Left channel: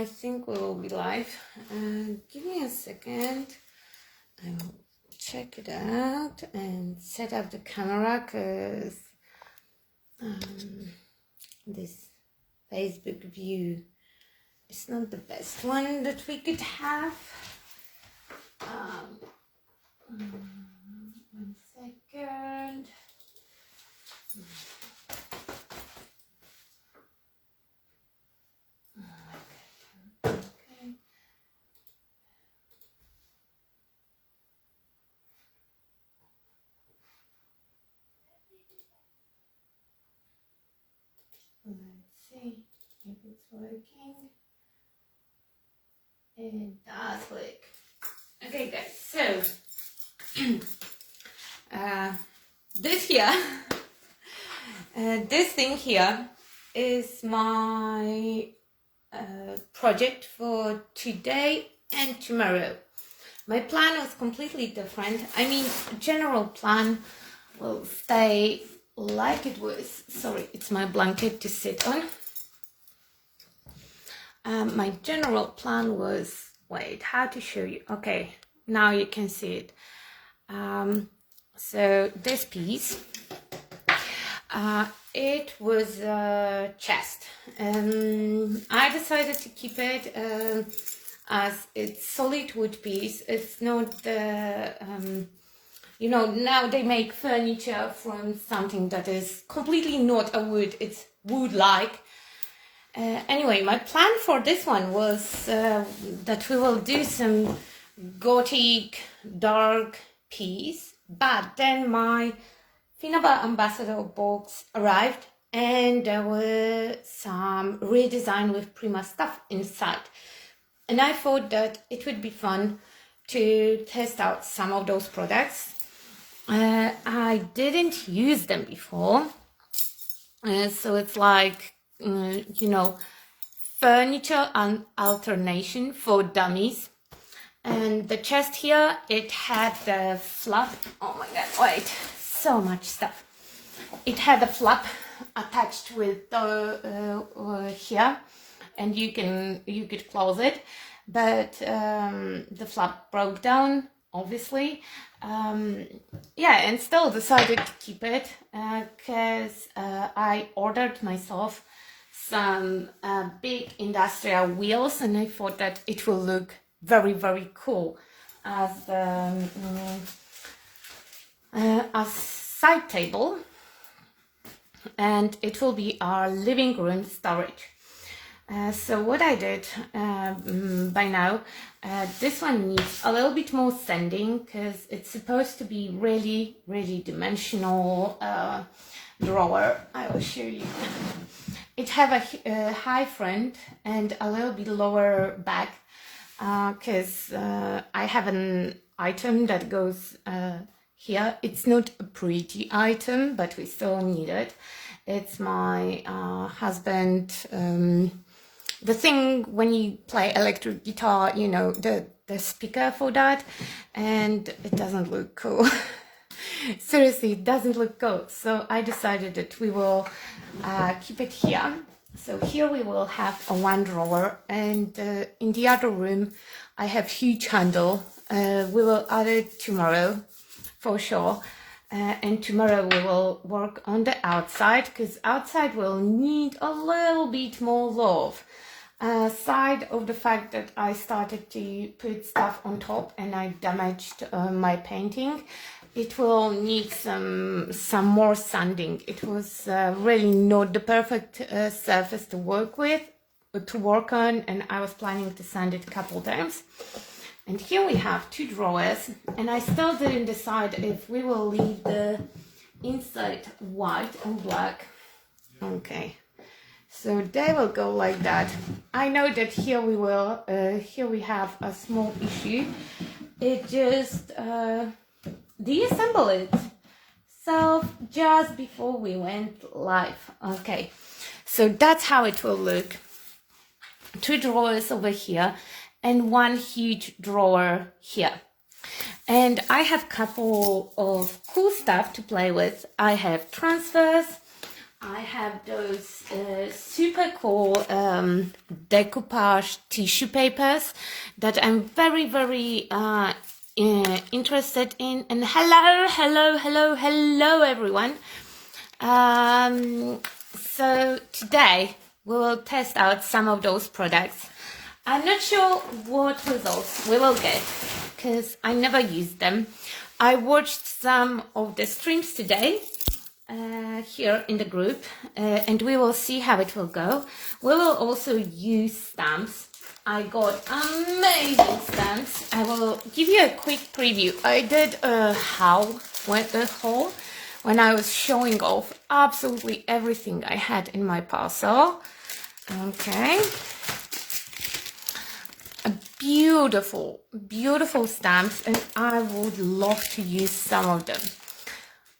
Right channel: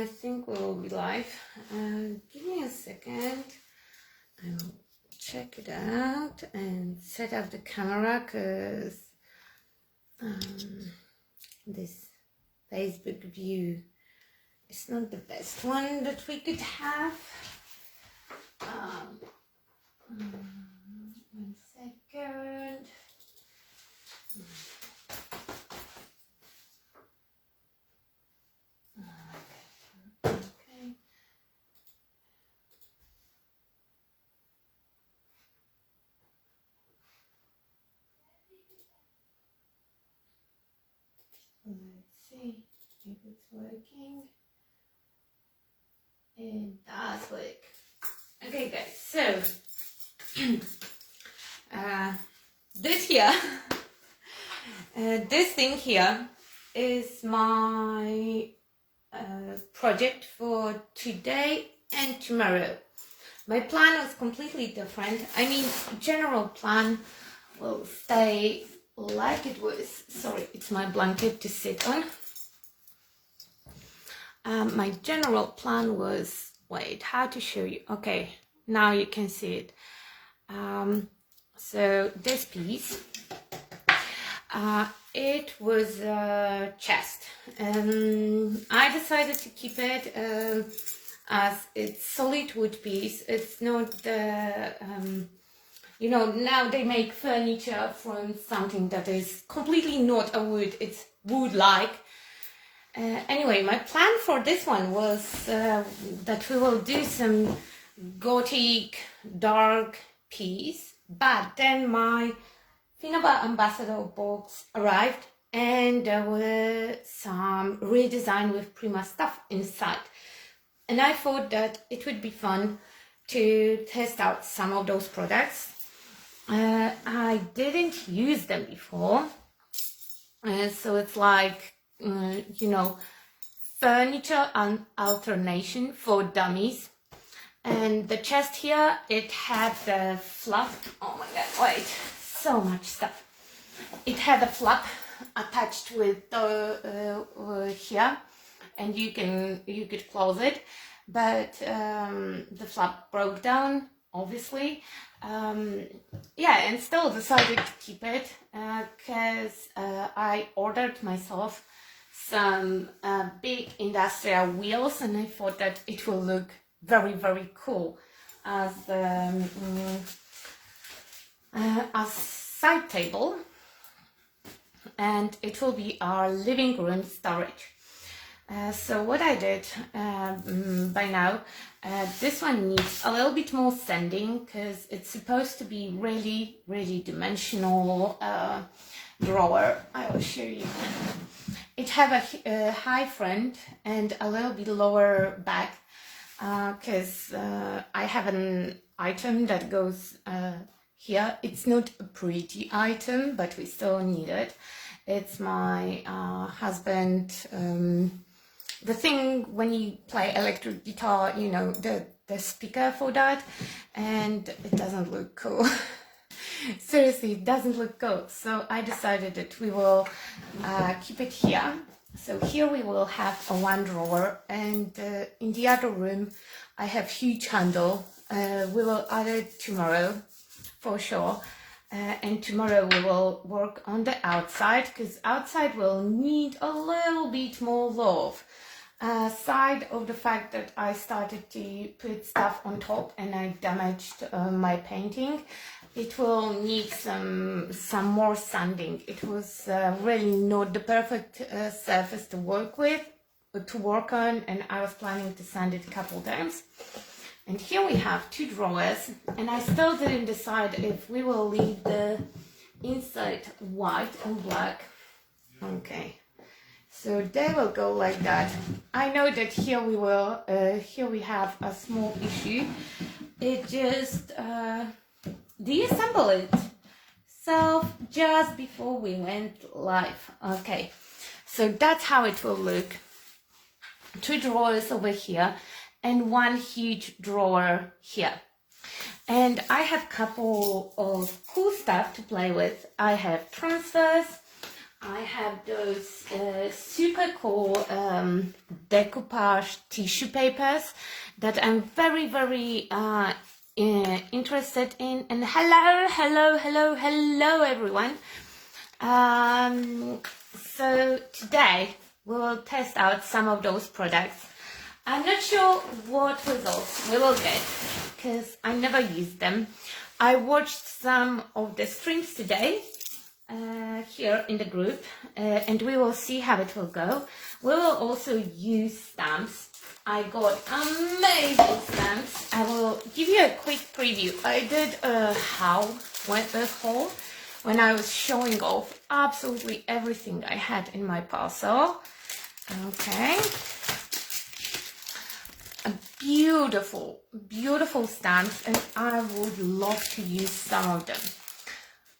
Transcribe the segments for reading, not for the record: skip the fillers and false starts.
I think we will be live. Give me a second. I'll check it out and set up the camera because this Facebook view is not the best one that we could have. One second. Okay. Let's see if it's working. It does work. Okay, guys, so this thing here is my project for today and tomorrow. My plan was completely different. I mean, general plan will stay like it was. Sorry, it's my blanket to sit on. My general plan was, wait, how to show you? Okay, now you can see it. So this piece, it was a chest. I decided to keep it as it's solid wood piece. It's not the, you know, now they make furniture from something that is completely not a wood, it's wood-like. Anyway, my plan for this one was that we will do some gothic dark piece, but then my Finnabair ambassador box arrived and there were some Redesign with Prima stuff inside, and I thought that it would be fun to test out some of those products. I didn't use them before, so it's like you know, furniture and alternation for dummies. And the chest here, it had the flap. Oh my god, wait, so much stuff. It had a flap attached with the here, and you could close it, but the flap broke down, obviously. Yeah, and still decided to keep it because I ordered myself some big industrial wheels, and I thought that it will look very, very cool as a side table, and it will be our living room storage. So what I did by now, this one needs a little bit more sanding because it's supposed to be really, really dimensional drawer. I will show you. It have a high front and a little bit lower back because I have an item that goes here. It's not a pretty item, but we still need it. It's my husband, the thing when you play electric guitar, you know, the speaker for that, and it doesn't look cool. Seriously, it doesn't look cool. So I decided that we will keep it here. So here we will have a one drawer, and in the other room I have huge handle. We will add it tomorrow for sure. And tomorrow we will work on the outside because outside will need a little bit more love. Aside of the fact that I started to put stuff on top and I damaged my painting, it will need some more sanding. It was really not the perfect surface to work on, and I was planning to sand it a couple times. And here we have two drawers, and I still didn't decide if we will leave the inside white or black. Okay, so they will go like that. I know that here we will, here we have a small issue. It just deassemble it. So just before we went live. Okay, so that's how it will look. Two drawers over here and one huge drawer here. And I have a couple of cool stuff to play with. I have transfers, I have those super cool decoupage tissue papers that I'm very, very interested in. And hello everyone. So today we'll test out some of those products. I'm not sure what results we will get because I never used them. I watched some of the streams today here in the group and we will see how it will go. We will also use stamps. I got amazing stamps. I will give you a quick preview. I did a haul with the haul when I was showing off absolutely everything I had in my parcel. Okay. A beautiful, beautiful stamps, and I would love to use some of them.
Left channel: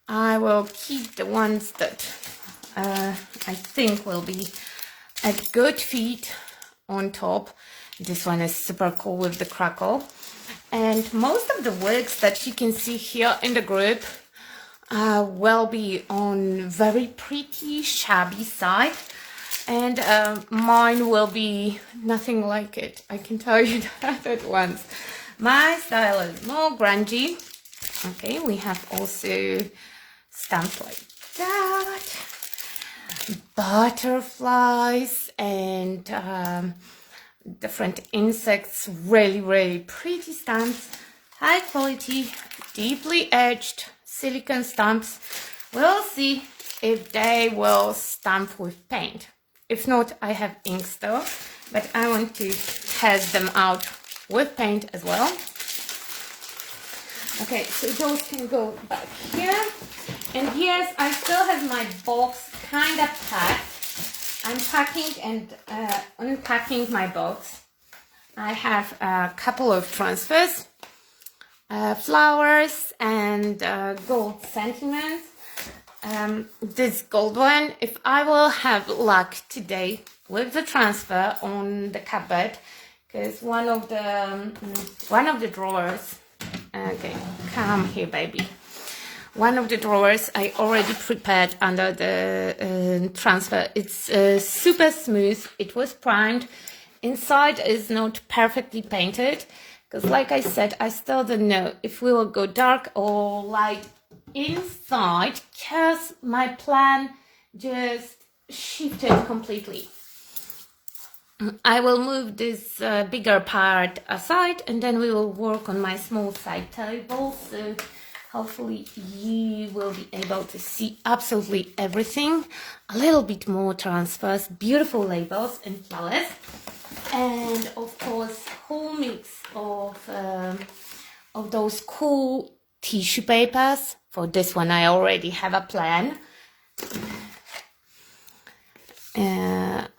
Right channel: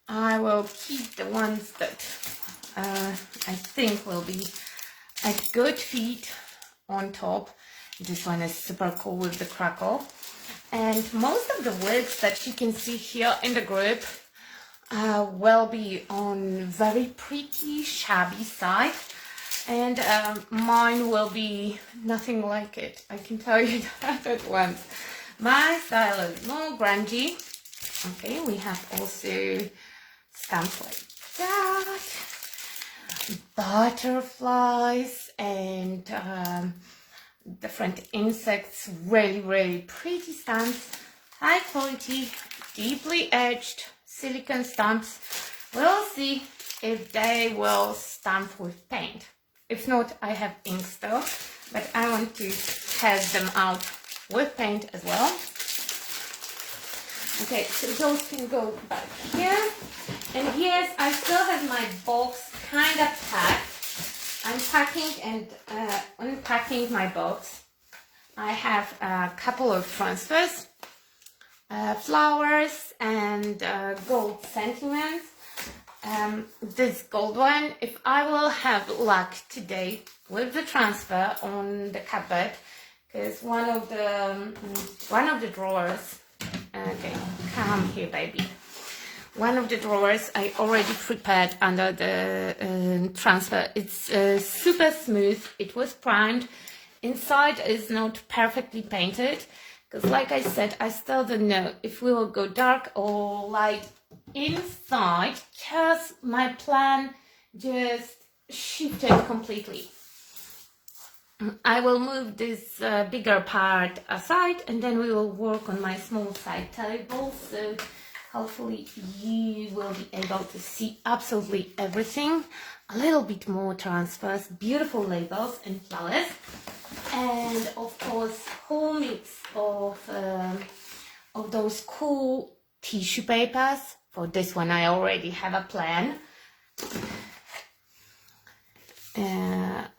I will keep the ones that I think will be a good fit on top. This one is super cool with the crackle. And most of the works that you can see here in the group will be on very pretty shabby side. And mine will be nothing like it. I can tell you that at once. My style is more grungy. Okay, we have also stamps like that, butterflies and different insects, really pretty stamps, high quality, deeply edged silicone stamps. We'll see if they will stamp with paint. If not, I have ink still, but I want to test them out with paint as well. Okay, so those can go back here. And yes, I still have my box kind of packed. I'm packing and unpacking my box. I have a couple of transfers, flowers and gold sentiments. This gold one, if I will have luck today with the transfer on the cupboard, because one of the drawers, okay, come here baby, one of the drawers I already prepared under the transfer. It's super smooth, it was primed, inside is not perfectly painted, because like I said, I still don't know if we will go dark or light inside, because my plan just shifted completely. I will move this bigger part aside and then we will work on my small side table, so hopefully you will be able to see absolutely everything. A little bit more transfers, beautiful labels and flowers, and of course whole mix of those cool tissue papers. For this one I already have a plan.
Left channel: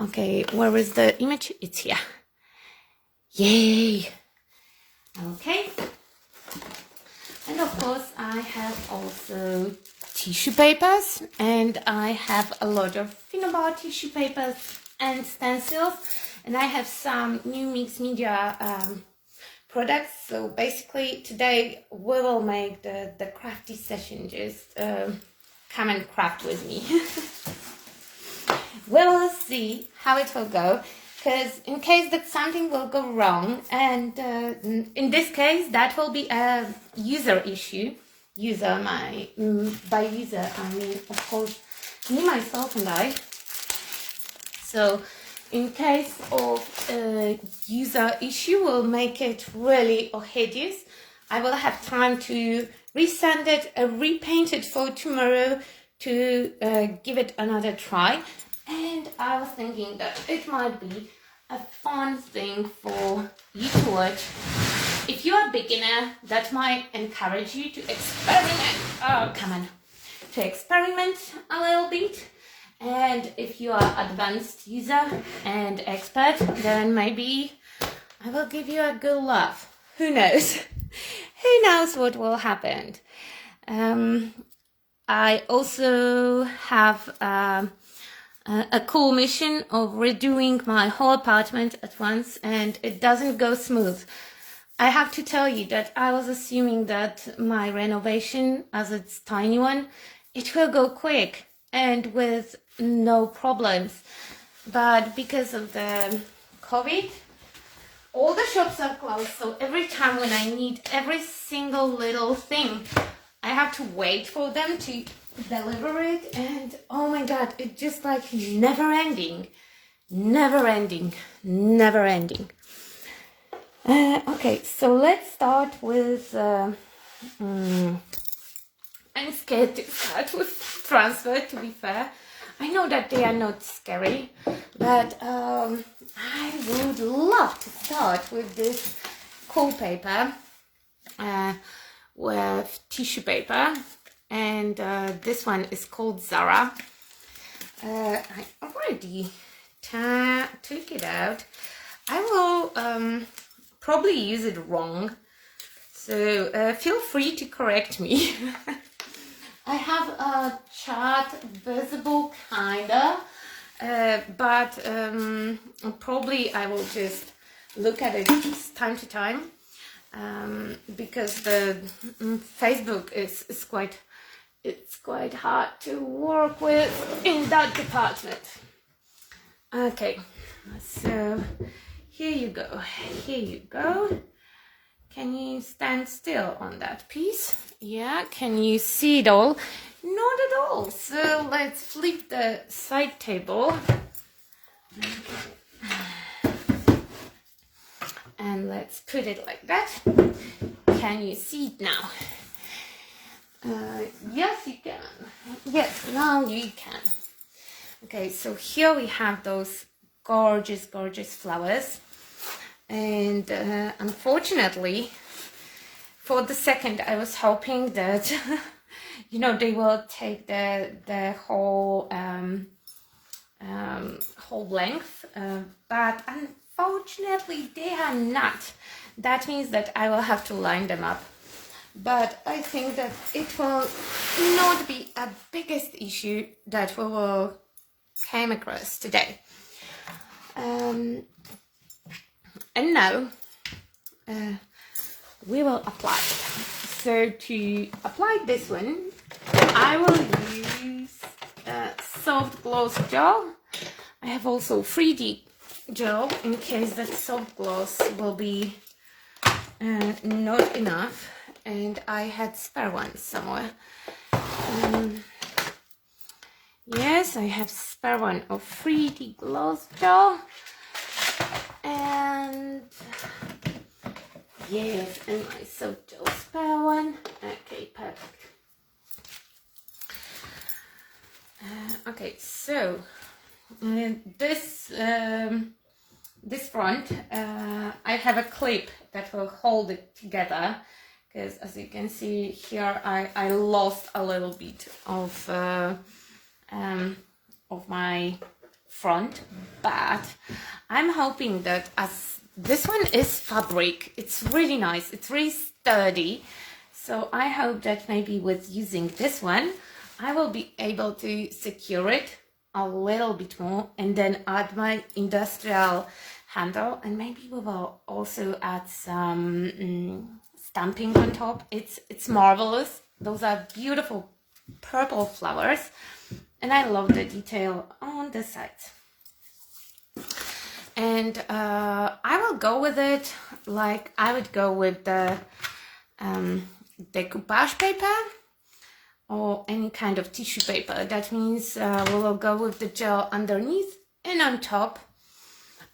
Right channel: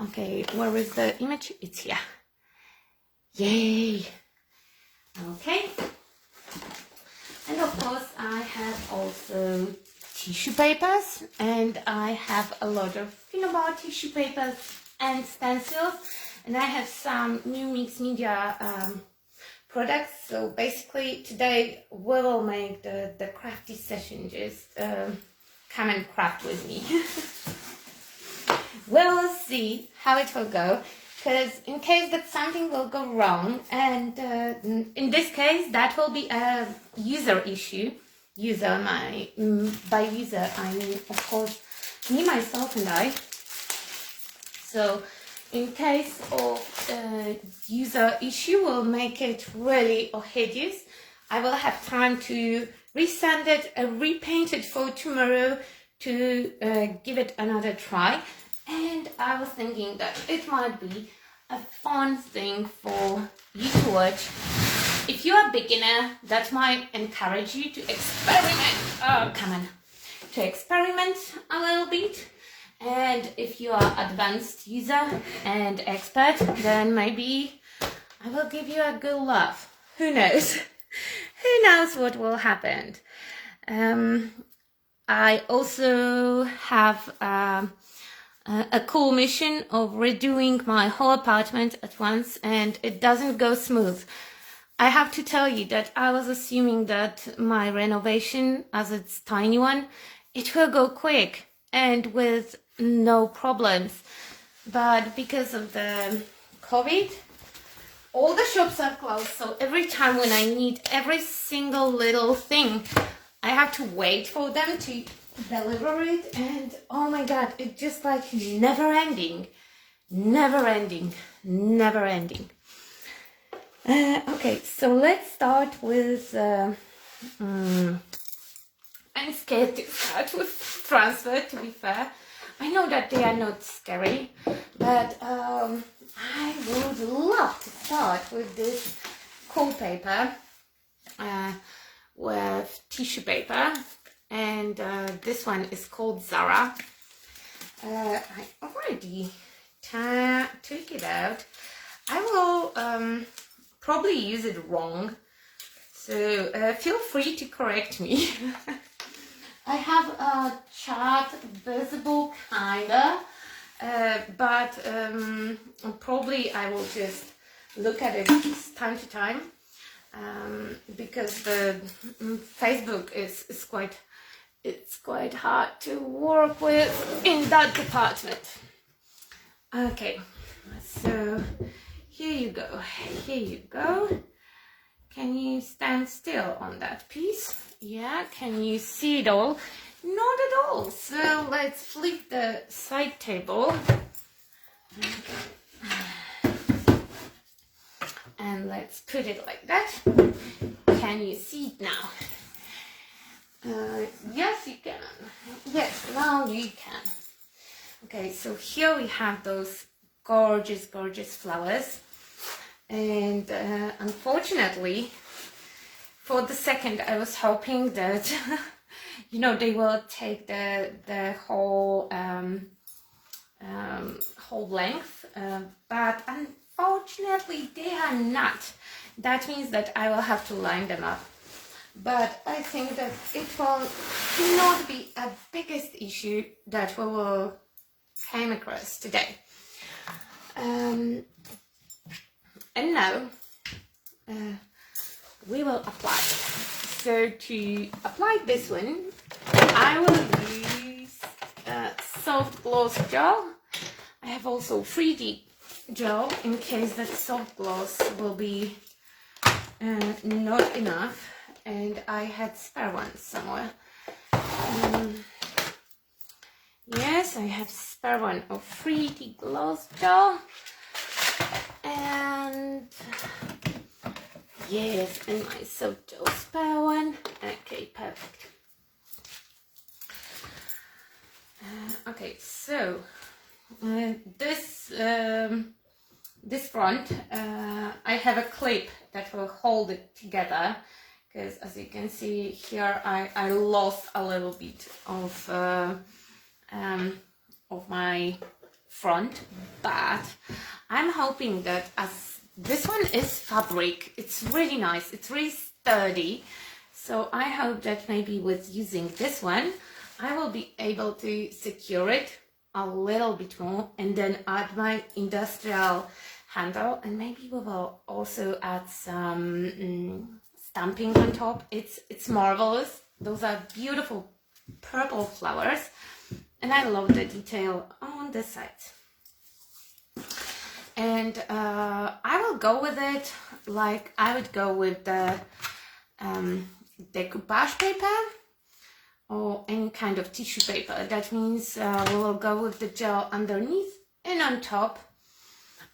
Okay, where is the image? It's here. Yay! Okay. And of course I have also tissue papers, and I have a lot of Finnabair tissue papers and stencils, and I have some new mixed media products. So basically today we will make the crafty session. Just come and craft with me. We'll see how it will go, because in case that something will go wrong, and in this case that will be a user issue. By user I mean of course me, myself and I. So in case of user issue, we'll make it really hideous. I will have time to resend it, repaint it for tomorrow to give it another try. And I was thinking that it might be a fun thing for you to watch. If you are a beginner, that might encourage you to experiment. Oh, come on. To experiment a little bit. And if you are advanced user and expert, then maybe I will give you a good laugh. Who knows? Who knows what will happen? I also have a cool mission of redoing my whole apartment at once, and it doesn't go smooth. I have to tell you that I was assuming that my renovation, as it's tiny one, it will go quick, and with no problems. But because of the COVID, all the shops are closed, so every time when I need every single little thing, I have to wait for them to deliver it, and oh my god, it's just like never ending. Okay, so let's start with I'm scared to start with transfer, to be fair. I know that they are not scary, but I would love to start with this cool paper, with tissue paper, and this one is called Zara. I already took it out. I will probably use it wrong, so feel free to correct me. I have a chart visible kinda, but probably I will just look at it time to time, because the Facebook is quite hard to work with in that department. Okay, so here you go. Can you stand still on that piece? Yeah, can you see it all? Not at all. So let's flip the side table. And let's put it like that. Can you see it now? Yes, you can. Yes, now you can. Okay, so here we have those gorgeous flowers. And unfortunately, for the second, I was hoping that, you know, they will take the whole whole length, but unfortunately, they are not. That means that I will have to line them up. But I think that it will not be a biggest issue that we will come across today. And now we will apply. So to apply this one, I will use soft gloss gel. I have also 3D gel in case that soft gloss will be not enough, and I had spare ones somewhere. Yes, I have spare one of 3D gloss gel. And yes, and my soap gel spare one. Okay, perfect. Okay, so this front, I have a clip that will hold it together, because as you can see here, I lost a little bit of my front, but I'm hoping that as this one is fabric, it's really nice, it's really sturdy, so I hope that maybe with using this one I will be able to secure it a little bit more, and then add my industrial handle, and maybe we will also add some stamping on top. It's marvelous. Those are beautiful purple flowers, and I love the detail on the sides. And I will go with it like I would go with the decoupage paper or any kind of tissue paper. That means we will go with the gel underneath and on top,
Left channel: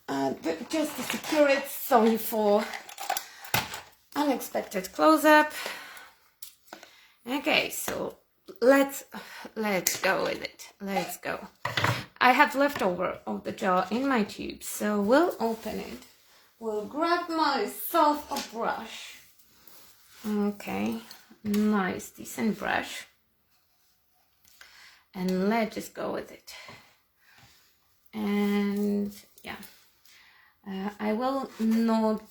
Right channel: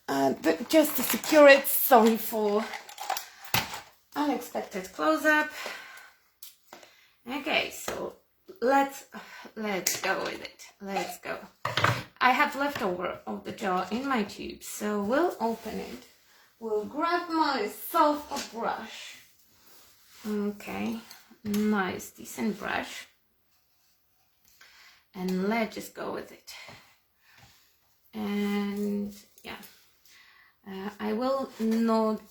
but just to secure it. Sorry for unexpected close-up. Okay, so let's go with it. Let's go. I have leftover of the gel in my tube, so we'll open it. We'll grab myself a brush. Okay, nice, decent brush. And let's just go with it. And yeah, I will not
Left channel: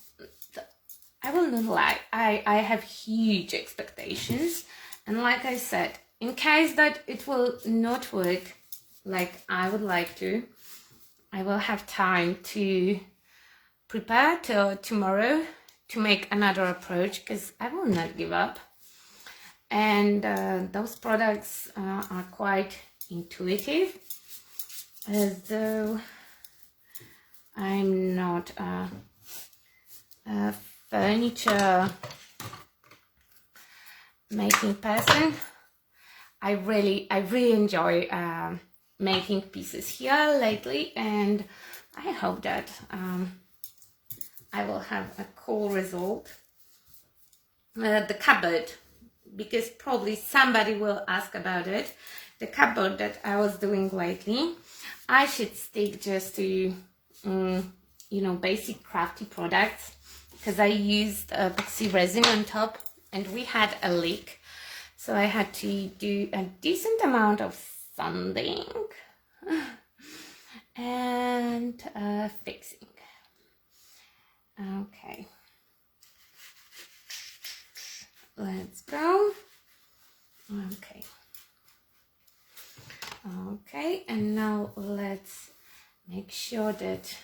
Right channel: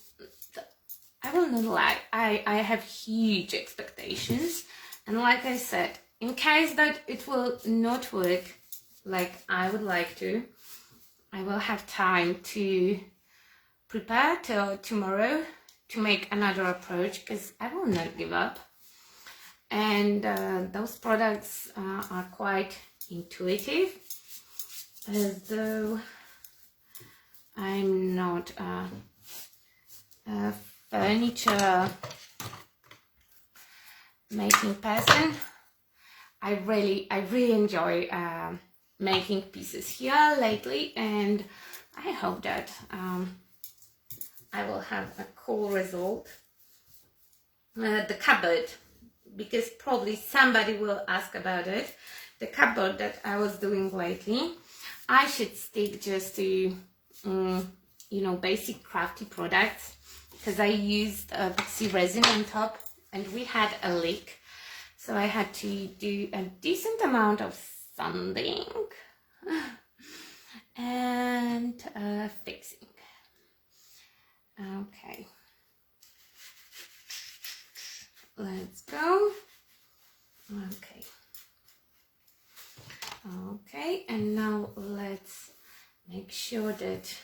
lie. I have huge expectations, and like I said, in case that it will not work like I would like to, I will have time to prepare till tomorrow to make another approach, because I will not give up. And those products are quite intuitive, although I'm not a furniture making person. I really enjoy making pieces here lately, and I hope that I will have a cool result. The cupboard, because probably somebody will ask about it. The cupboard that I was doing lately, I should stick just to you know, basic crafty products, because I used epoxy resin on top and we had a leak, so I had to do a decent amount of sanding and fixing. Okay, let's go. Okay, and now let's make sure that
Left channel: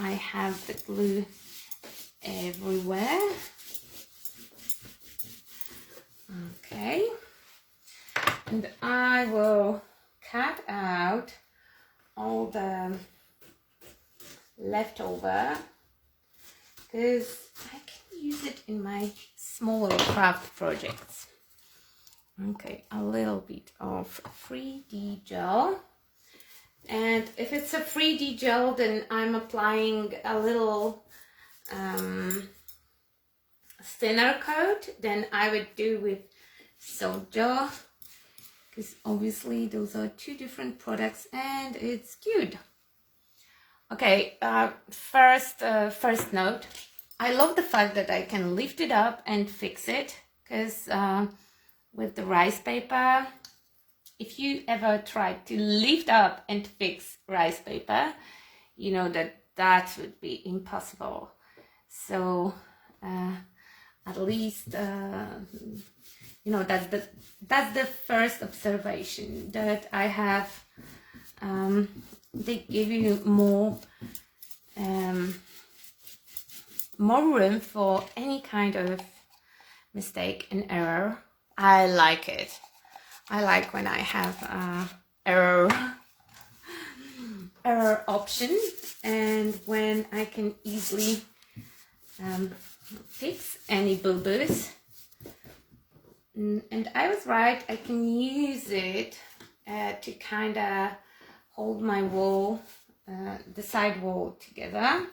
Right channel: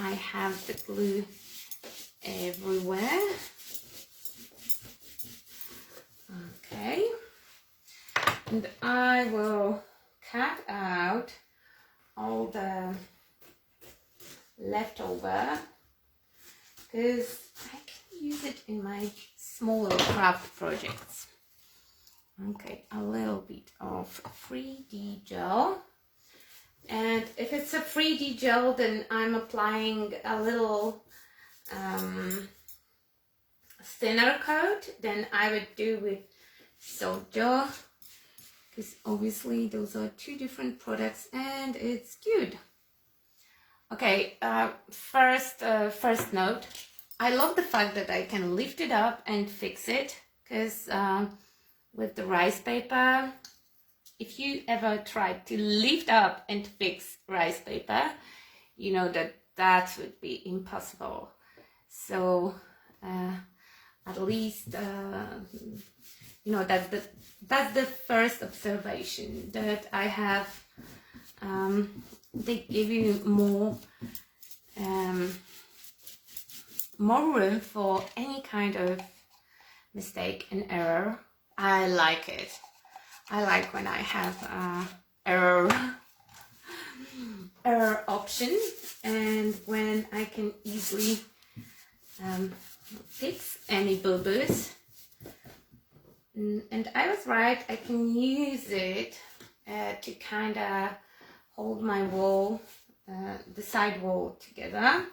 I have the glue everywhere. Okay, and I will cut out all the leftover, because I can use it in my smaller craft projects. Okay, a little bit of 3D gel, and if it's a 3D gel, then I'm applying a little thinner coat than I would do with soap gel, because obviously those are two different products and it's good. Okay, first note, I love the fact that I can lift it up and fix it, because with the rice paper, if you ever tried to lift up and fix rice paper, you know that would be impossible. So at least you know, that's the first observation that I have. They give you more room for any kind of mistake and error. I like it. I like when I have error option, and when I can easily fix any boo-boos. And I was right, I can use it to kind of hold my wall, the side wall together.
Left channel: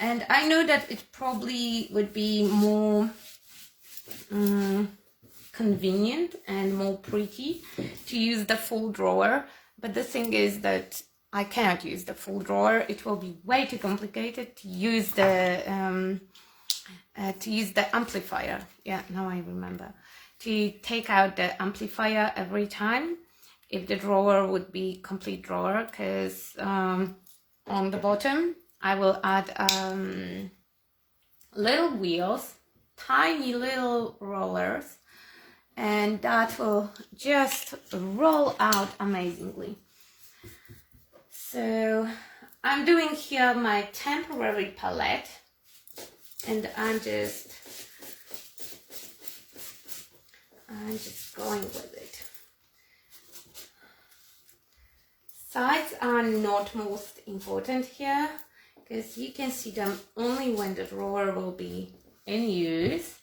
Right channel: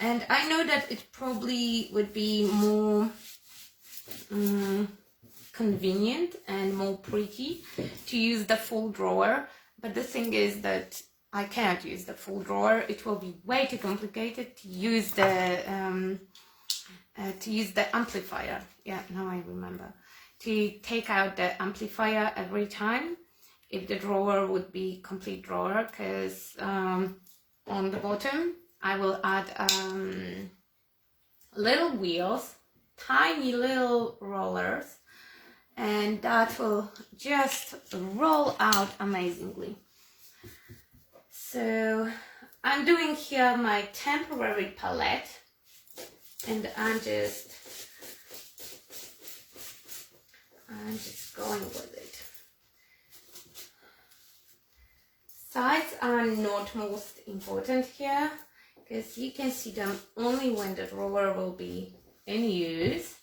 And I know that it probably would be more convenient and more pretty to use the full drawer, but the thing is that I cannot use the full drawer. It will be way too complicated to use the amplifier. Yeah, now I remember. To take out the amplifier every time, if the drawer would be complete drawer, because on the bottom I will add little wheels, tiny little rollers, and that will just roll out amazingly. So I'm doing here my temporary palette, and I'm just going with it. Sides are not most important here, because you can see them only when the drawer will be in use,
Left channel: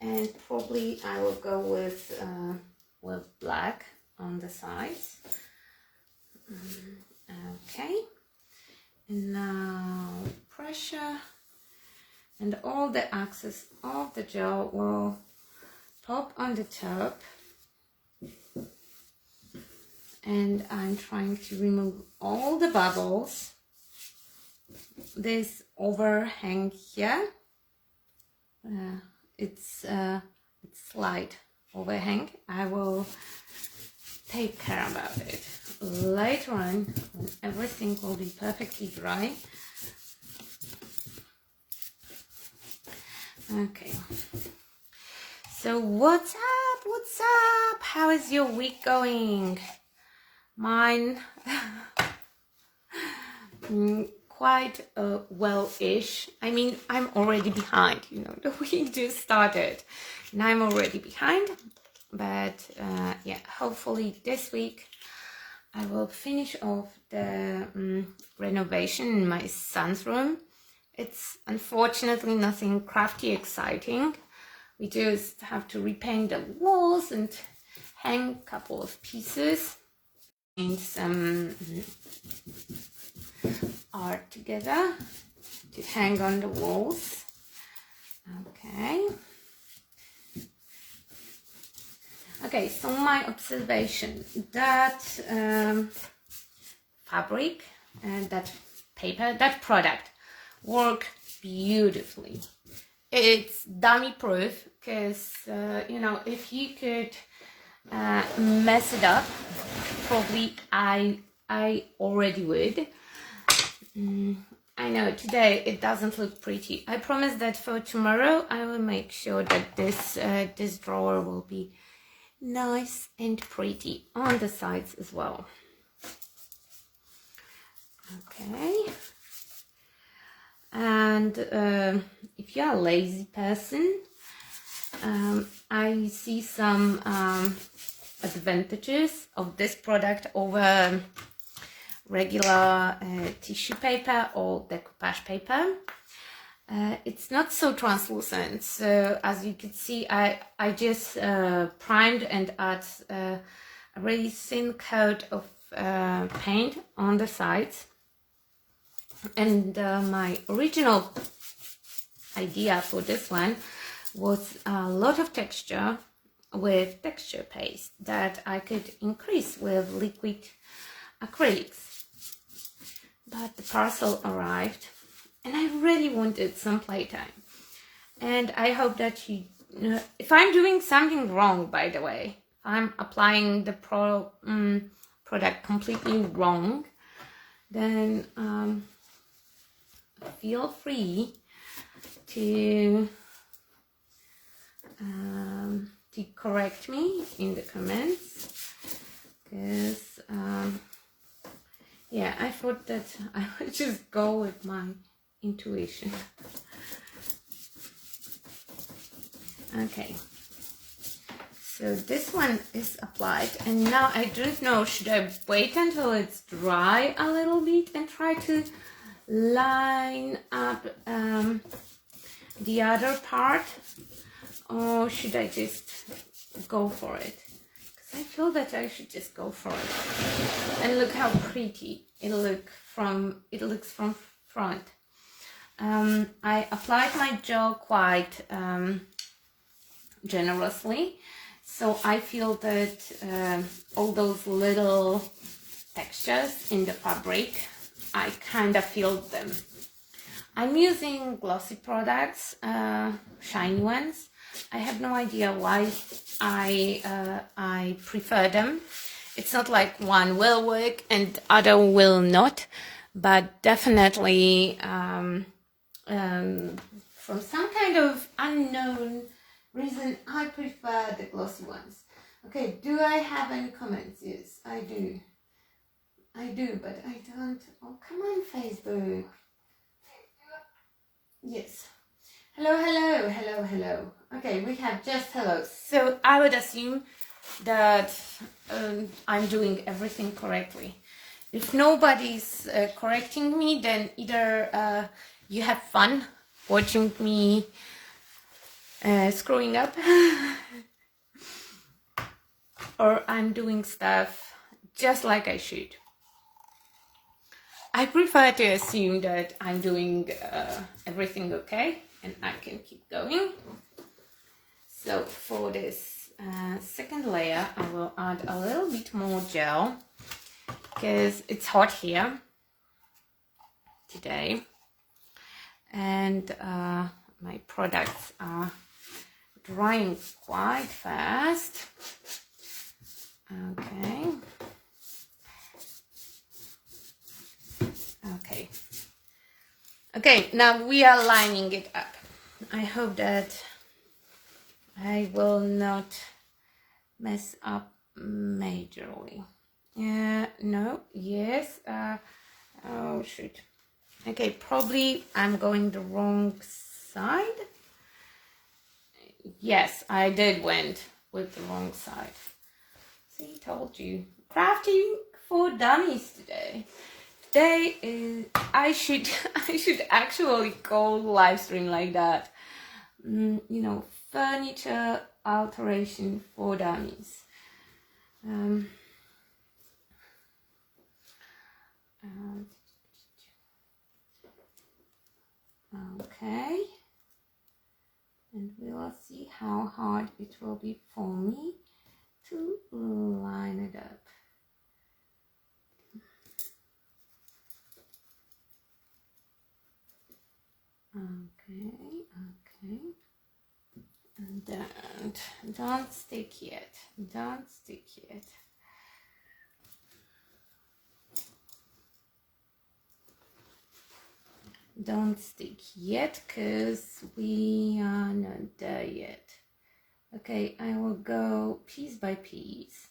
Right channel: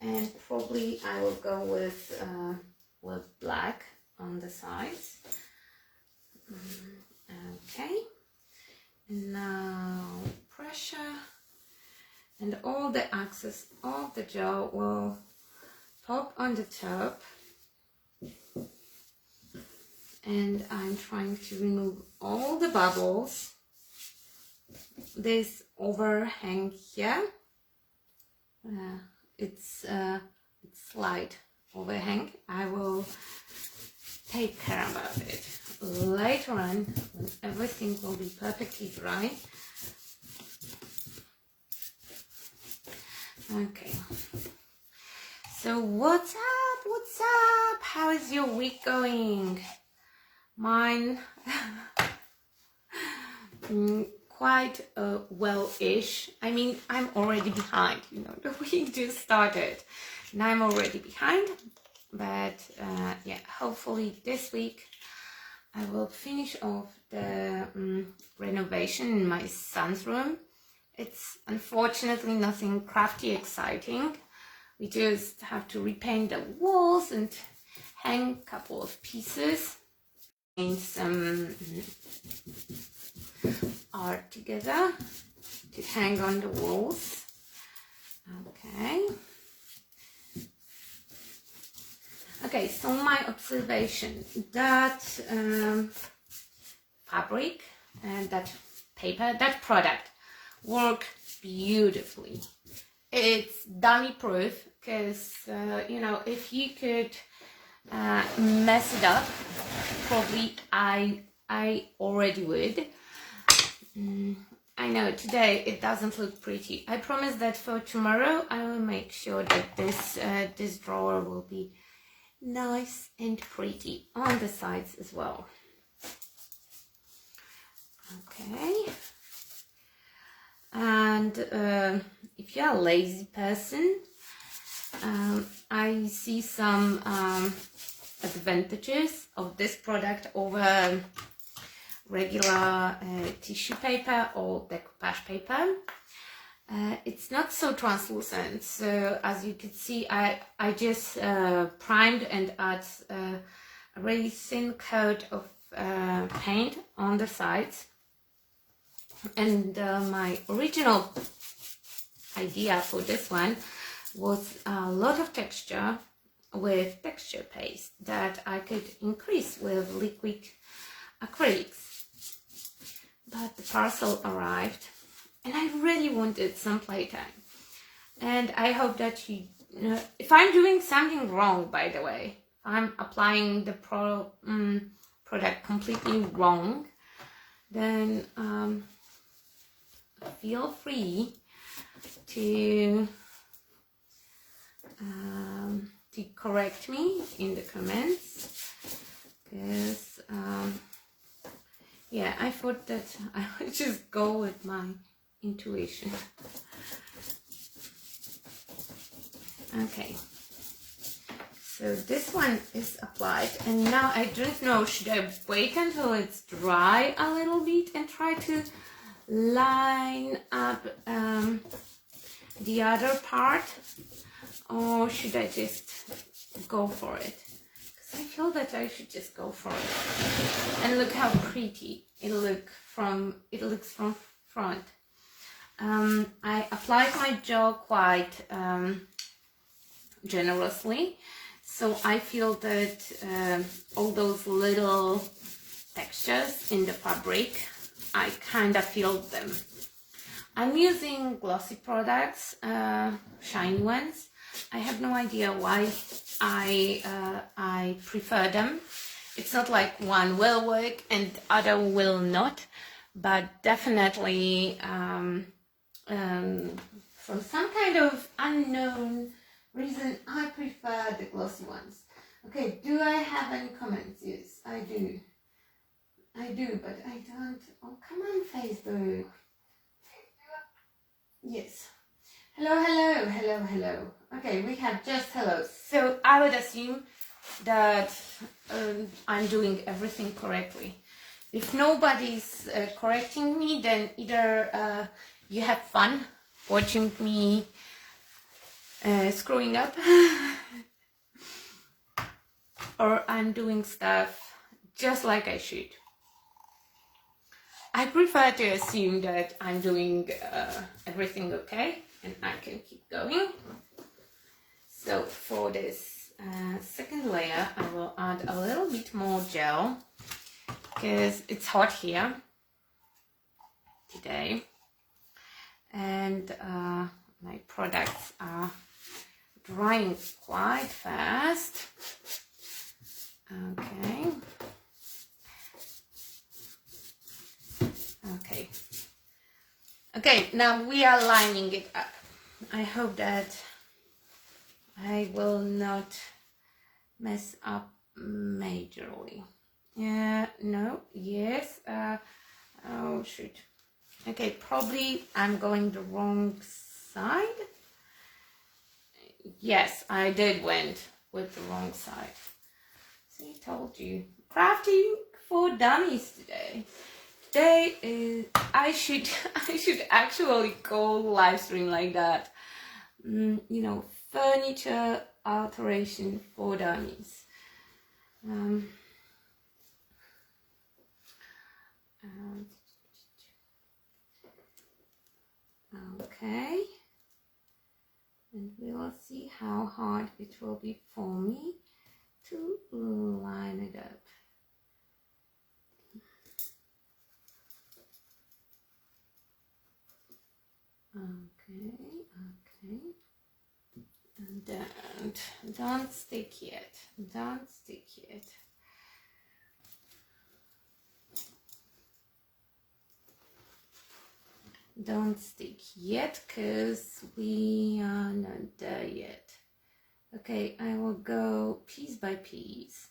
and probably I will go with black on the sides. Okay, and now pressure, and all the excess of the gel will pop on the top, and I'm trying to remove all the bubbles. This overhang here, it's slight overhang. I will take care about it later on when everything will be perfectly dry. Okay, so what's up? What's up? How is your week going? Mine quite well-ish. I mean, I'm already behind, you know, the week just started and I'm already behind, but yeah, hopefully this week I will finish off the renovation in my son's room. It's unfortunately nothing crafty exciting. We just have to repaint the walls and hang a couple of pieces and some art together to hang on the walls. Okay. Okay, so my observation, that fabric and that paper, that product work beautifully. It's dummy proof because, you know, if you could mess it up, probably I already would. I know today it doesn't look pretty. I promise that for tomorrow I will make sure that this drawer will be nice and pretty on the sides as well. Okay. And if you're a lazy person, I see some advantages of this product over regular tissue paper or decoupage paper. It's not so translucent, so as you can see, I just primed and add a really thin coat of paint on the sides. And my original idea for this one was a lot of texture with texture paste that I could increase with liquid acrylics. But the parcel arrived and I really wanted some playtime. And I hope that you know, if I'm doing something wrong, by the way, if I'm applying the product completely wrong, then feel free to correct me in the comments, because yeah, I thought that I would just go with my intuition. Okay, so this one is applied, and now I don't know, should I wait until it's dry a little bit and try to line up the other part, or should I just go for it? Because I feel that I should just go for it. And look how pretty it looks from front. I applied my gel quite generously, so I feel that all those little textures in the fabric, I kind of feel them. I'm using glossy products, shiny ones. I have no idea why I prefer them. It's not like one will work and other will not, but definitely from some kind of unknown reason, I prefer the glossy ones. Okay, do I have any comments? Yes, I do. I do, but I don't. Oh, come on, Facebook. Yes. Hello, hello, hello, hello. Okay, we have just hello. So I would assume that I'm doing everything correctly. If nobody's correcting me, then either you have fun watching me screwing up, or I'm doing stuff just like I should. I prefer to assume that I'm doing everything okay and I can keep going. So for this second layer, I will add a little bit more gel because it's hot here today, and my products are drying quite fast. Okay. Okay, now we are lining it up. I hope that I will not mess up majorly. No, yes, oh shoot. Okay, probably I'm going the wrong side. Yes, I did went with the wrong side. See, told you. Crafting for dummies today. Today is I should actually go live stream like that. You know, furniture alteration for dummies. Okay, and we will see how hard it will be for me to line it up. Okay, and don't stick yet, don't stick yet. Don't stick yet, because we are not there yet. Okay, I will go piece by piece.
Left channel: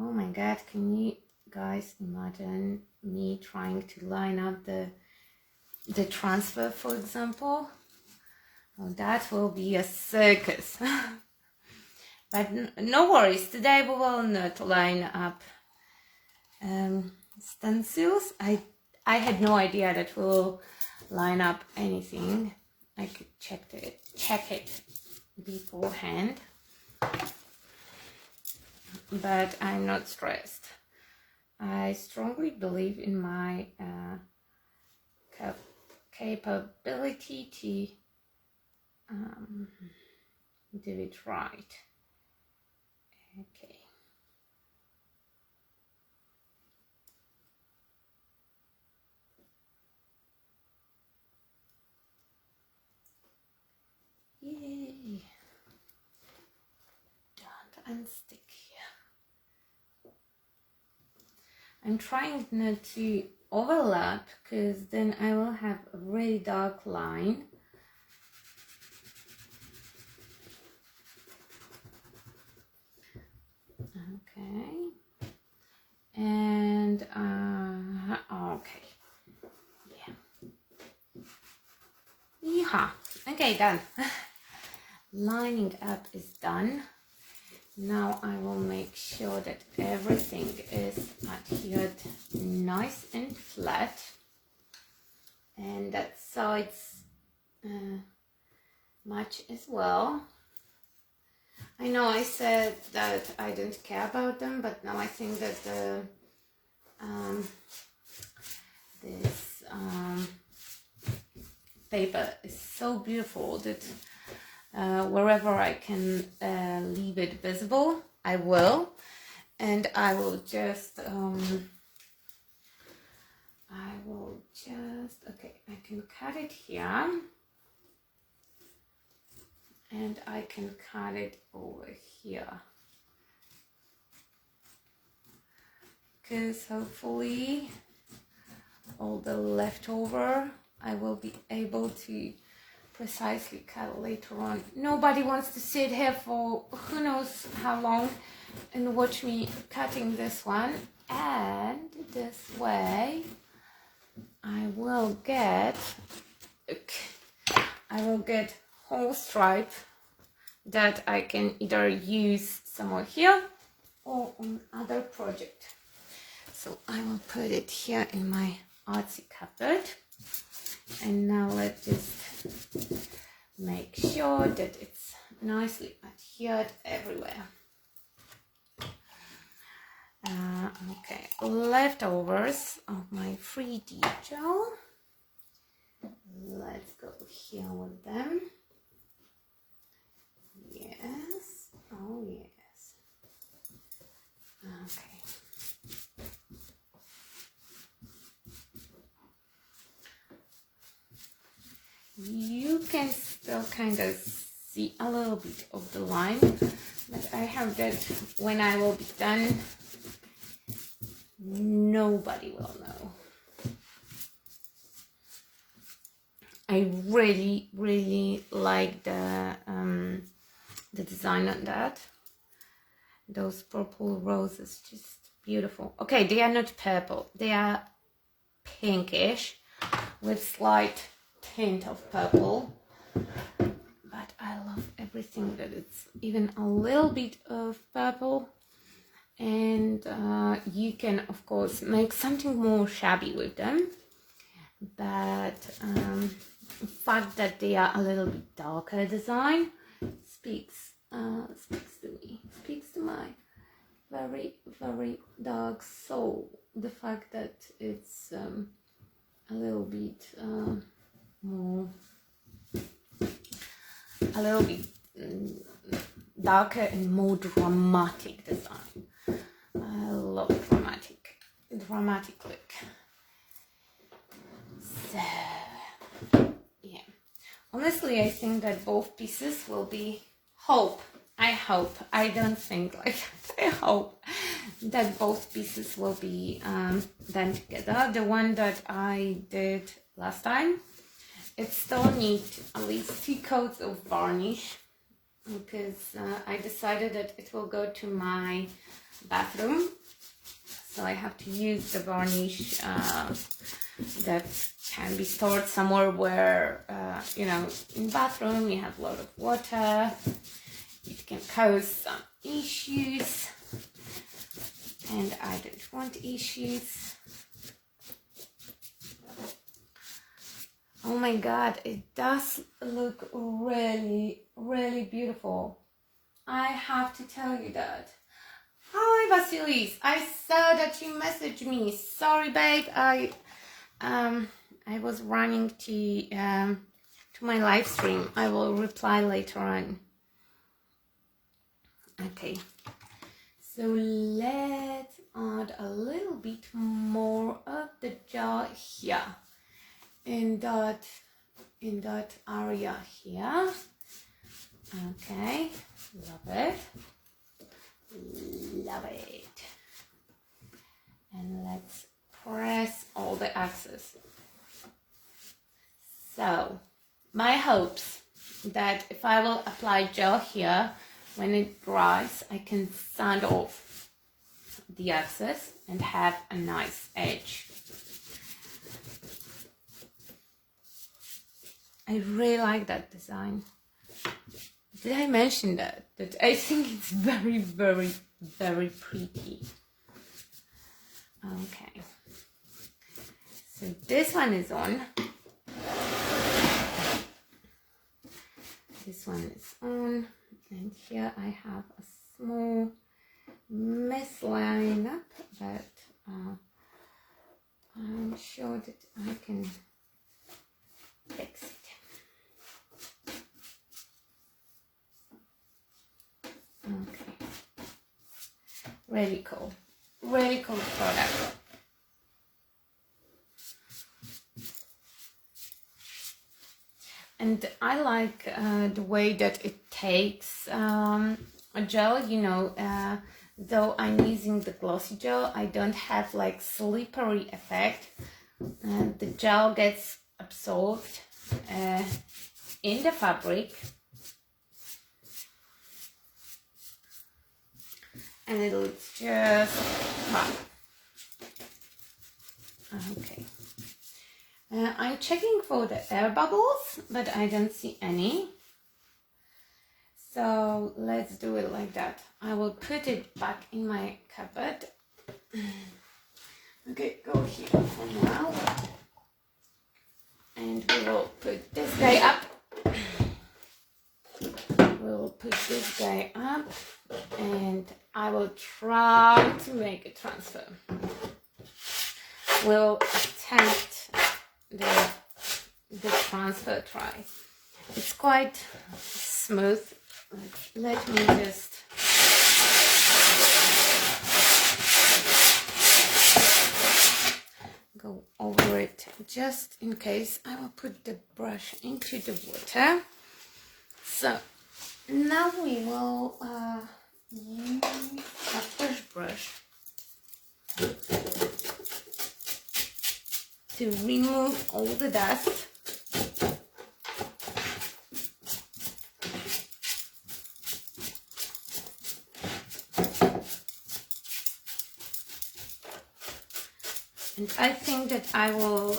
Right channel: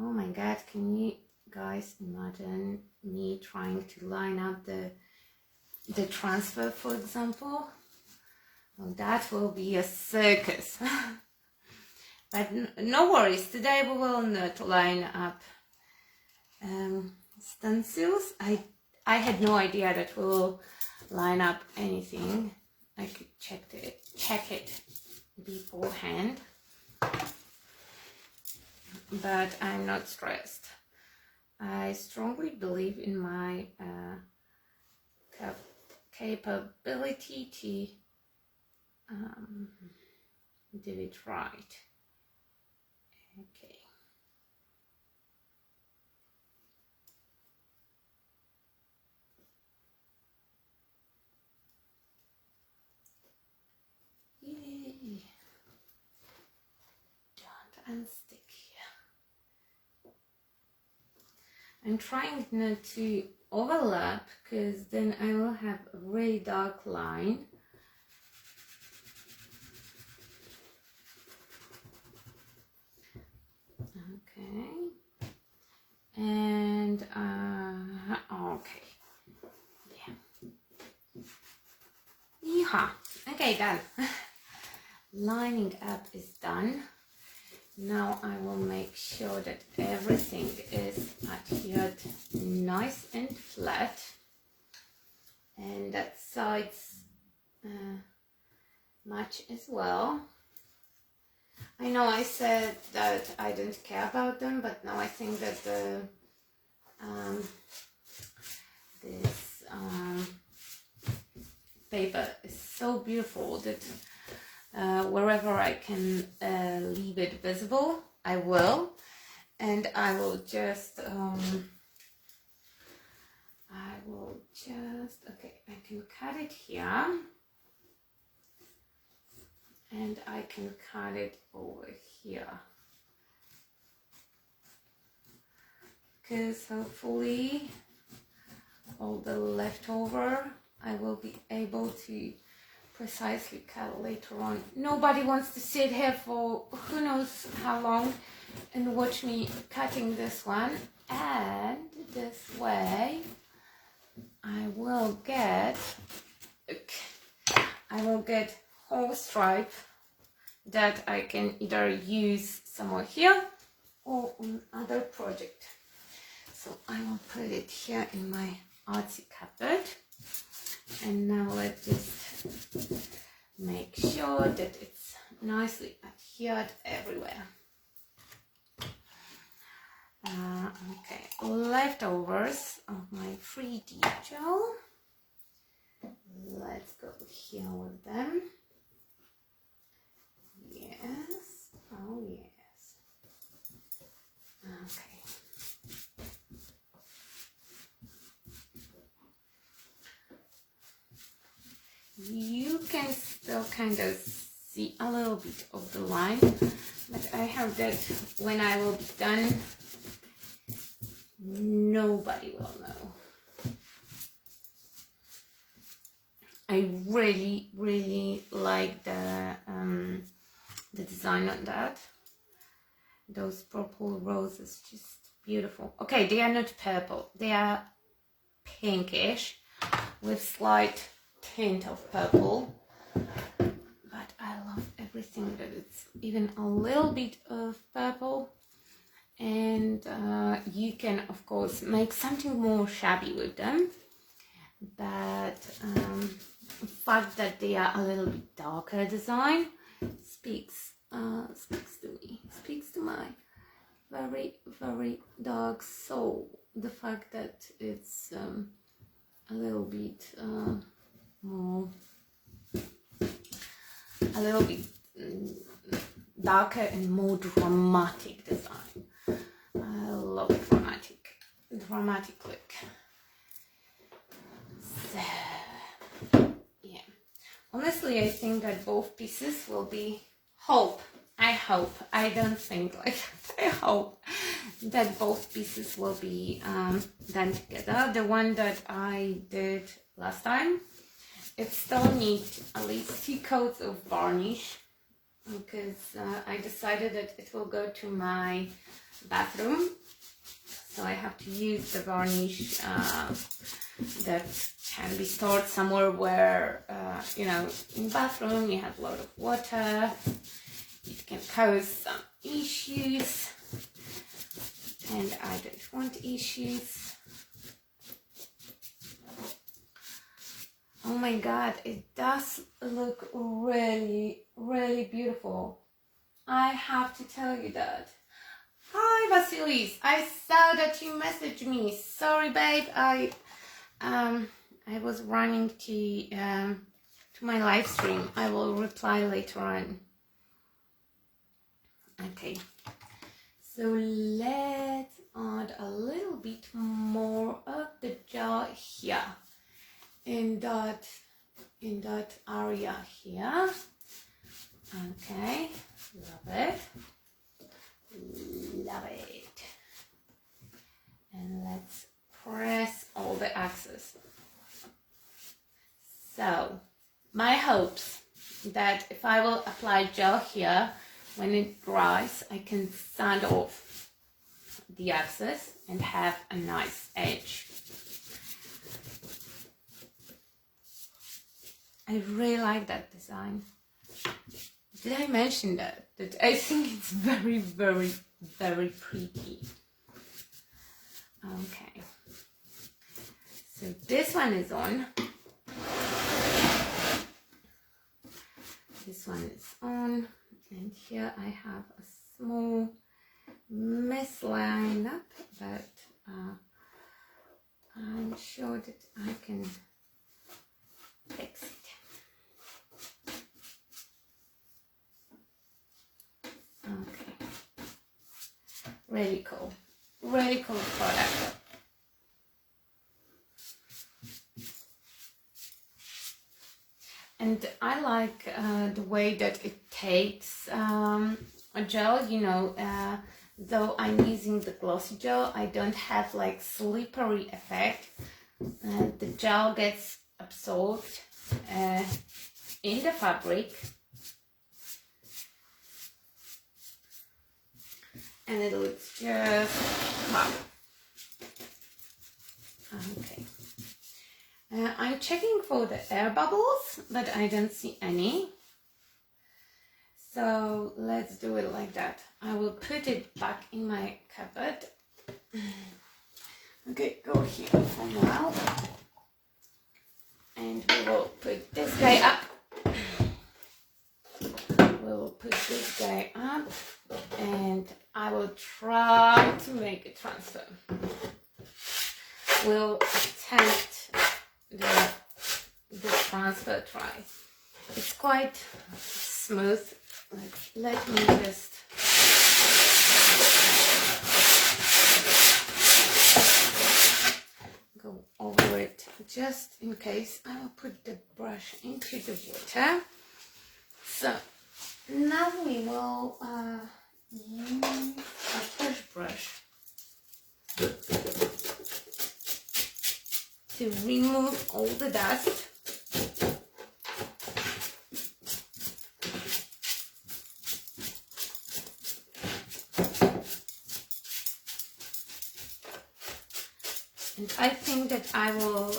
Oh my god, can you guys imagine me trying to line up the transfer, for example? Oh, that will be a circus. But no worries, today we will not line up stencils. I had no idea that we'll line up anything. I could check it beforehand, but I'm not stressed. I strongly believe in my capability to do it right. Okay. Yay. Don't unstick here. I'm trying not to overlap, because then I will have a really dark line. Okay. And okay. Yeah. Okay, done. Lining up is done. Now I will make sure that everything is adhered nice and flat, and that sides match as well. I know I said that I didn't care about them, but now I think that this paper is so beautiful that wherever I can leave it visible, I will. And I will just okay, I can cut it here, and I can cut it over here, because hopefully all the leftover I will be able to precisely cut later on. Nobody wants to sit here for who knows how long and watch me cutting this one, and this way I will get whole stripe that I can either use somewhere here or on other project. So I will put it here in my artsy cupboard, and now let's just make sure that it's nicely adhered everywhere. Okay, leftovers of my 3D gel. Let's go here with them. Yes, oh yes. Okay. You can still kind of see a little bit of the line, but I have that when I will be done, nobody will know. I really like the design on that. Those purple roses, just beautiful. Okay, they are not purple, they are pinkish with slight hint of purple, but I love everything that it's even a little bit of purple, and you can of course make something more shabby with them, but the fact that they are a little bit darker design speaks to me, speaks to my very, very dark soul. The fact that it's a little bit more, a little bit darker and more dramatic design. I love dramatic look. So yeah, honestly, I think that both pieces will be, I hope, I don't think like, I hope that both pieces will be done together. The one that I did last time, it still needs at least 2 coats of varnish, because I decided that it will go to my bathroom, so I have to use the varnish that can be stored somewhere where you know, in bathroom you have a lot of water, it can cause some issues, and I don't want issues. Oh my god, it does look really, really beautiful. I have to tell you that. Hi Vasilis, I saw that you messaged me. Sorry babe, I was running to my live stream. I will reply later on. Okay, so let's add a little bit more of the jar here, in that area here. Okay, love it, love it. And let's press all the axes. So my hopes that if I will apply gel here, when it dries, I can sand off the axes and have a nice edge. I really like that design. Did I mention that? That I think it's very, very, very pretty. Okay. So this one is on. This one is on. And here I have a small misline up, but I'm sure that I can fix it. Okay. Really cool product. And I like the way that it takes a gel, you know, though I'm using the glossy gel, I don't have like slippery effect. The gel gets absorbed in the fabric, and it looks just fine. Okay. I'm checking for the air bubbles, but I don't see any. So let's do it like that. I will put it back in my cupboard. Okay, go here for now. And we will put this guy up. We'll put this guy up, and I will try to make a transfer. We'll attempt the transfer try. It's quite smooth. Like, let me just go over it just in case. I will put the brush into the water. So now we will use a fresh brush to remove all the dust. And I think that I will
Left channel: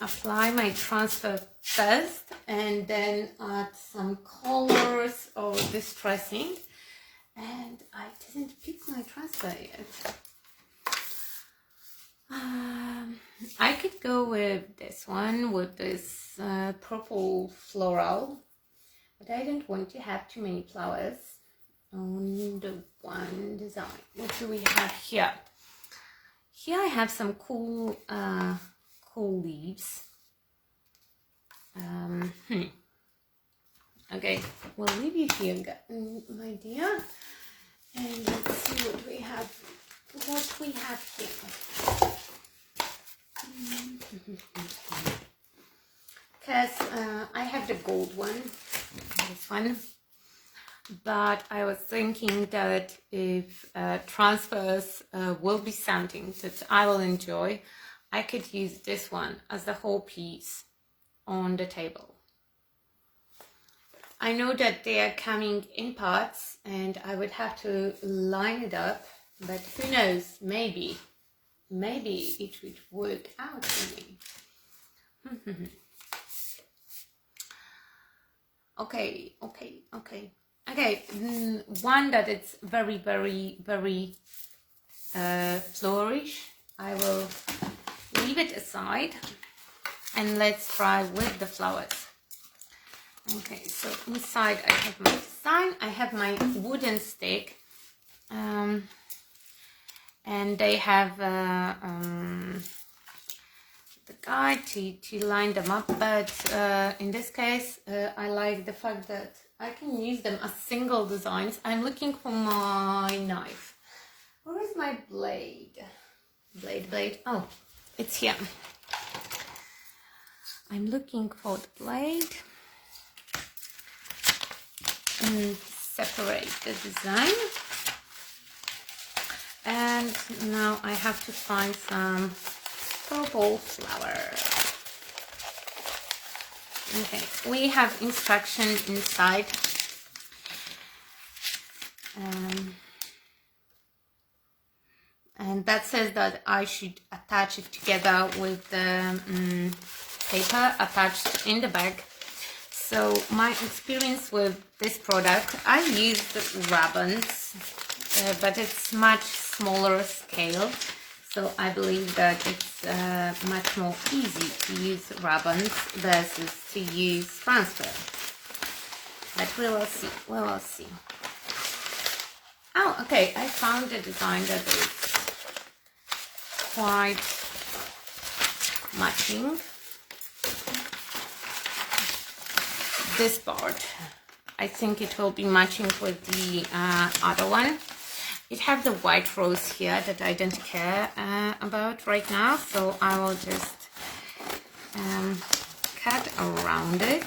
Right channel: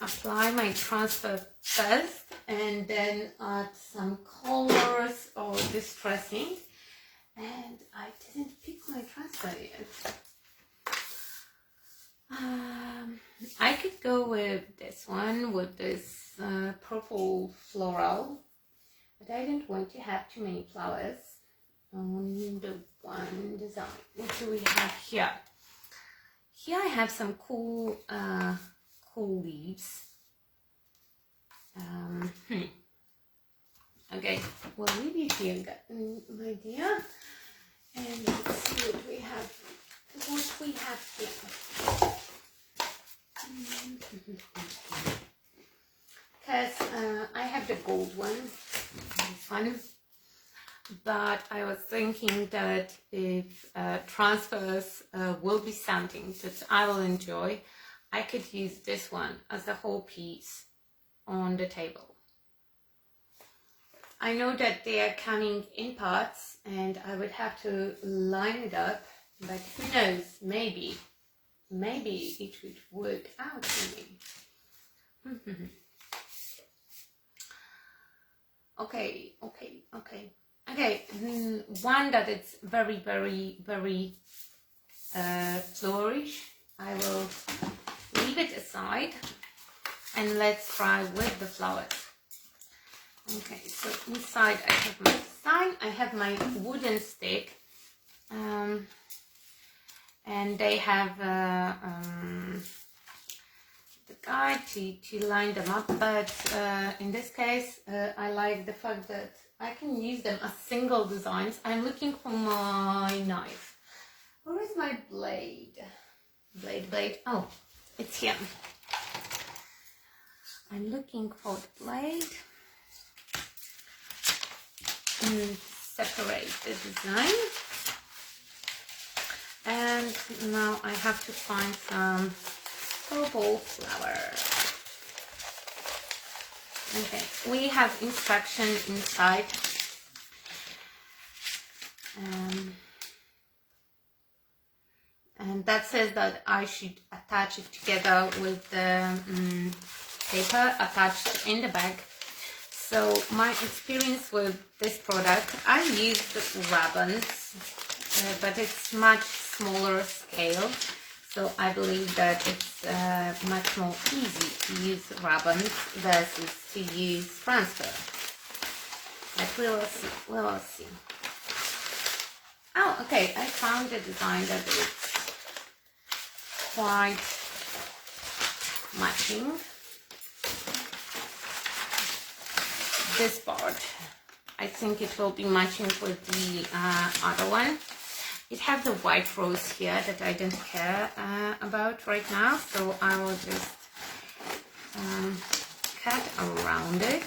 apply my transfer first and then add some colors or distressing, and I didn't pick my transfer yet. I could go with this one, with this purple floral, but I didn't want to have too many flowers on the one design. What do we have here? Here I have some cool leaves. Okay, we'll leave you here, my dear, and let's see what we have. Here. Because I have the gold one, this one, but I was thinking that if transfers will be something that I will enjoy, I could use this one as the whole piece on the table. I know that they are coming in parts and I would have to line it up, but who knows, maybe it would work out for me. Okay, one that it's very flourish, I will leave it aside and let's try with the flowers. Okay, so inside I have my design, I have my wooden stick, and they have the guide to line them up, but in this case I like the fact that I can use them as single designs. I'm looking for my knife. Where is my blade? Blade. Oh, it's here. I'm looking for the blade. And separate the design. And now I have to find some purple flower. Okay, we have instructions inside. And that says that I should attach it together with the paper attached in the bag. So my experience with this product, I used ribbons, but it's much smaller scale. So I believe that it's much more easy to use ribbons versus to use transfer. But we will see. Oh, okay, I found a design that is quite matching. This part, I think it will be matching with the other one. It has the white rose here that I don't care about right now, so I will just cut around it.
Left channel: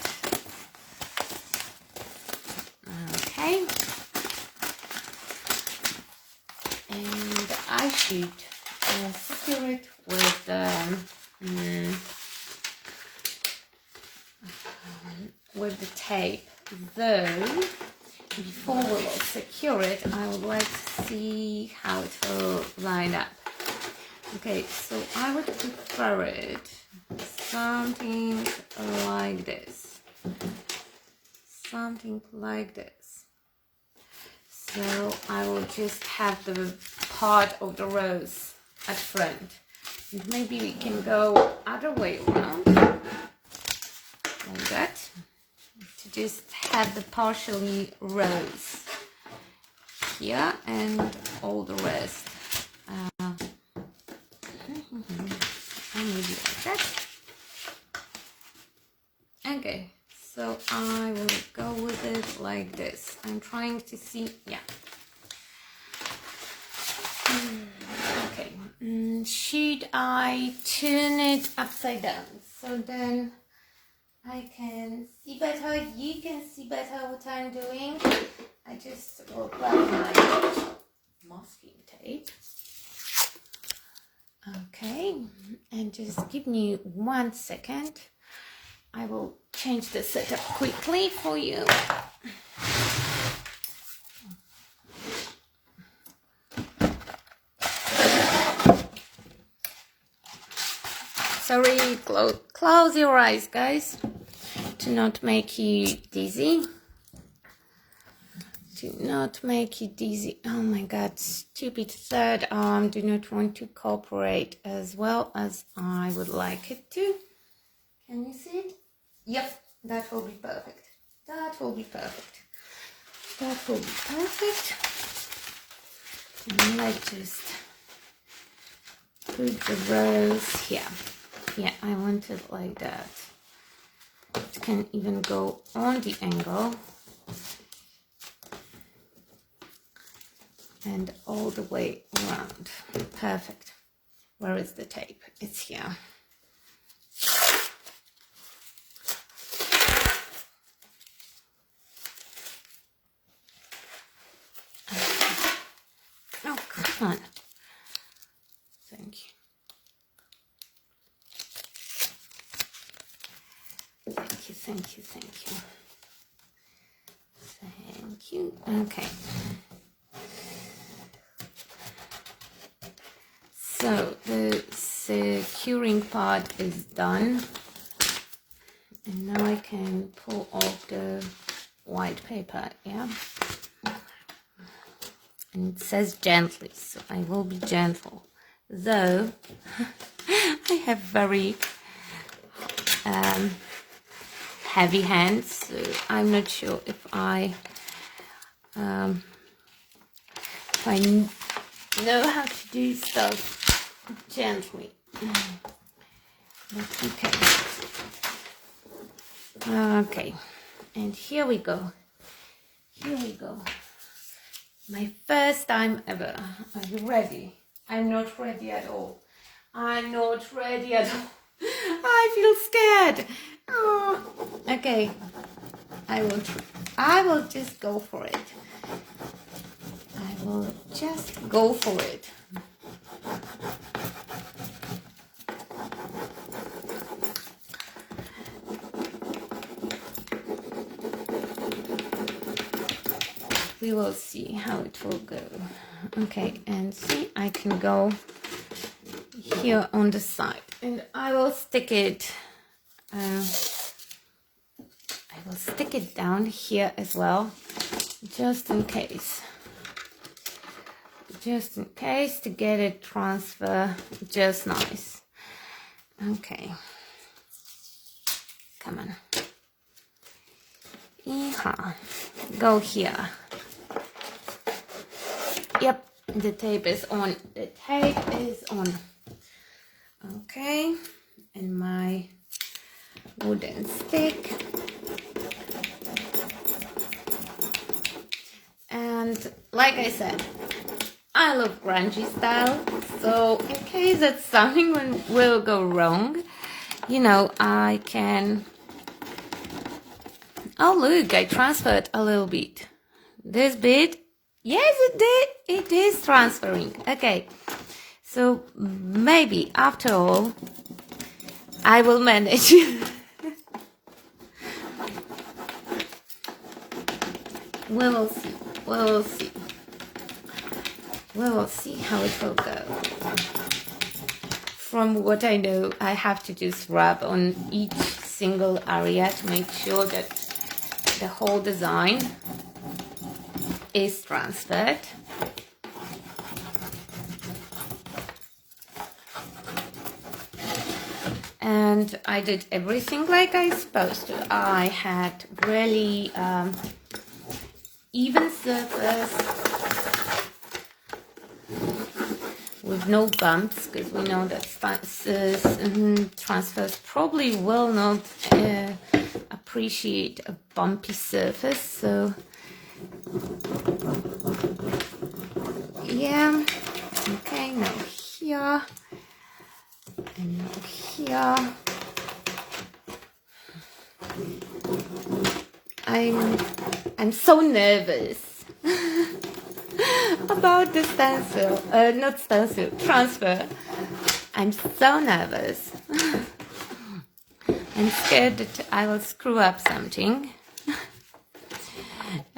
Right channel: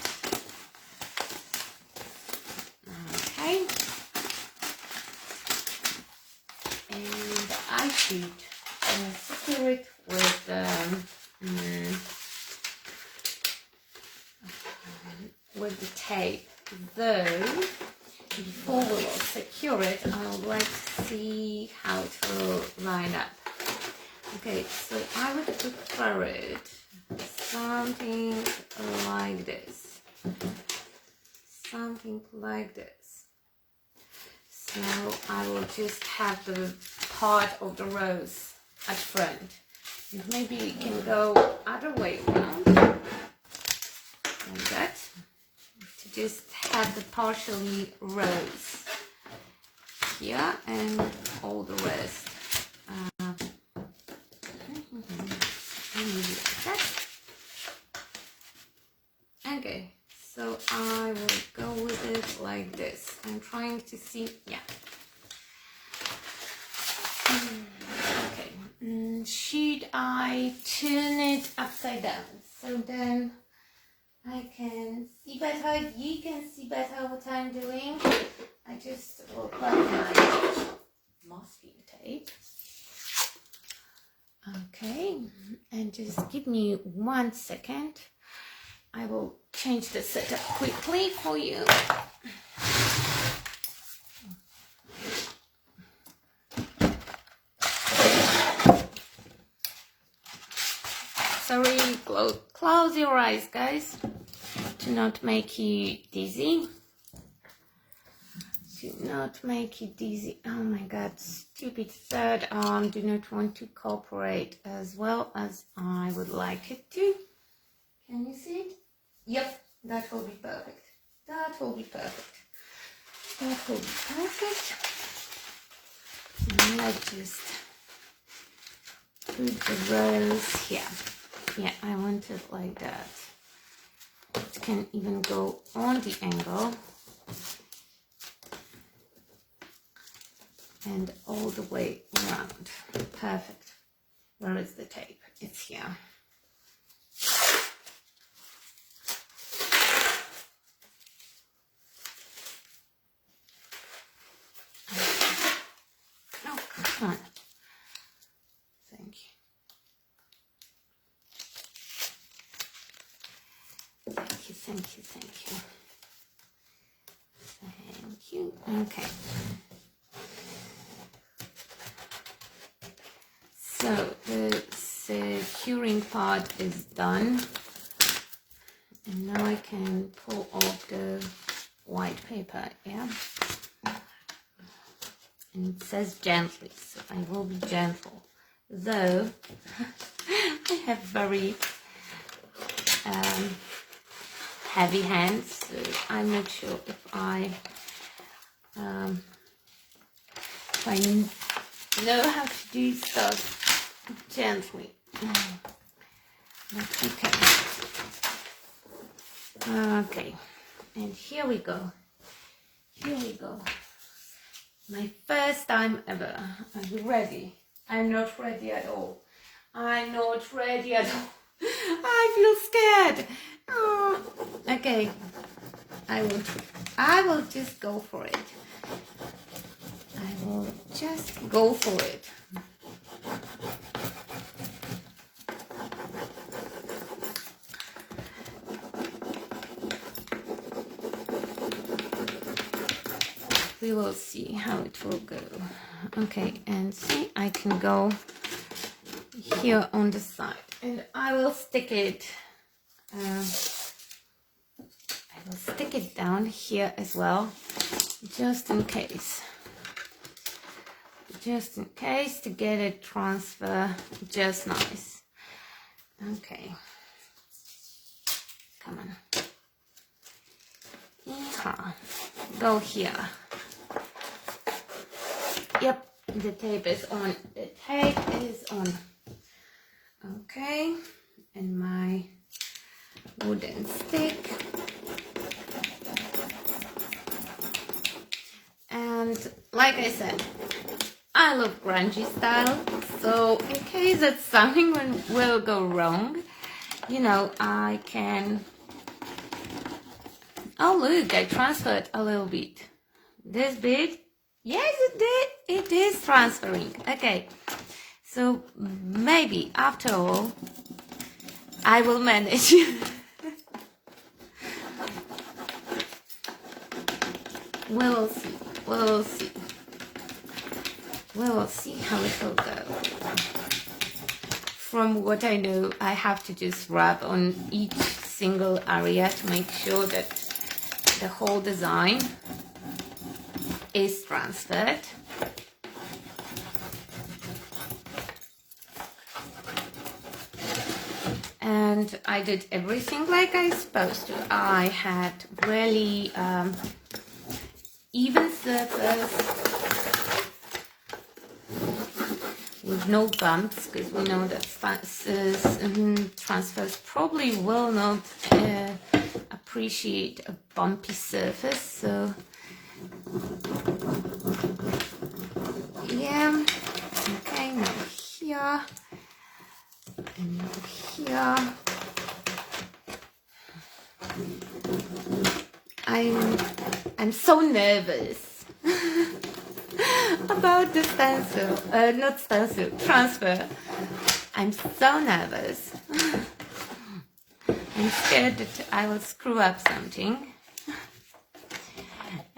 Okay, and I should secure it with the tape, though before we secure it I would like to see how it will line up. Okay, so I would prefer it something like this, so I will just have the part of the rose at front, and maybe we can go other way around like that, to just have the partially rose here and all the rest. Maybe like that. Okay, so I will go with it like this. I'm trying to see, yeah. Okay, should I turn it upside down so then I can see better, you can see better what I'm doing? I just will grab my masking tape. Okay, and just give me 1 second. I will change the setup quickly for you. Sorry, close your eyes, guys, to not make you dizzy. do not make it easy. Oh my god, stupid third arm do not want to cooperate as well as I would like it to. Can you see it? Yep, that will be perfect. That will be perfect. That will be perfect. And let's just put the rose here. Yeah, I want it like that. It can even go on the angle and all the way around. Perfect. Where is the tape? It's here. Oh, come on. Thank you. Thank you, thank you, thank you. Thank you. Okay. So the securing part is done. And now I can pull off the white paper, yeah? And it says gently, so I will be gentle. Though, I have very heavy hands, so I'm not sure if I know how to do stuff gently. But okay, and here we go. Here we go. My first time ever. Are you ready? I'm not ready at all. I'm not ready at all. I feel scared. Oh, okay. I will just go for it. I will just go for it. We will see how it will go. Okay, and see, I can go here on the side, and I will stick it. I will stick it down here as well, just in case. Just in case, to get it transfer just nice. Okay. Come on. Yeehaw. Go here. Yep, the tape is on. The tape is on. Okay, and my wooden stick. And like I said, I love grungy style, so in case that something will go wrong, you know, I can... Oh look, I transferred a little bit. This bit, yes it did, it is transferring. Okay, so maybe after all, I will manage. We will see, we will see. We will see how it will go. From what I know, I have to just rub on each single area to make sure that the whole design is transferred. And I did everything like I supposed to. I had really even surface with no bumps, because we know that transfers probably will not appreciate a bumpy surface. So yeah, okay, now here and now here. I'm so nervous about the transfer. I'm so nervous. I'm scared that I will screw up something.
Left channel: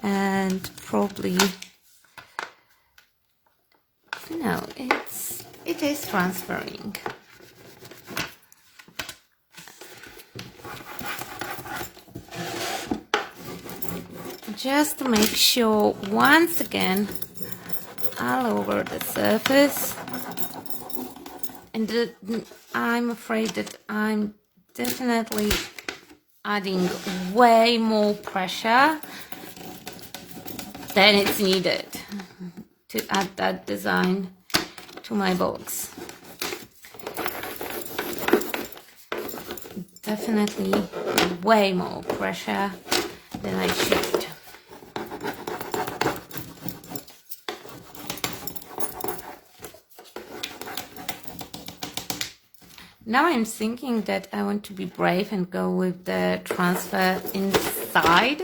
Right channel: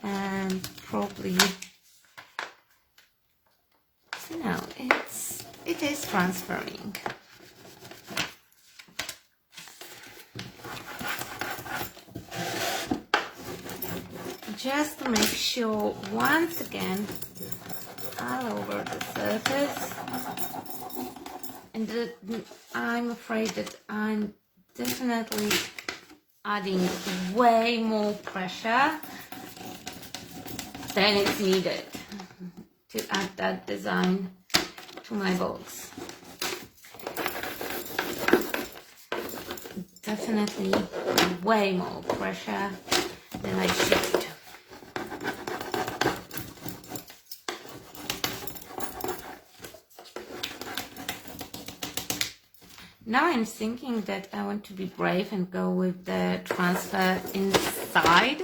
And probably, no, it is transferring. just to make sure once again all over the surface. And I'm afraid that I'm definitely adding way more pressure than it's needed to add that design to my box. Definitely way more pressure than I should. Now I'm thinking that I want to be brave and go with the transfer inside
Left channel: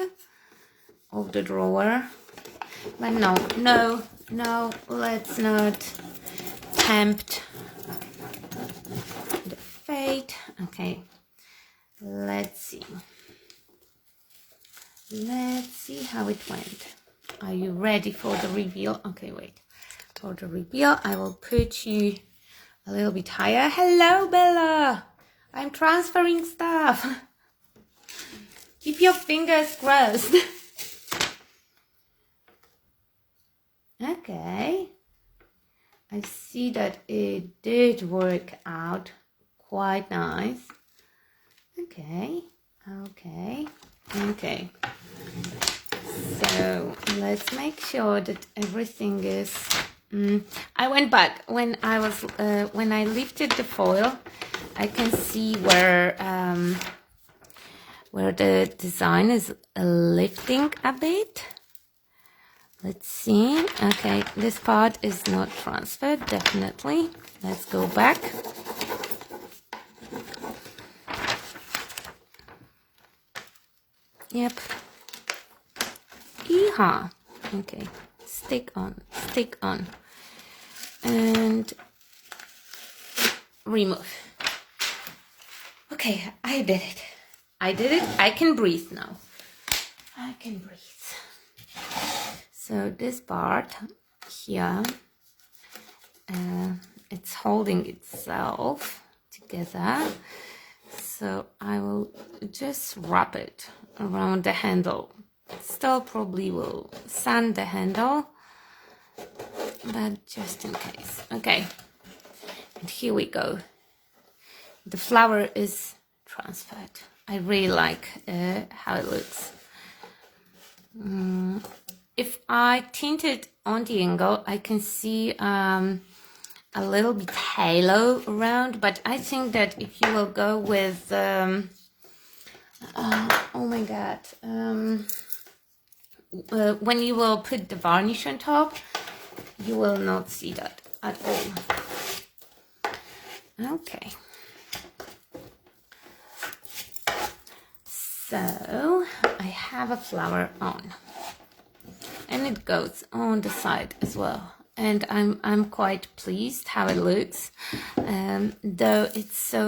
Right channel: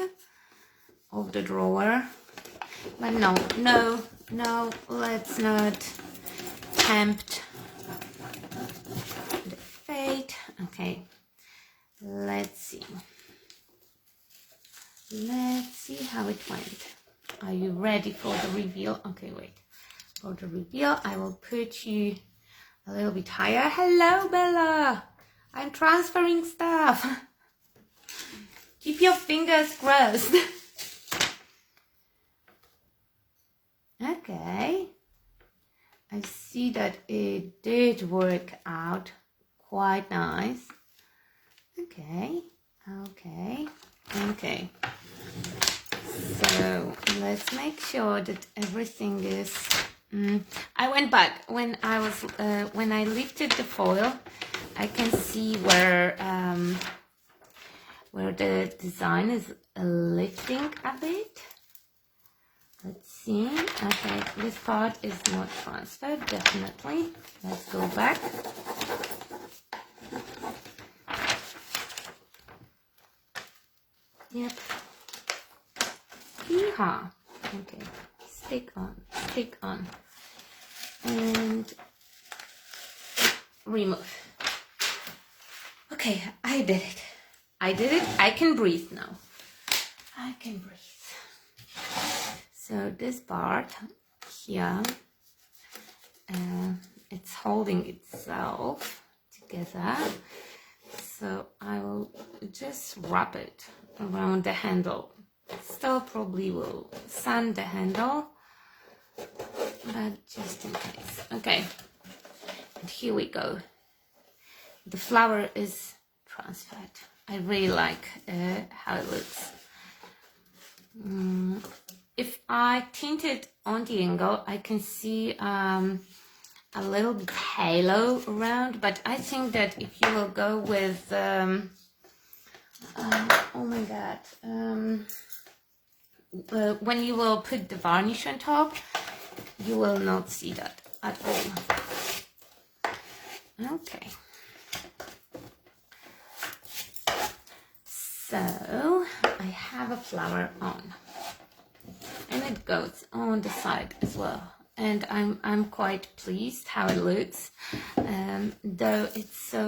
of the drawer. But no, let's not tempt the fate. Okay, let's see how it went. Are you ready for the reveal? Okay, wait. For the reveal, I will put you a little bit higher. Hello, Bella. I'm transferring stuff. Keep your fingers crossed. Okay. I see that it did work out quite nice. Okay. So let's make sure that everything is. I went back when I lifted the foil. I can see where the design is lifting a bit. Let's see. Okay, this part is not transferred, definitely. Let's go back. Yep. Yeehaw. Okay. Stick on. And remove. Okay, I did it. I can breathe now. I can breathe. So this part here, it's holding itself together. So I will just wrap it around the handle. Still probably will sand the handle, but just in case. Okay, and here we go. The flower is transferred. I really like how it looks. If I tint it on the angle, I can see a little bit halo around, but I think that if you will go with oh my god, when you will put the varnish on top, you will not see that at all. Okay, so I have a flower on, and it goes on the side as well, and I'm quite pleased how it looks, though it's so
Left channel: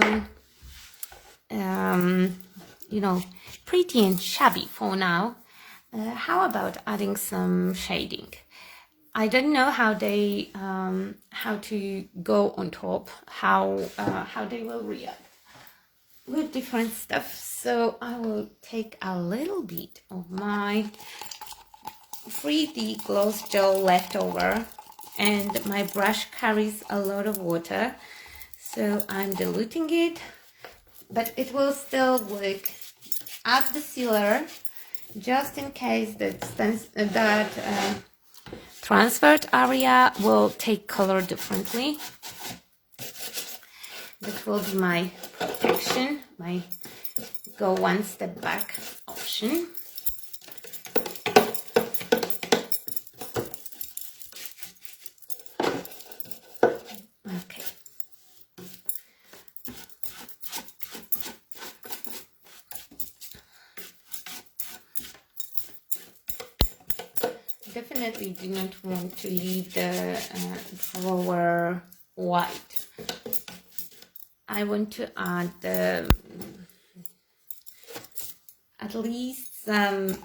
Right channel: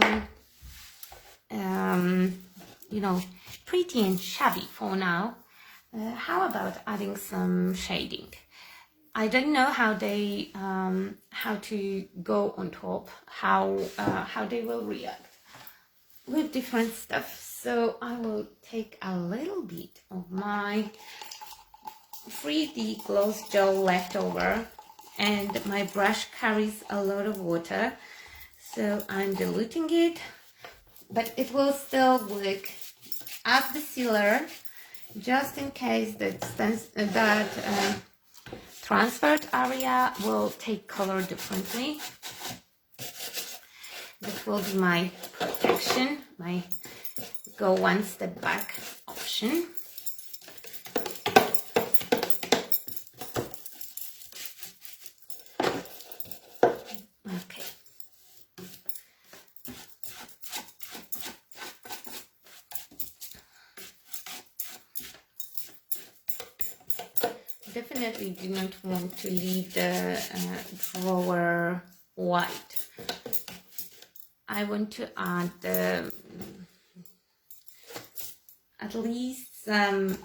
you know, pretty and shabby for now. How about adding some shading? I don't know how they how to go on top, how they will react with different stuff. So I will take a little bit of my 3D gloss gel leftover, and my brush carries a lot of water, so I'm diluting it, but it will still look at the sealer, just in case that transferred area will take color differently. This will be my protection, my go one step back option. Okay. Definitely do not want to leave the drawer white. I want to add at least some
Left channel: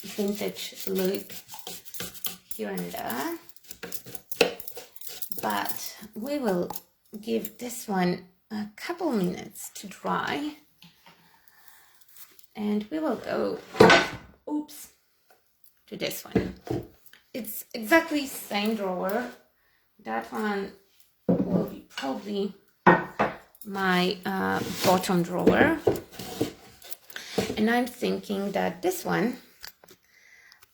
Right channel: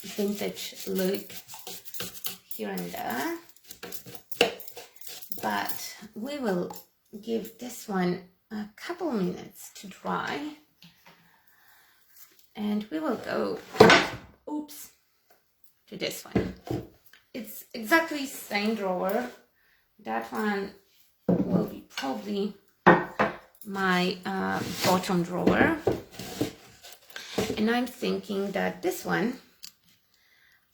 vintage look here and there, but we will give this one a couple minutes to dry, and we will go, oops, to this one. It's exactly same drawer. That one will be probably my bottom drawer. And I'm thinking that this one,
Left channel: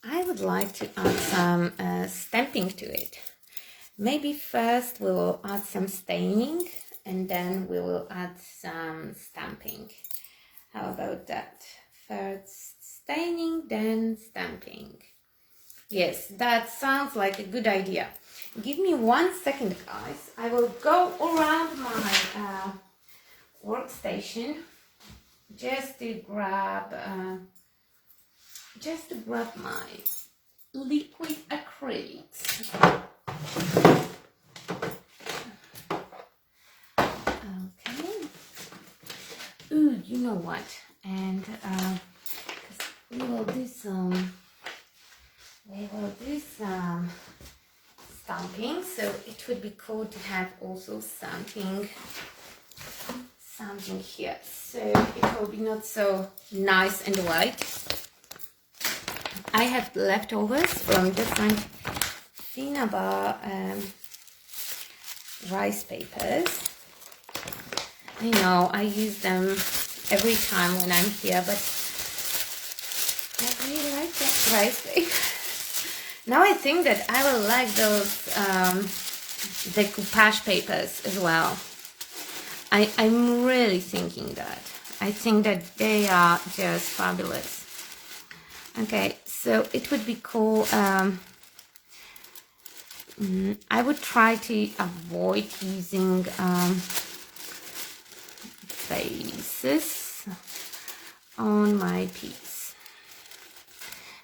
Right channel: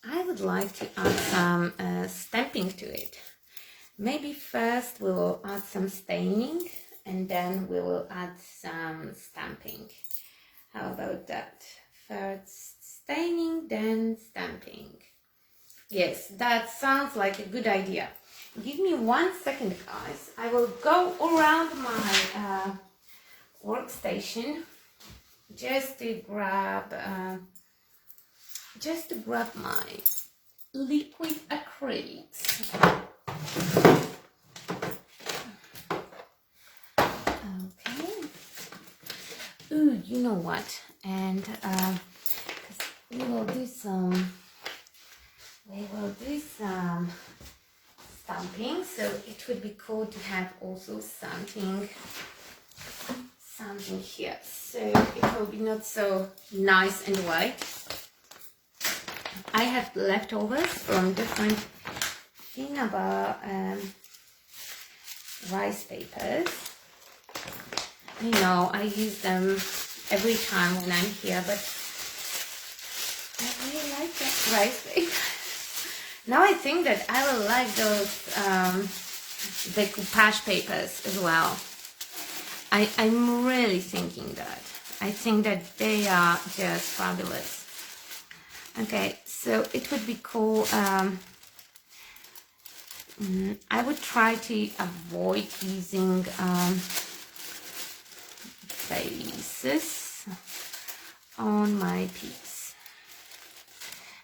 I would like to add some stamping to it. Maybe first we will add some staining and then we will add some stamping. How about that? First staining, then stamping. Yes, that sounds like a good idea. Give me 1 second, guys. I will go around my workstation just to grab my liquid acrylics. Okay. Ooh, you know what? And we will do some stamping. So it would be cool to have also something here. So it will be not so nice and white. I have leftovers from different Finnabair rice papers. I know I use them every time when I'm here, but I really like the rice papers. Now I think that I will like those decoupage papers as well. I'm really thinking that. I think that they are just fabulous. Okay, so it would be cool. I would try to avoid using faces on my piece.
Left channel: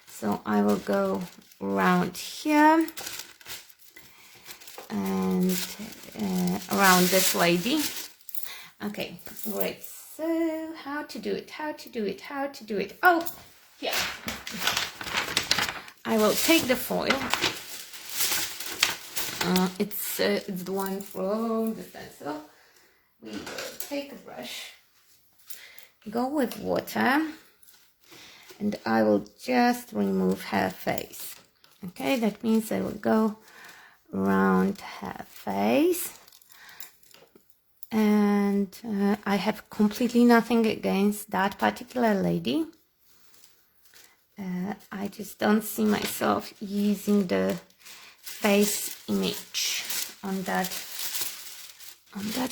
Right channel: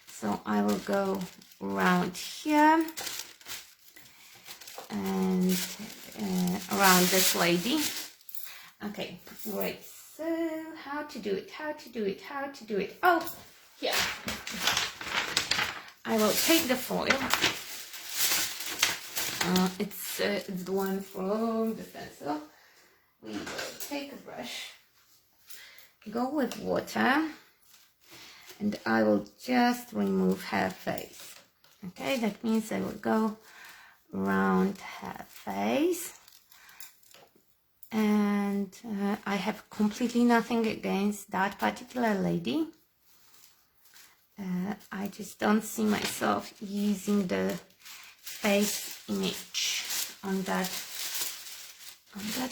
So I will go around here and around this lady. Okay, great. So how to do it? Oh, yeah. I will take the foil. It's the one from the stencil. We will take a brush, go with water, and I will just remove her face. Okay, that means I will go around her face. And I have completely nothing against that particular lady. I just don't see myself using the face image on that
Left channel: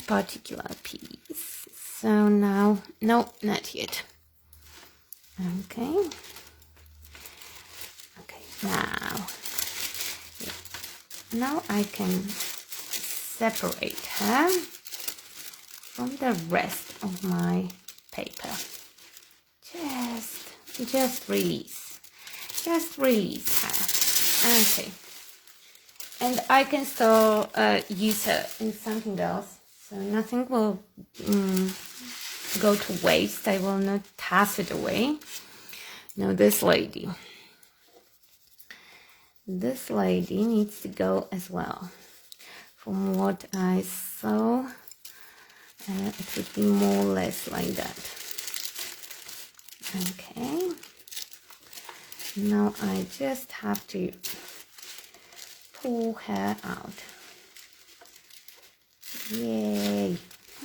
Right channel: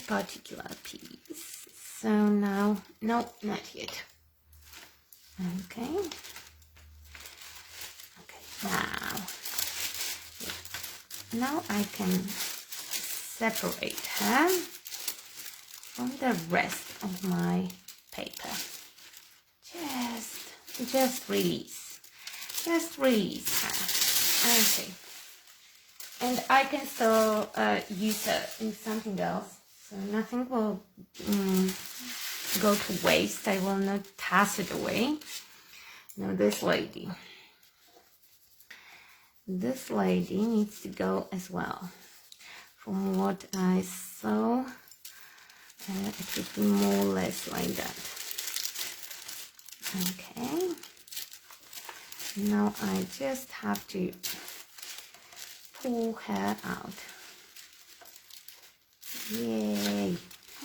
particular piece. So now, no, not yet. Okay. Now I can separate her from the rest of my paper. Just release her. Okay. And I can still use her in something else, so nothing will go to waste. I will not toss it away. Now this lady needs to go as well. From what I saw, it would be more or less like that. Okay. Now I just have to pull her out. Yay.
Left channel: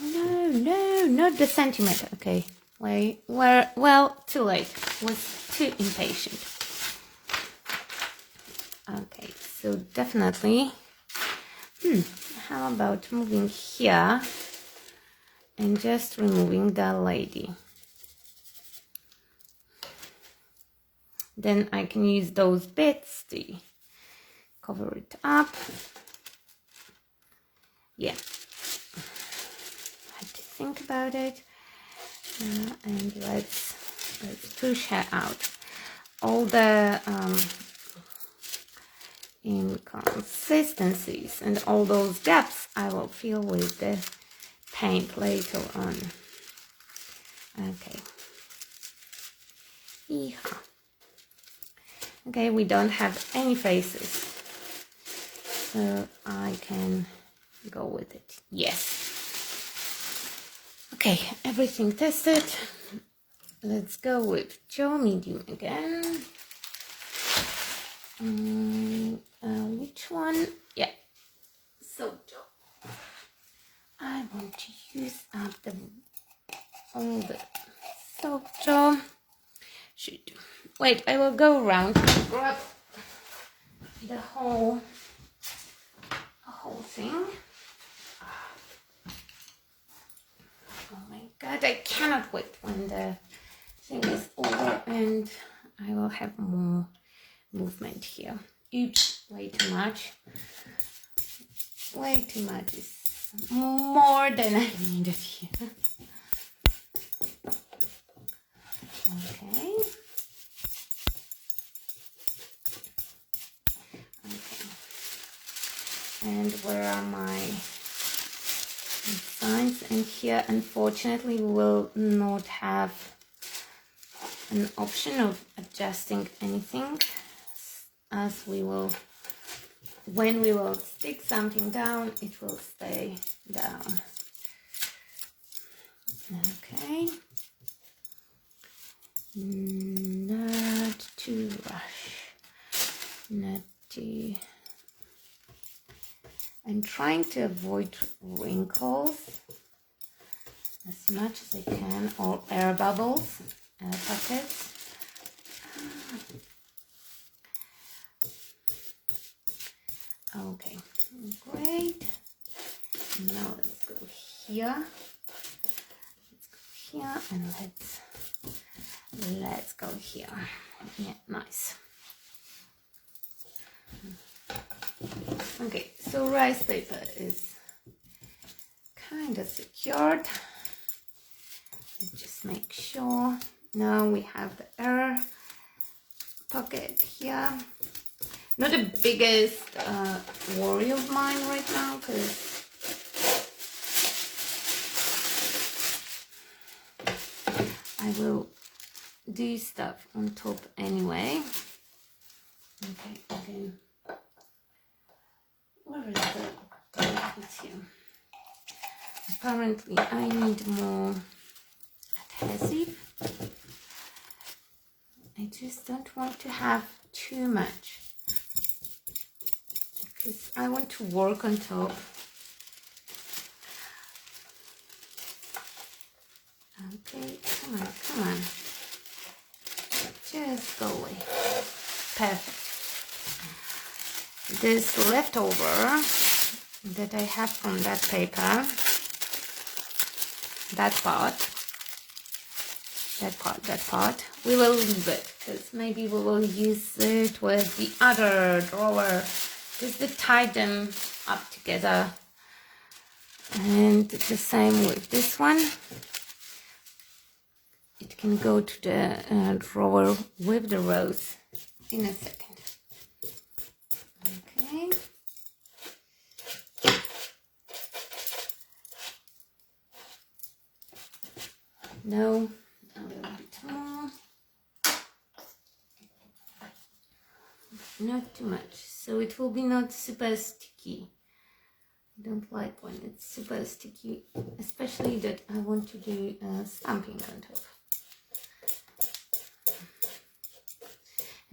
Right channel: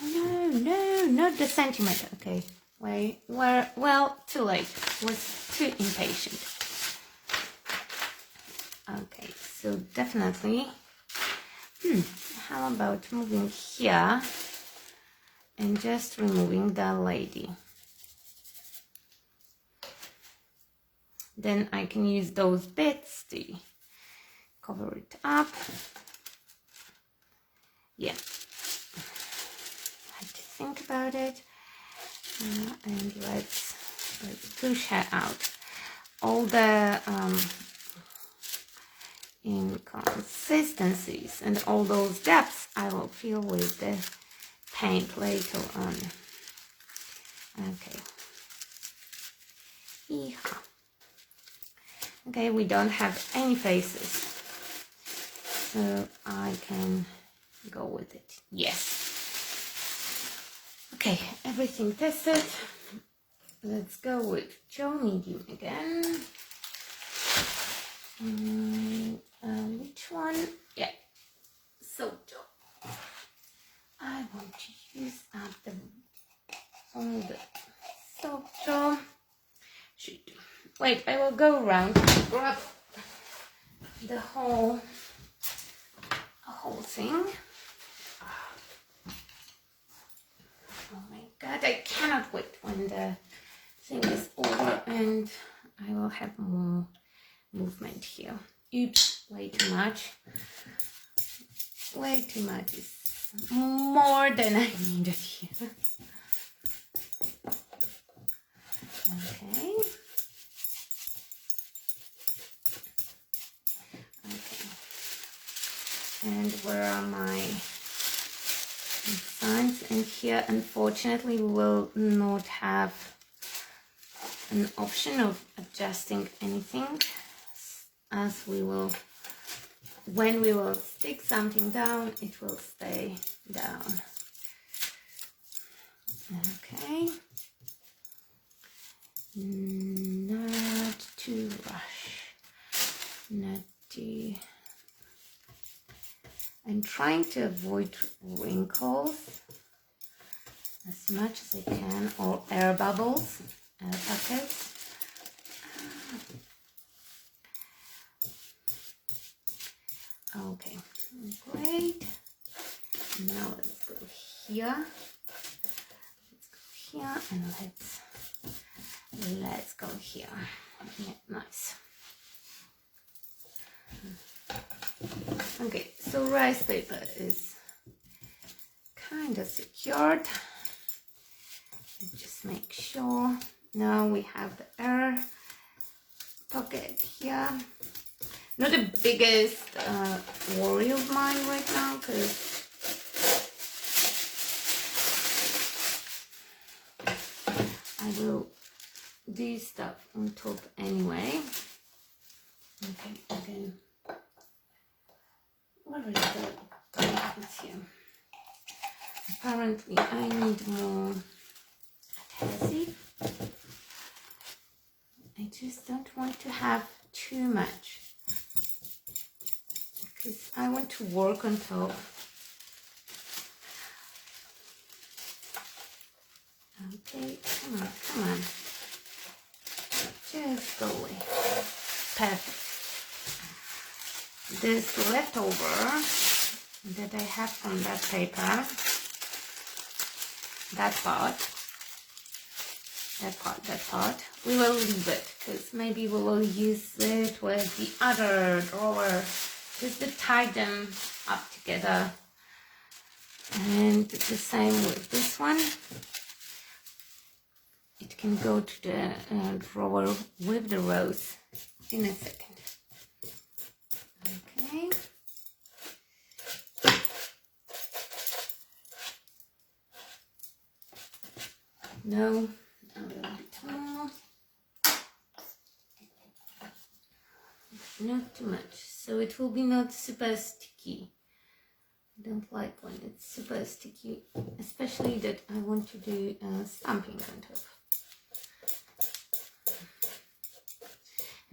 Oh, no, not the centimeter. Okay. Well, too late. Was too impatient. Okay, so definitely. How about moving here and just removing that lady? Then I can use those bits to cover it up. Yeah, I have to think about it. And let's push her out. All the inconsistencies and all those gaps I will fill with the paint later on. Okay. Yeehaw. Okay, we don't have any faces, so I can go with it. Yes. Okay, everything tested. Let's go with Joe Medium again. Which one? Yeah, Sojo. I want to use up all the Sojo. Shoot. Wait, I will go around and grab the whole thing. Oh my god, I cannot wait when the thing is over and I will have more movement here. Oops, way too much. Way too much is more than I needed here. Okay. Okay. And where are my signs? And here, unfortunately, we will not have an option of adjusting anything, as we will, when we will stick something down, it will stay down. Okay. Not too rush. Not too. I'm trying to avoid wrinkles as much as I can, or air bubbles, air pockets. Okay, great. Now let's go here. Let's go here and let's go here. Yeah, nice. Okay, so rice paper is kind of secured. Let's just make sure. Now we have the air pocket here. Not the biggest worry of mine right now, because I will do stuff on top anyway. Okay, again. Where is the it's here? Apparently I need more adhesive. I just don't want to have too much, because I want to work on top. Okay, come on. Just go away. Perfect. This leftover that I have from that paper, that part, we will leave it, because maybe we will use it with the other drawer just to tie them up together. And the same with this one. It can go to the drawer with the rose in a second. Okay. No, a little bit more. Not too much, so it will be not super sticky. I don't like when it's super sticky, especially that I want to do stamping on top.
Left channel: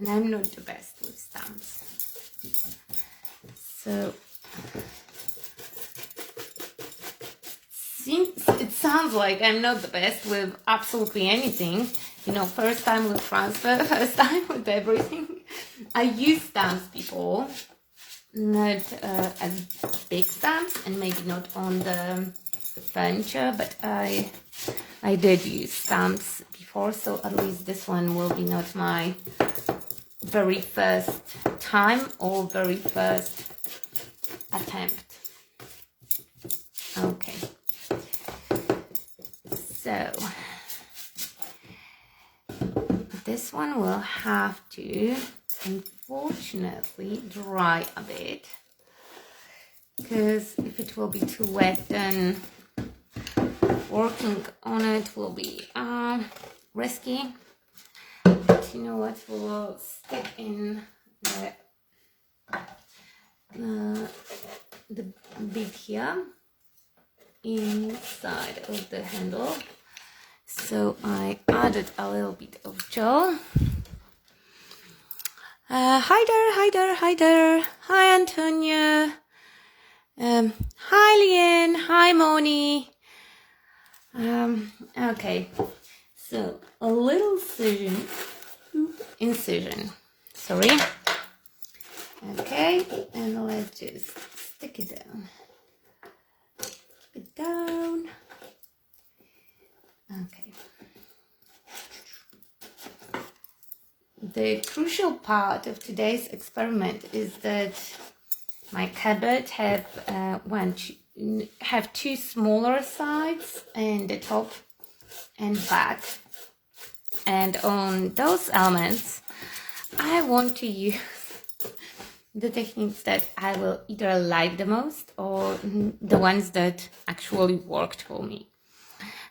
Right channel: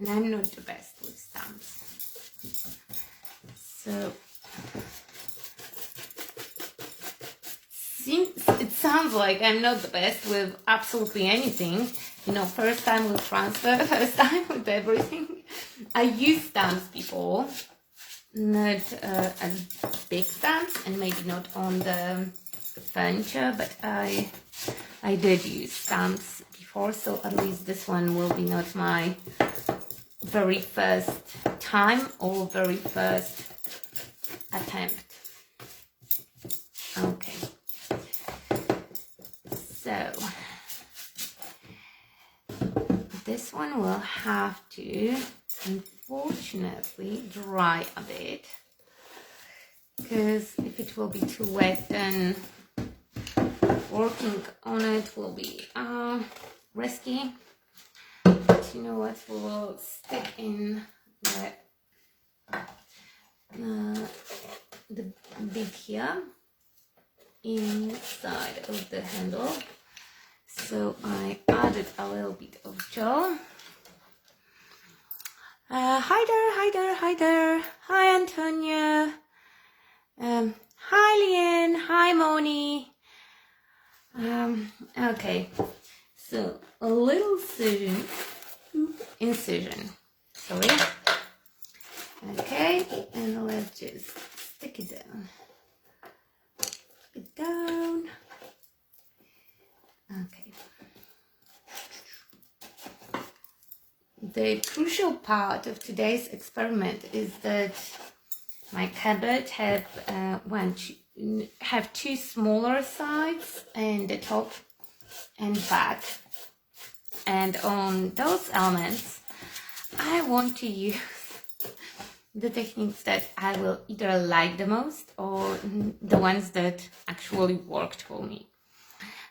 And I'm not the best with stamps. So it sounds like I'm not the best with absolutely anything. You know, first time with transfer, first time with everything. I used stamps before, not as big stamps, and maybe not on the furniture, but I did use stamps before, so at least this one will be not my very first time or very first attempt. Okay, so this one will have to unfortunately dry a bit, because if it will be too wet, then working on it will be risky. But you know what, we will stick in the bit here inside of the handle. So I added a little bit of gel. Hi there, hi there, hi there. Hi, Antonia. Hi, Leanne. Hi, Moni. Okay. So, a little incision. Sorry. Okay, and let's just stick it down. Stick it down. Okay. The crucial part of today's experiment is that my cupboard have two smaller sides, and the top and back, and on those elements I want to use the techniques that I will either like the most or the ones that actually worked for me.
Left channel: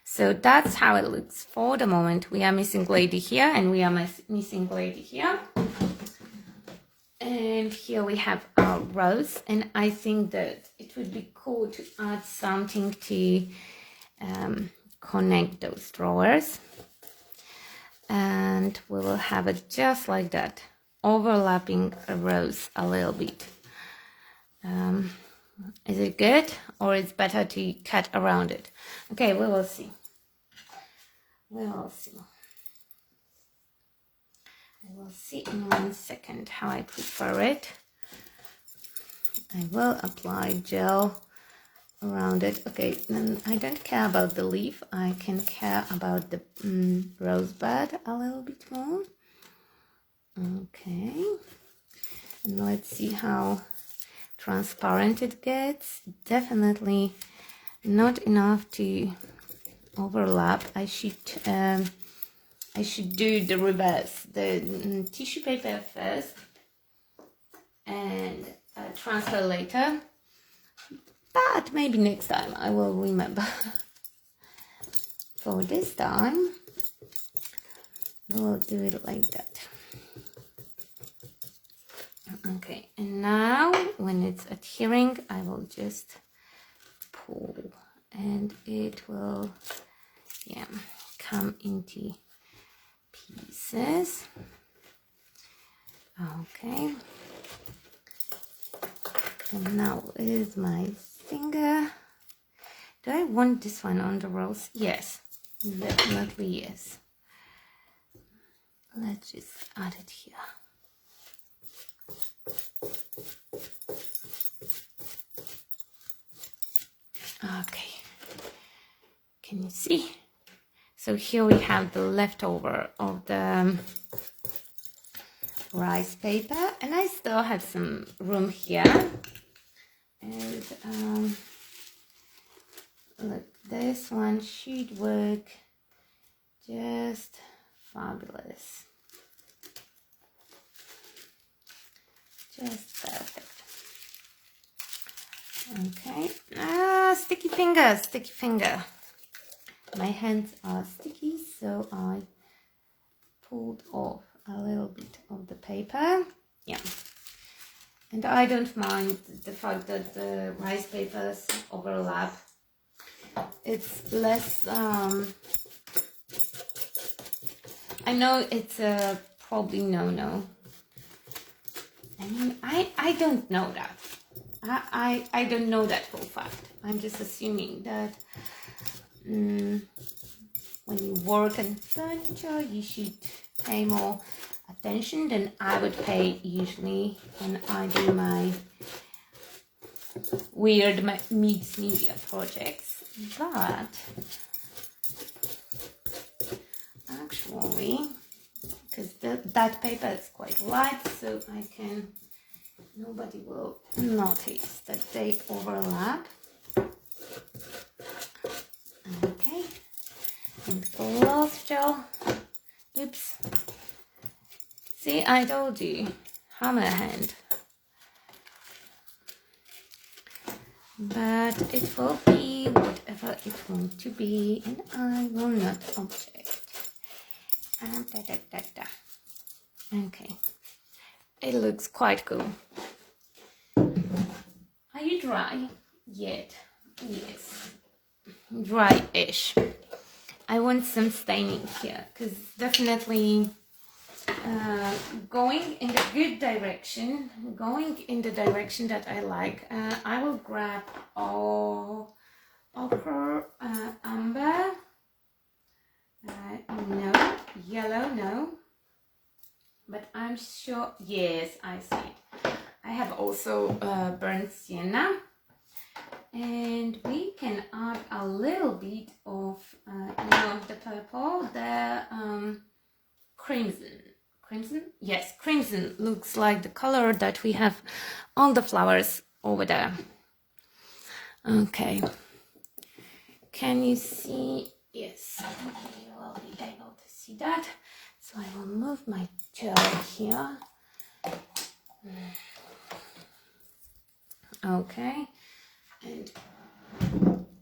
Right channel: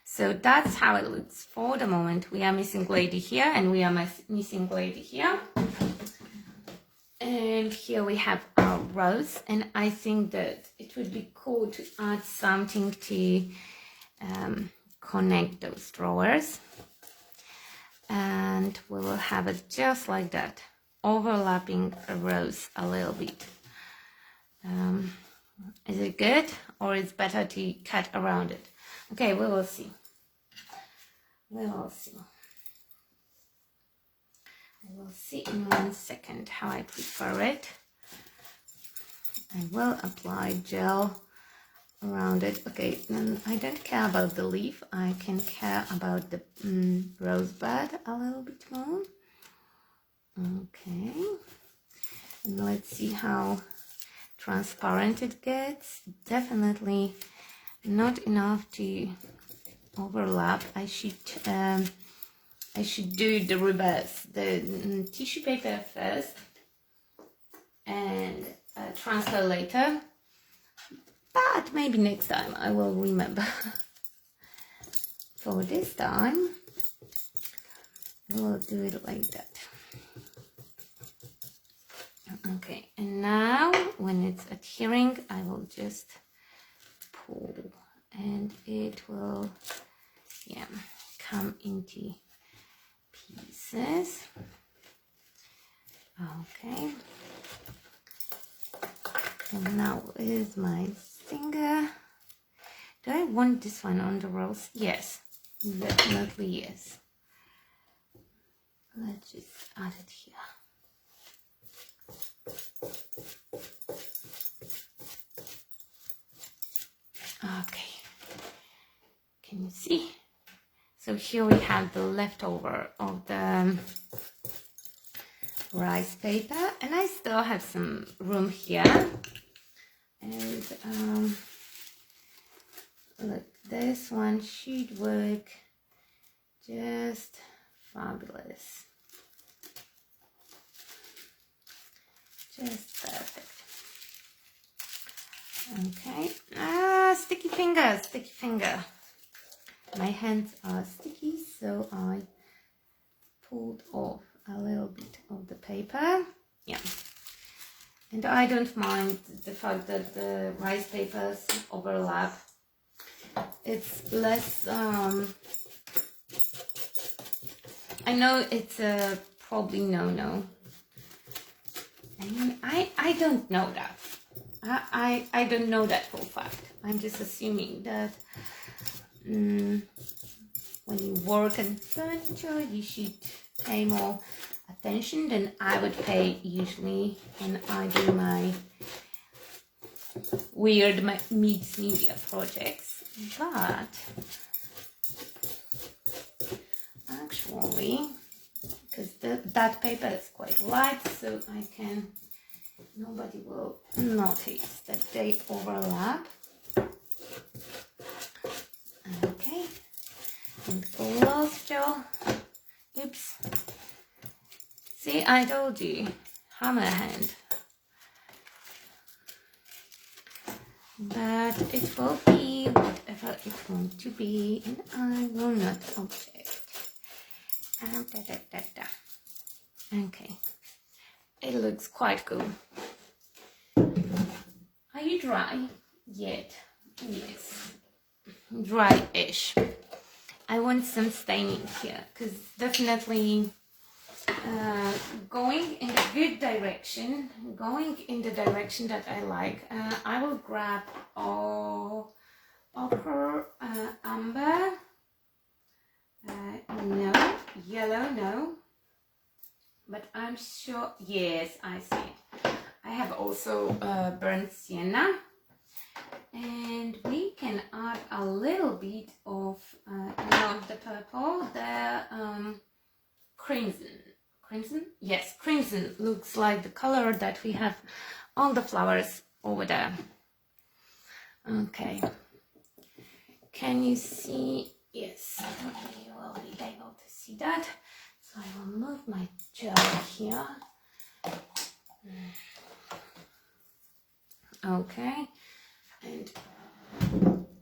So that's how it looks for the moment. We are missing lady here, and we are missing lady here. And here we have our rose, and I think that it would be cool to add something to connect those drawers. And we will have it just like that, overlapping a rose a little bit. Is it good, or is it better to cut around it? Okay, we will see. We will see. I will see in 1 second how I prepare it. I will apply gel around it. Okay, then I don't care about the leaf. I can care about the rose bud a little bit more. Okay, and let's see how transparent it gets. Definitely not enough to overlap. I should do the reverse, the tissue paper first and transfer later, but maybe next time I will remember. For this time we will do it like that. Okay, and now when it's adhering, I will just pull, and it will come into pieces. Okay, and now with my finger, do I want this one on the rose? Yes, definitely yes. Let's just add it here. Okay, can you see? So here we have the leftover of the rice paper, and I still have some room here. And look, this one should work just fabulous. Just perfect. Okay. Sticky finger. My hands are sticky, so I pulled off a little bit of the paper. Yeah. And I don't mind the fact that the rice papers overlap. It's less, I know it's a probably no. I mean, I don't know that. I don't know that for a fact. I'm just assuming that when you work on furniture, you should pay more attention than I would pay usually when I do my weird mixed media projects. But actually, because that paper is quite light, so nobody will notice that they overlap. Okay, and gloss gel. Oops. See, I told you, hammer hand. But it will be whatever it wants to be, and I will not object. Okay, it looks quite cool. Are you dry yet? Yes, dry-ish. I want some staining here, because definitely going in the good direction, going in the direction that I like, I will grab all ochre, amber, no, yellow, no, but I'm sure, yes, I see. I have also burnt sienna, and we can add a little bit of the purple, the crimson. Crimson? Yes, crimson looks like the color that we have on the flowers over there. Okay. Can you see? Yes, you will be able to see that. So I will move my gel here. Okay. And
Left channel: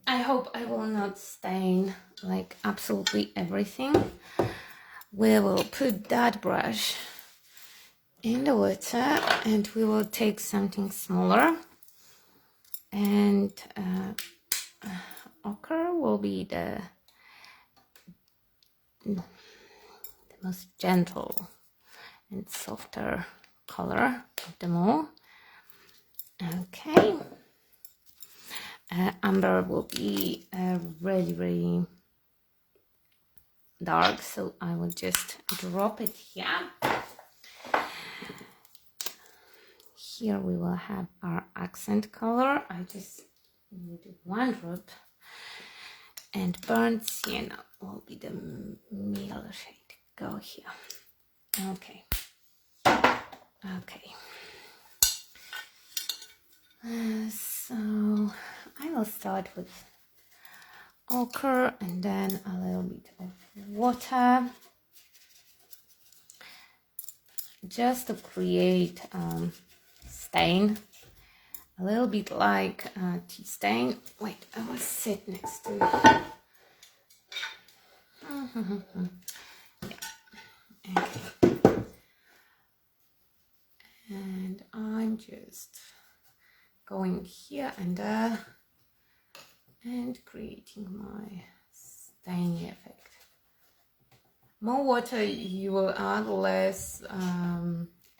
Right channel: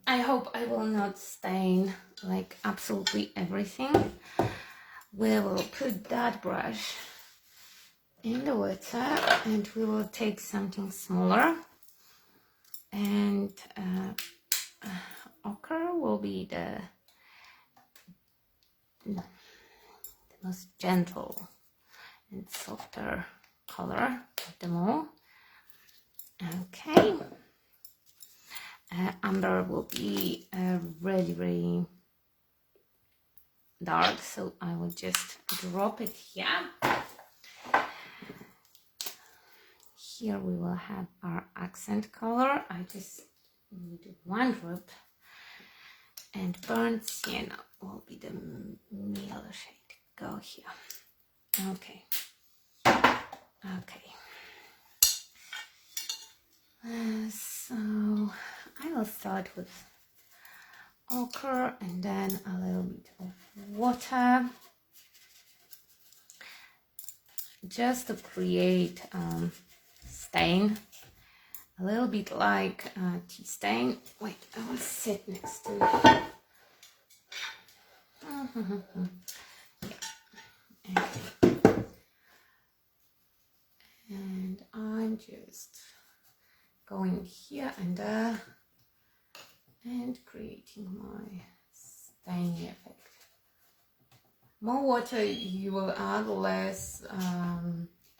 I hope I will not stain like absolutely everything. We will put that brush in the water and we will take something smaller, and ochre will be the most gentle and softer color of them all. Okay. Amber will be really, really dark, so I will just drop it here. Here we will have our accent color. I just need one drop, and burnt sienna will be the middle shade. Go here. Okay. Okay. So I will start with ochre and then a little bit of water, just to create stain, a little bit like tea stain. Wait, I will sit next to it. Yeah. Okay. And I'm just going here and there and creating my staining effect. More water you will add, less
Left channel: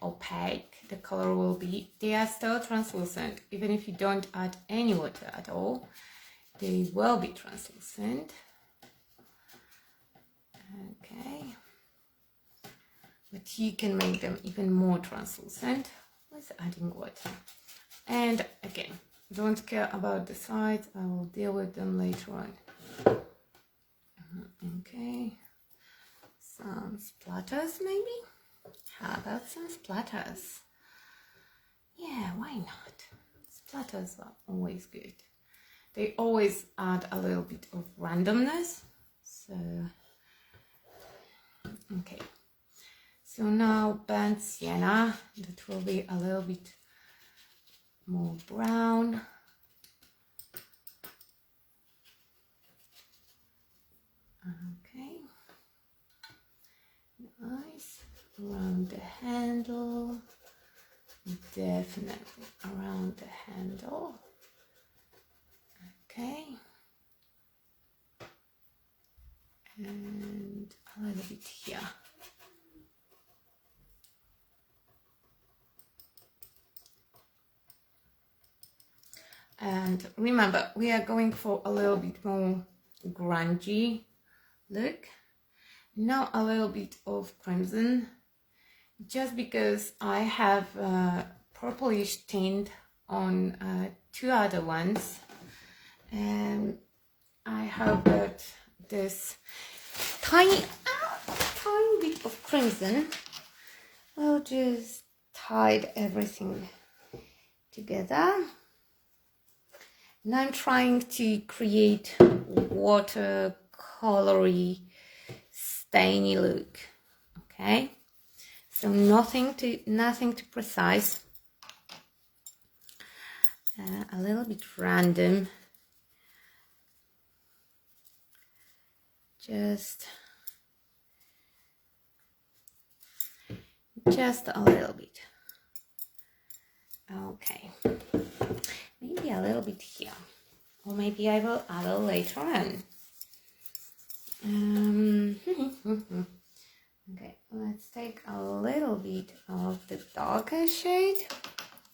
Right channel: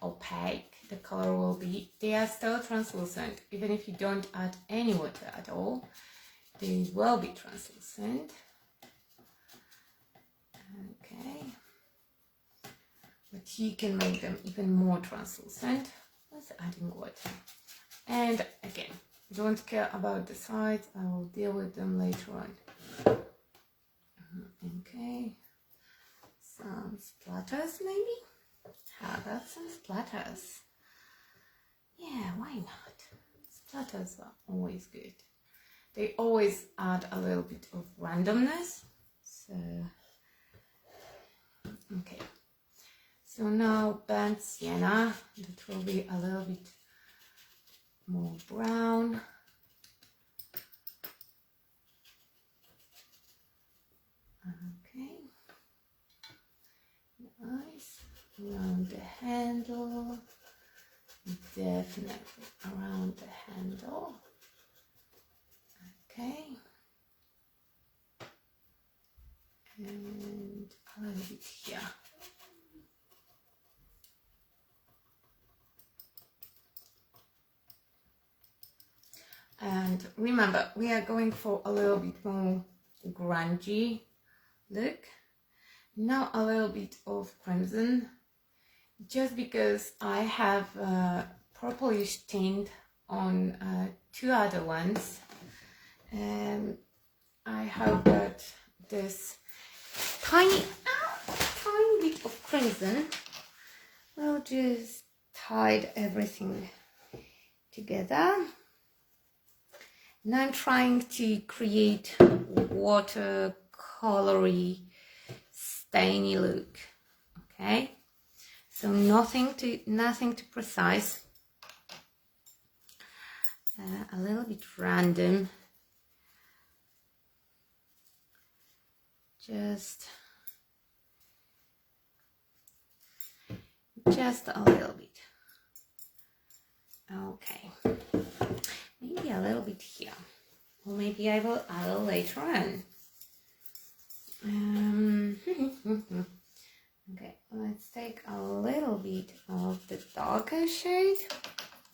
opaque the color will be. They are still translucent. Even if you don't add any water at all, they will be translucent. Okay. But you can make them even more translucent with adding water. And again, don't care about the sides, I will deal with them later on. Okay, some splatters maybe? How about some splatters? Yeah, why not? Splatters are always good. They always add a little bit of randomness. So, okay. So now burnt sienna, that will be a little bit more brown. Okay, nice. Around the handle, definitely around the handle. Okay, and a little bit here. And remember, we are going for a little bit more grungy look. Now a little bit of crimson, just because I have purplish tint on two other ones, and I hope that this tiny bit of crimson will just tide everything together. Now I'm trying to create watercolory stainy look. Okay, so nothing too precise, a little bit random, just a little bit. Okay, maybe a little bit here, or maybe I will add it later on. Okay, let's take a darker shade,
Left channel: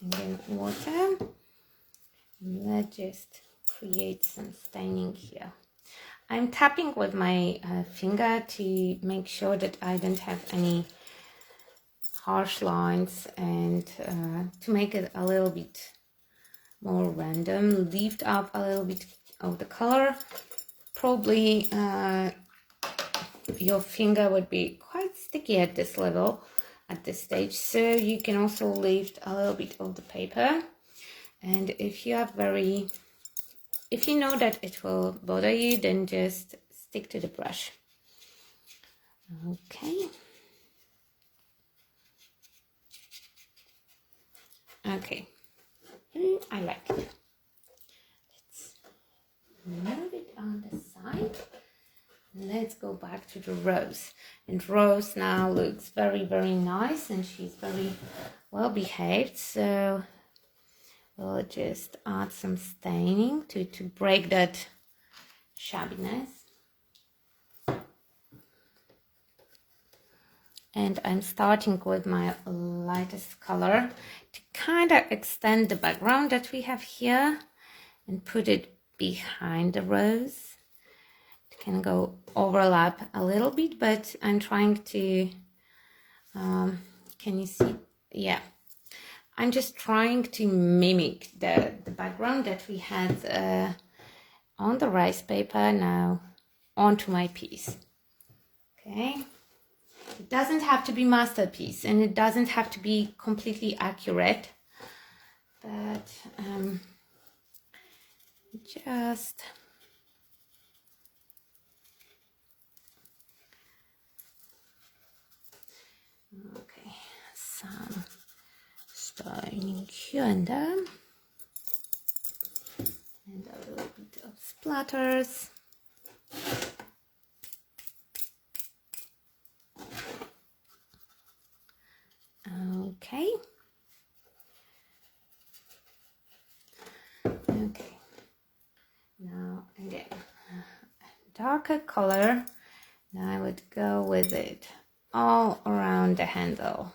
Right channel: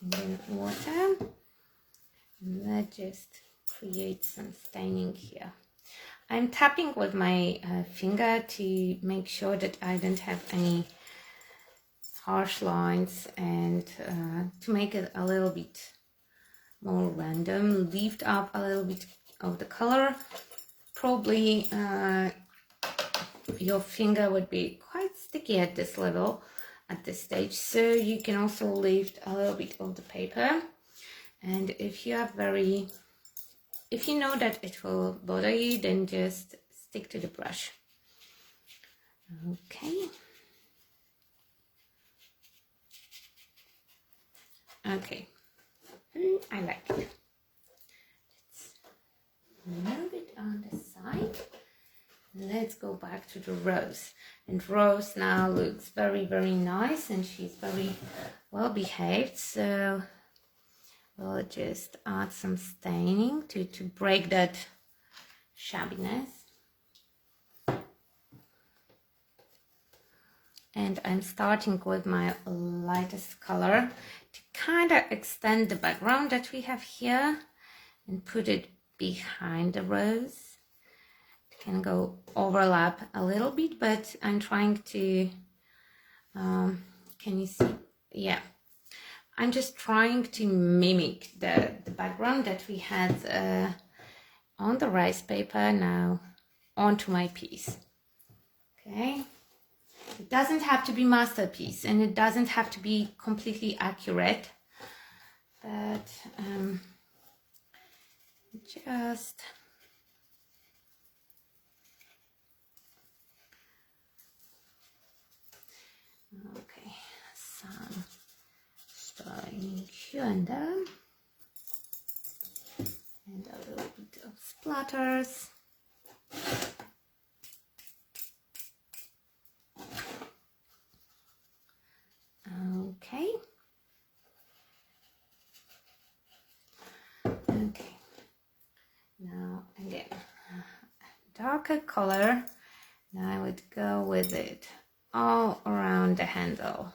and then water. And let's just create some staining here. I'm tapping with my finger to make sure that I don't have any harsh lines, and to make it a little bit more random, lift up a little bit of the color. Probably your finger would be quite sticky at this level, at this stage, so you can also lift a little bit of the paper. And if you know that it will bother you, then just stick to the brush. Okay. Okay. I like it. Let's move it on the side. Let's go back to the Rose. And Rose now looks very, very nice, and she's very well behaved. So we'll just add some staining to break that shabbiness. And I'm starting with my lightest color to kind of extend the background that we have here and put it behind the rose. It can go overlap a little bit, but I'm trying to, can you see? Yeah. I'm just trying to mimic the background that we had on the rice paper now onto my piece. Okay. It doesn't have to be masterpiece, and it doesn't have to be completely accurate, but just okay, some staining here and there, and a little bit of splatters. Okay. Okay. Now again, darker color. Now I would go with it all around the handle.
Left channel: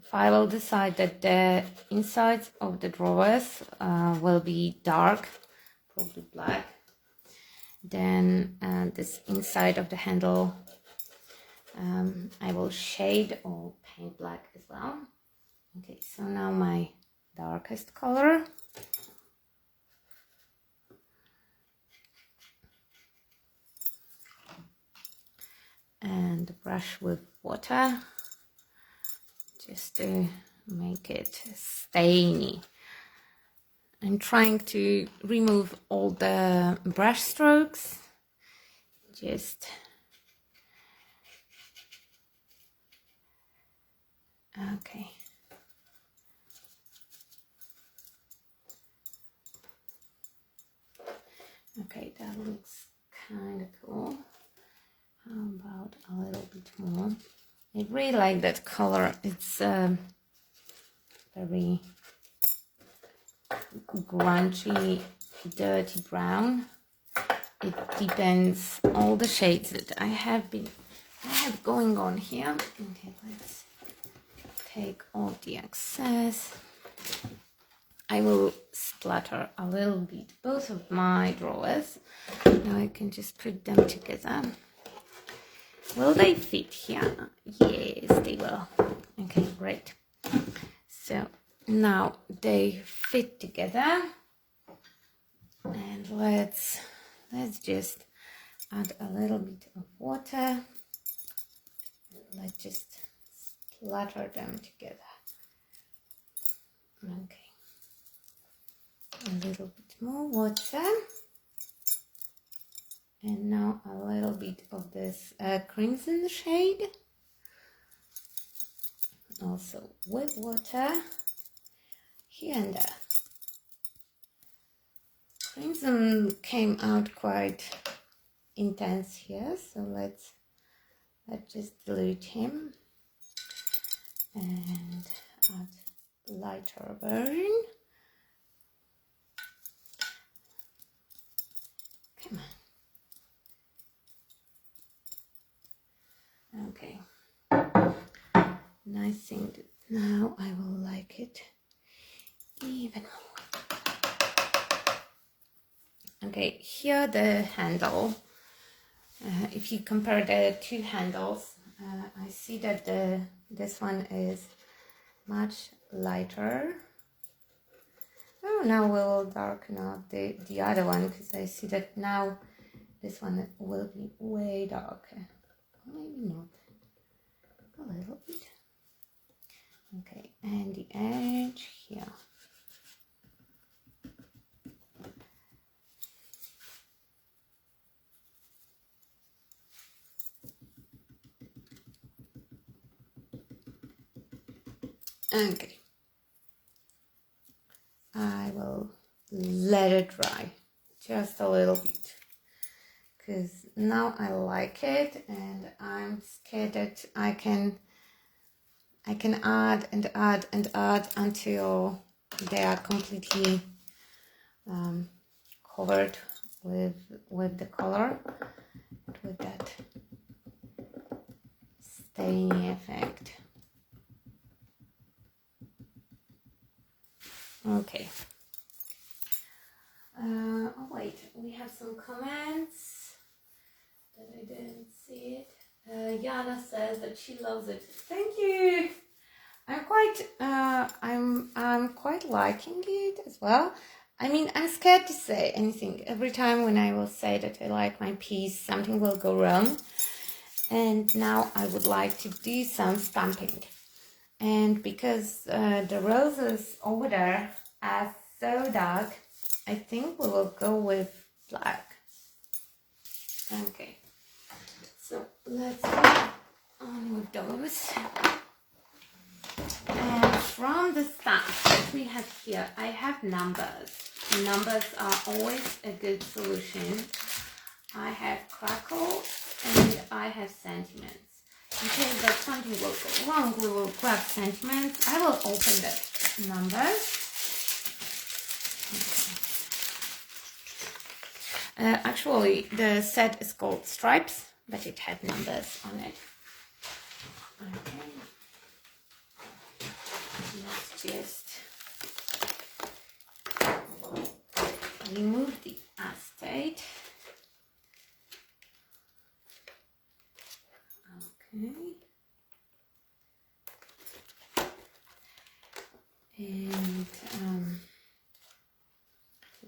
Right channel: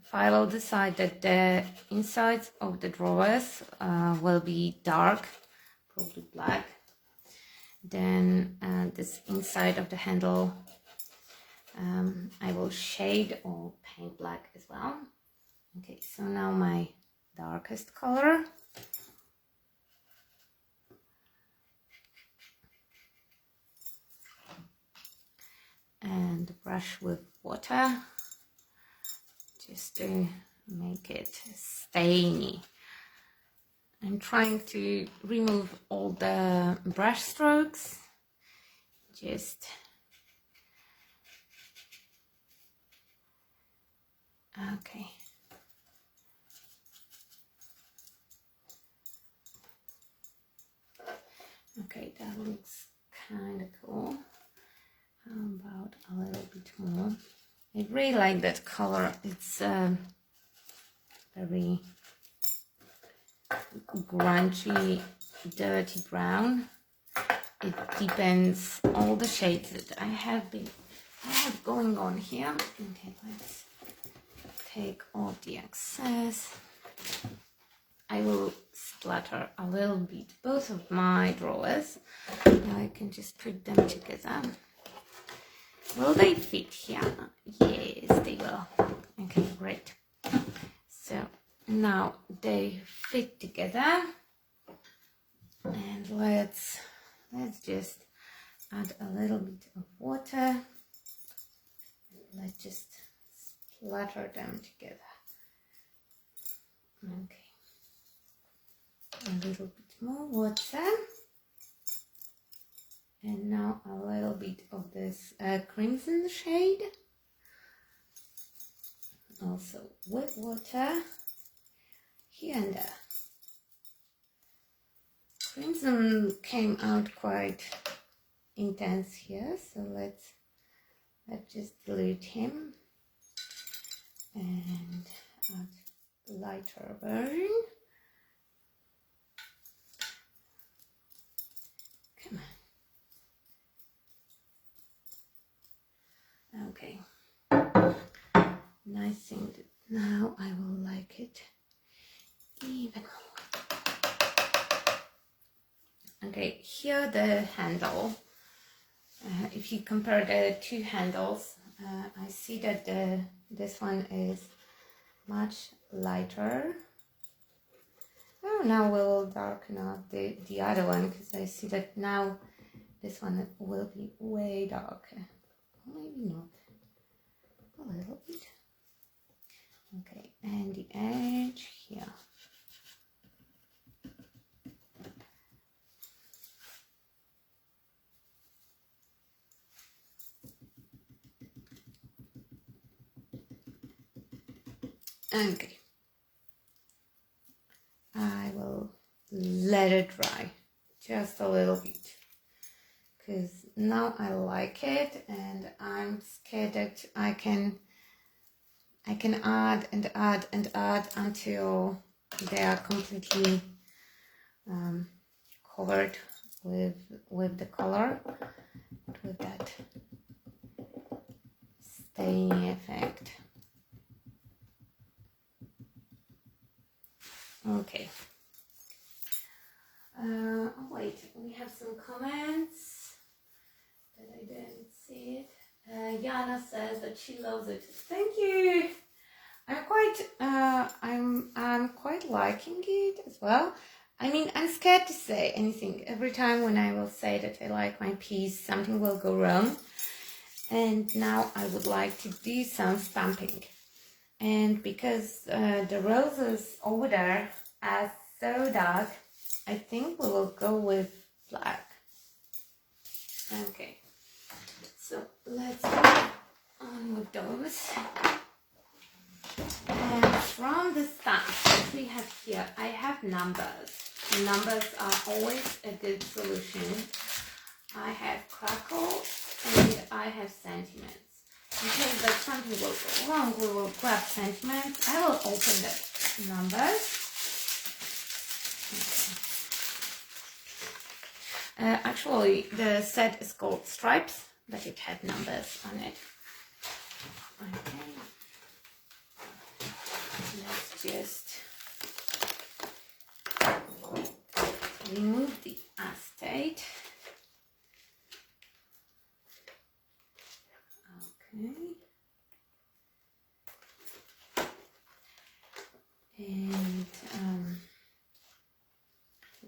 If I will decide that the insides of the drawers will be dark, probably black, then this inside of the handle I will shade or paint black as well. Okay, so now my darkest color. And brush with water just to make it stainy. I'm trying to remove all the brush strokes. Just okay. Okay, that looks kind of cool. How about a little bit more? I really like that color. It's very grungy, dirty brown. It deepens all the shades that I have going on here. Okay, let's take off the excess. I will splatter a little bit both of my drawers. Now I can just put them together. Will they fit here? Yes, they will. Okay, great. So now they fit together, and let's just add a little bit of water. Let's just splatter them together. Okay, a little bit more water. And now a little bit of this crimson shade, also with water here and there. Crimson came out quite intense here, so let's just dilute him and add lighter version. Come on. Okay, and I think that now I will like it even more. Okay, here the handle. If you compare the two handles, I see that this one is much lighter. Oh, now we will darken up the other one, because I see that now this one will be way darker. Maybe not. A little bit. Okay, and the edge here. Okay. I will let it dry just a little bit, because now I like it, and I'm scared that I can add and add and add until they are completely covered with the color, with that staining effect. Okay. Oh wait, we have some comments that I didn't see it. Yana says that she loves it. Thank you. I'm quite liking it as well. I mean, I'm scared to say anything. Every time when I will say that I like my piece, something will go wrong. And now I would like to do some stamping. And because the roses over there are so dark, I think we will go with black. Okay, so let's go on with those. And from the stamps that we have here, I have numbers. Numbers are always a good solution. I have crackle and I have sentiments. In case that something will go wrong, we will grab sentiments. I will open the numbers. Okay. Actually, the set is called Stripes, but it had numbers on it. Okay. Let's just remove the acetate. Okay. And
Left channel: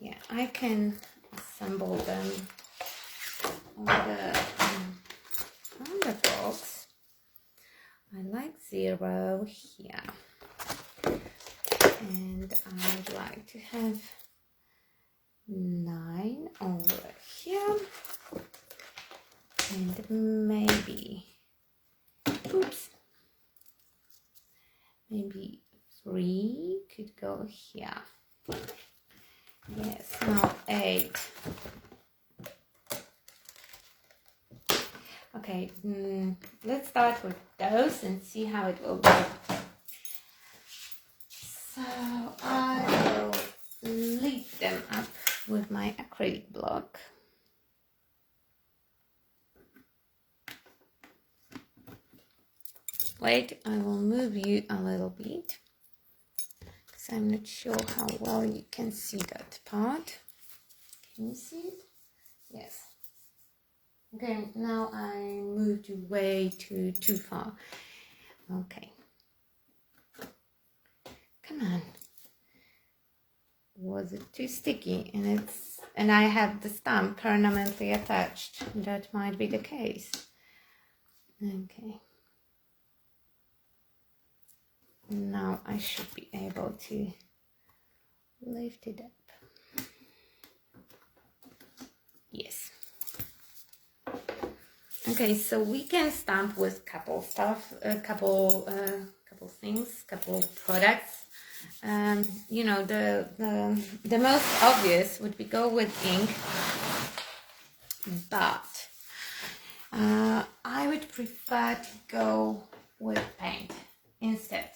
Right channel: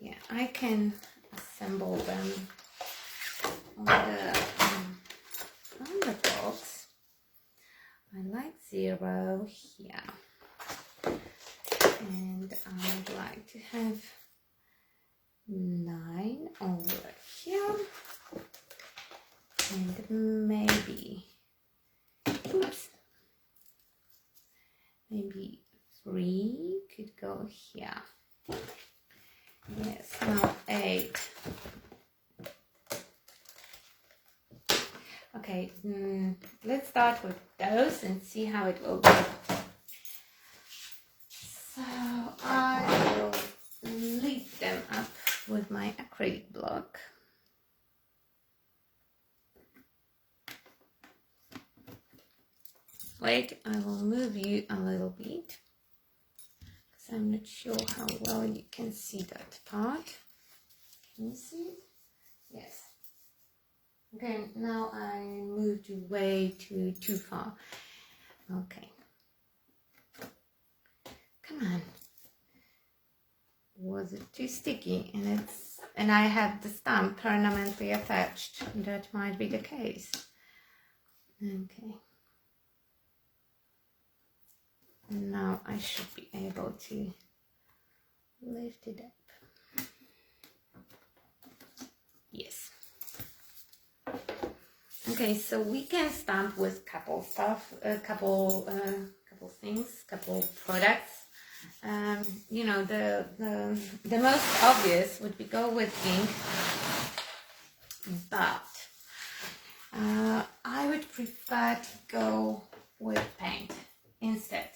yeah, I can assemble them on the box. I like 0 here, and I would like to have 9 over here, and maybe, oops, maybe 3 could go here. Yes, now 8. Okay, let's start with those and see how it will go. So I will lift them up with my acrylic block. Wait, I will move you a little bit, because I'm not sure how well you can see that part. Can you see it? Yes. Okay, now I moved you way too far. Okay. Come on. Was it too sticky? And I have the stamp permanently attached. That might be the case. Okay. Now I should be able to lift it up. Yes. Okay, so we can stamp with couple couple products. You know, the most obvious would be go with ink, but I would prefer to go with paint instead,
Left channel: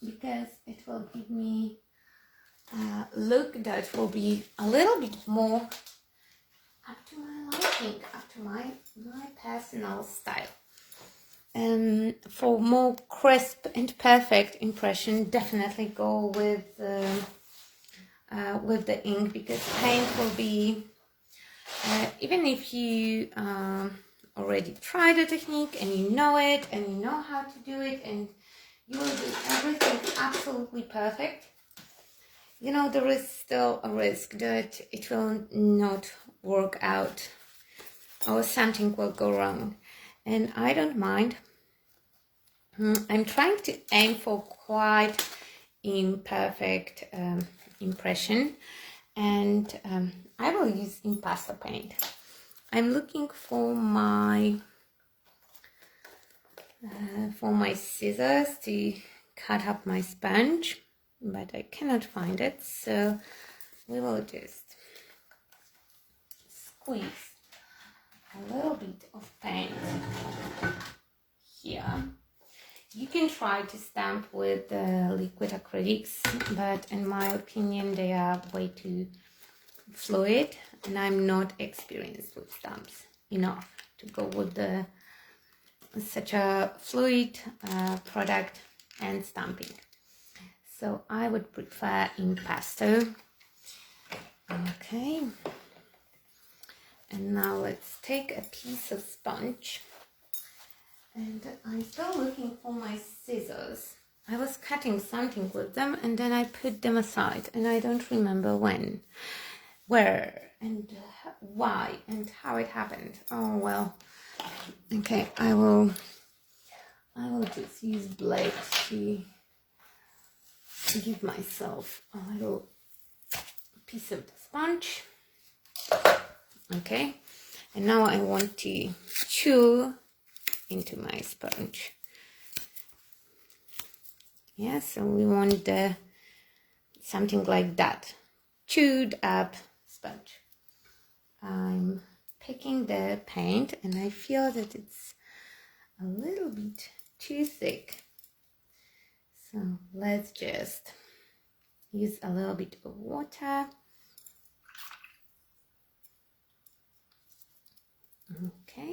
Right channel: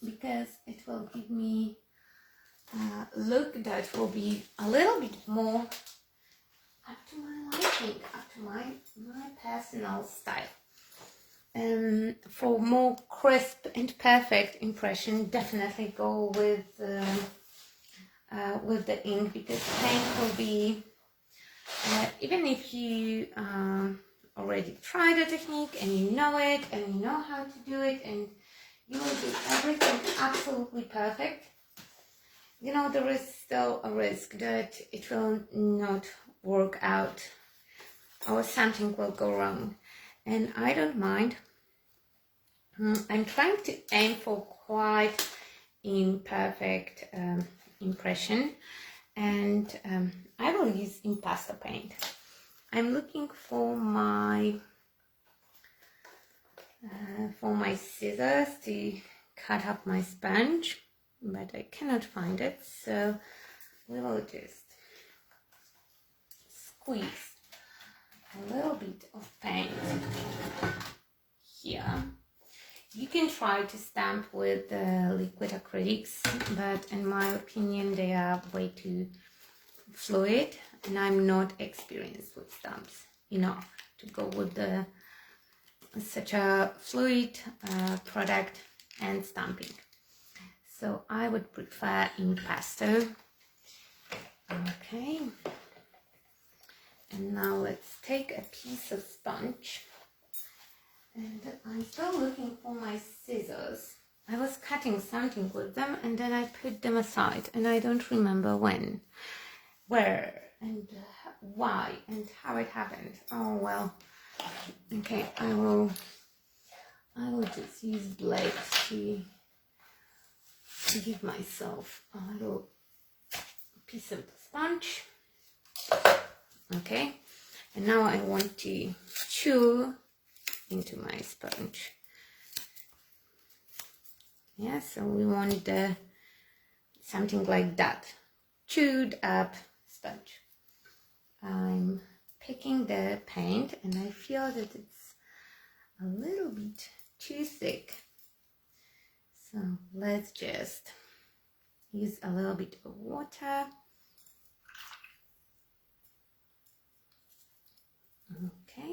because it will give me a look that will be a little bit more up to my liking, up to my personal style. for more crisp and perfect impression, definitely go with the ink, because paint will be, even if you already tried the technique and you know it and you know how to do it and you will do everything absolutely perfect, you know, there is still a risk that it will not work out or something will go wrong. And I don't mind. I'm trying to aim for quite imperfect impression, and I will use impasto paint. I'm looking for my scissors to cut up my sponge, but I cannot find it, so we will just squeeze a little bit of paint here. You can try to stamp with liquid acrylics, but in my opinion they are way too fluid, and I'm not experienced with stamps enough to go with such a fluid product and stamping. So I would prefer impasto. Okay, and now let's take a piece of sponge, and I'm still looking for my scissors. I was cutting something with them and then I put them aside, and I don't remember when, where, and why, and how it happened. Oh well. Okay, I will just use blade to give myself a little piece of the sponge. Okay, and now I want to chew into my sponge. Yeah, so we want something like that, chewed up sponge. I'm picking the paint and I feel that it's a little bit too thick, so let's just use a little bit of water. Okay,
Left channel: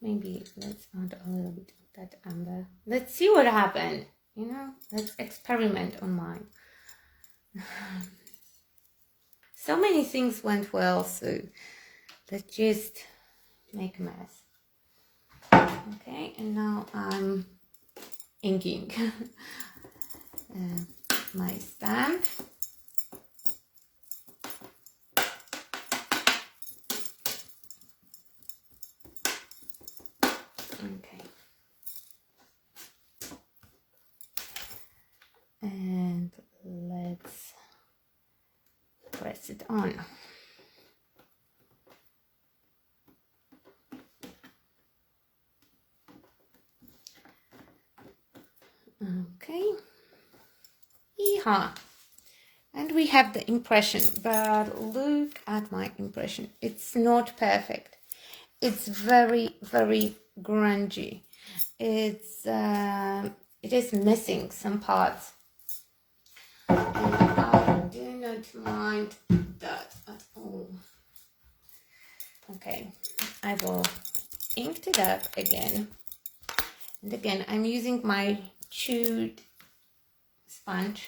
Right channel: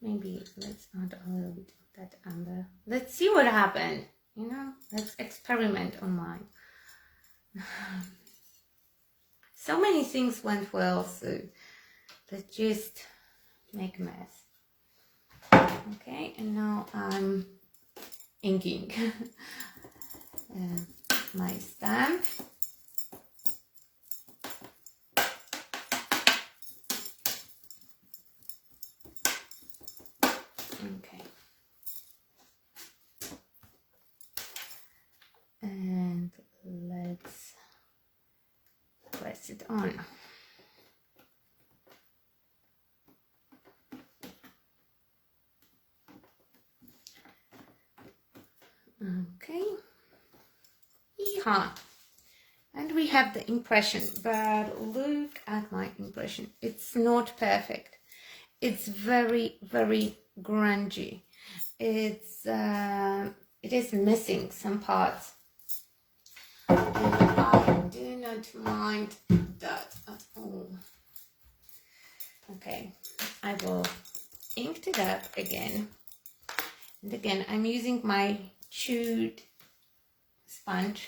maybe let's add a little bit of that amber. Let's see what happened, you know, let's experiment on mine. So many things went well, so let's just make a mess. Okay, and now I'm inking my stamp. Okay, and let's press it on. Okay, yeehaw, and we have the impression, but look at my impression. It's not perfect. It's very, very grungy. It is missing some parts, and I do not mind that at all. Okay, I will ink it up again, and again I'm using my chewed sponge,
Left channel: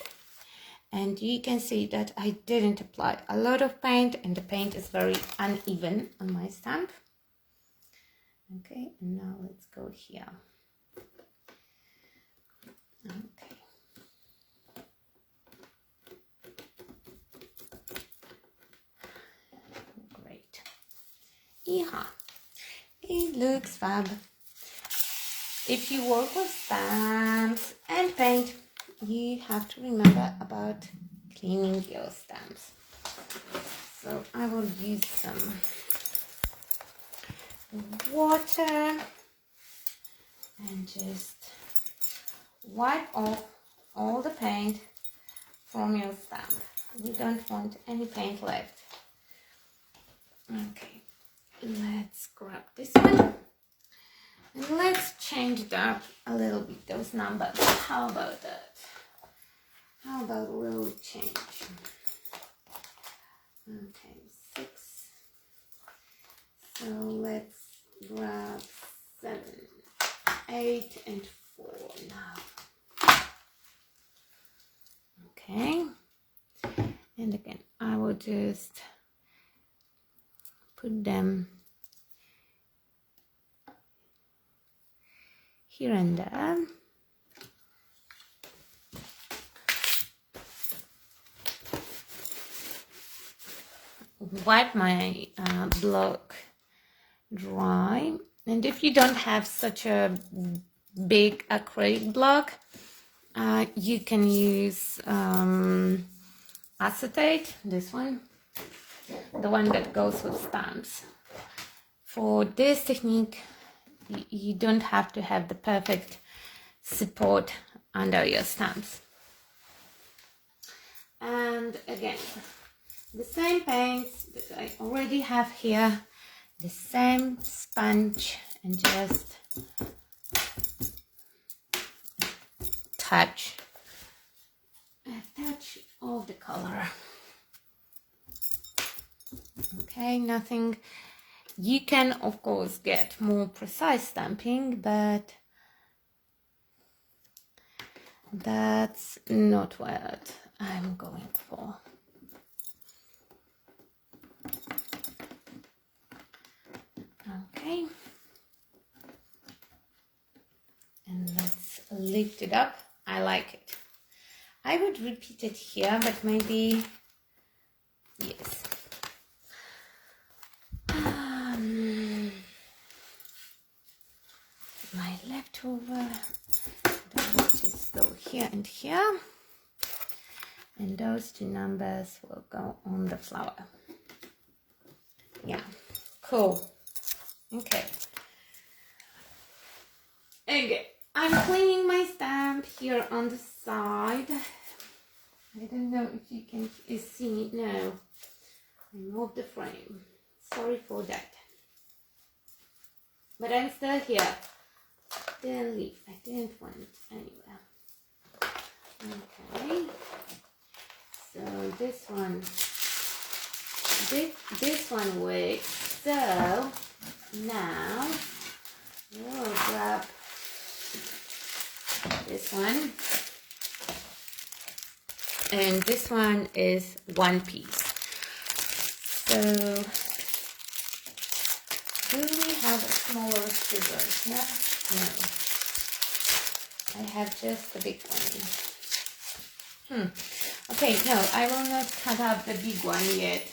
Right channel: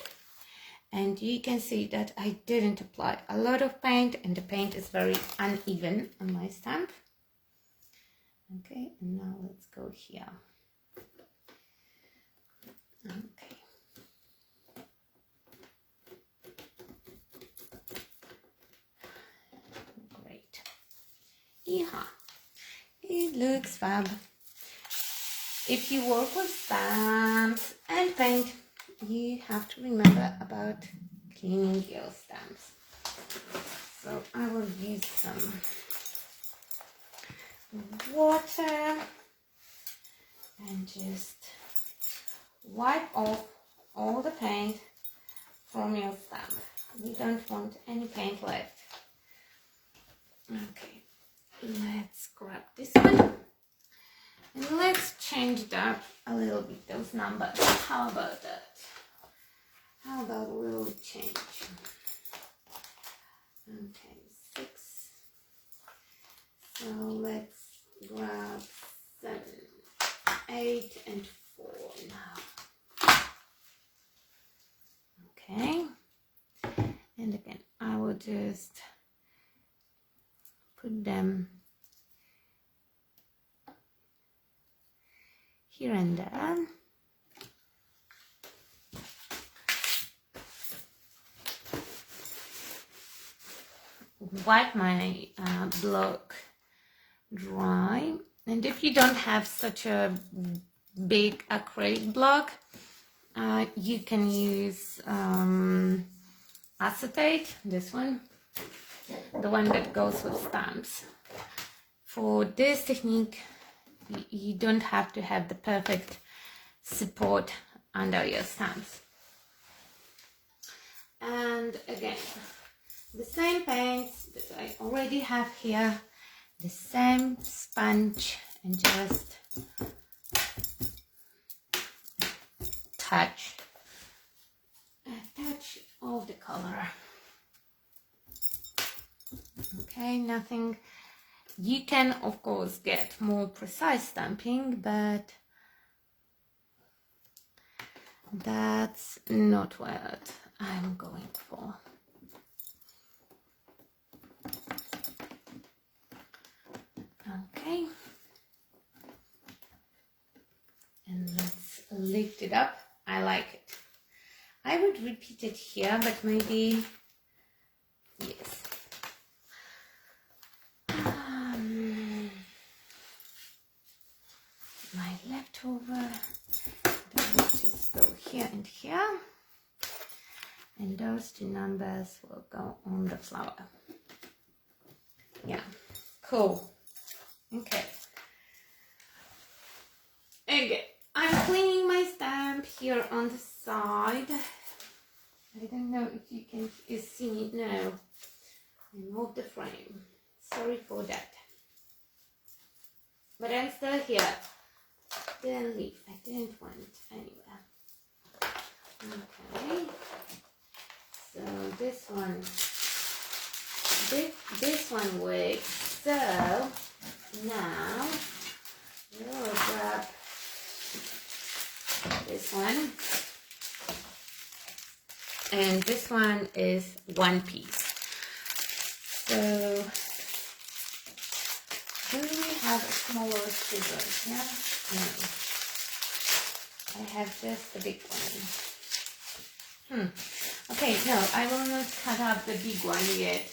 and you can see that I didn't apply a lot of paint, and the paint is very uneven on my stamp. Okay, and now let's go here. Okay. Great. Yeah, it looks fab. If you work with stamps and paint, you have to remember about cleaning your stamps. So I will use some water and just wipe off all the paint from your stamp. We don't want any paint left. Okay, let's grab this one and let's change it up a little bit, those numbers. How about that? How about a little change? Okay, 6. So let's grab 7. put them here and there. Wipe my block dry, and if you don't have such a big acrylic block, you can use acetate, this one, the one that goes with stamps. For this technique, you don't have to have the perfect support under your stamps. And again, the same paints that I already have here, the same sponge, and just touch a touch of the color. Okay, nothing. You can of course get more precise stamping, but that's not what I'm going for. Okay, and let's lift it up. I like it. I would repeat it here, but maybe, yes. My leftover, those just go here and here, and those two numbers will go on the flower. Yeah, cool. Okay. Okay, I'm cleaning my stamp here on the side. I don't know if you can see it now. I moved the frame. Sorry for that. But I'm still here. Didn't leave. I didn't went anywhere. Okay. So this one works. So now we'll grab this one, and this one is one piece. So do we have a smaller scissors here? No, I have just a big one. Okay, no, I will not cut up the big one yet,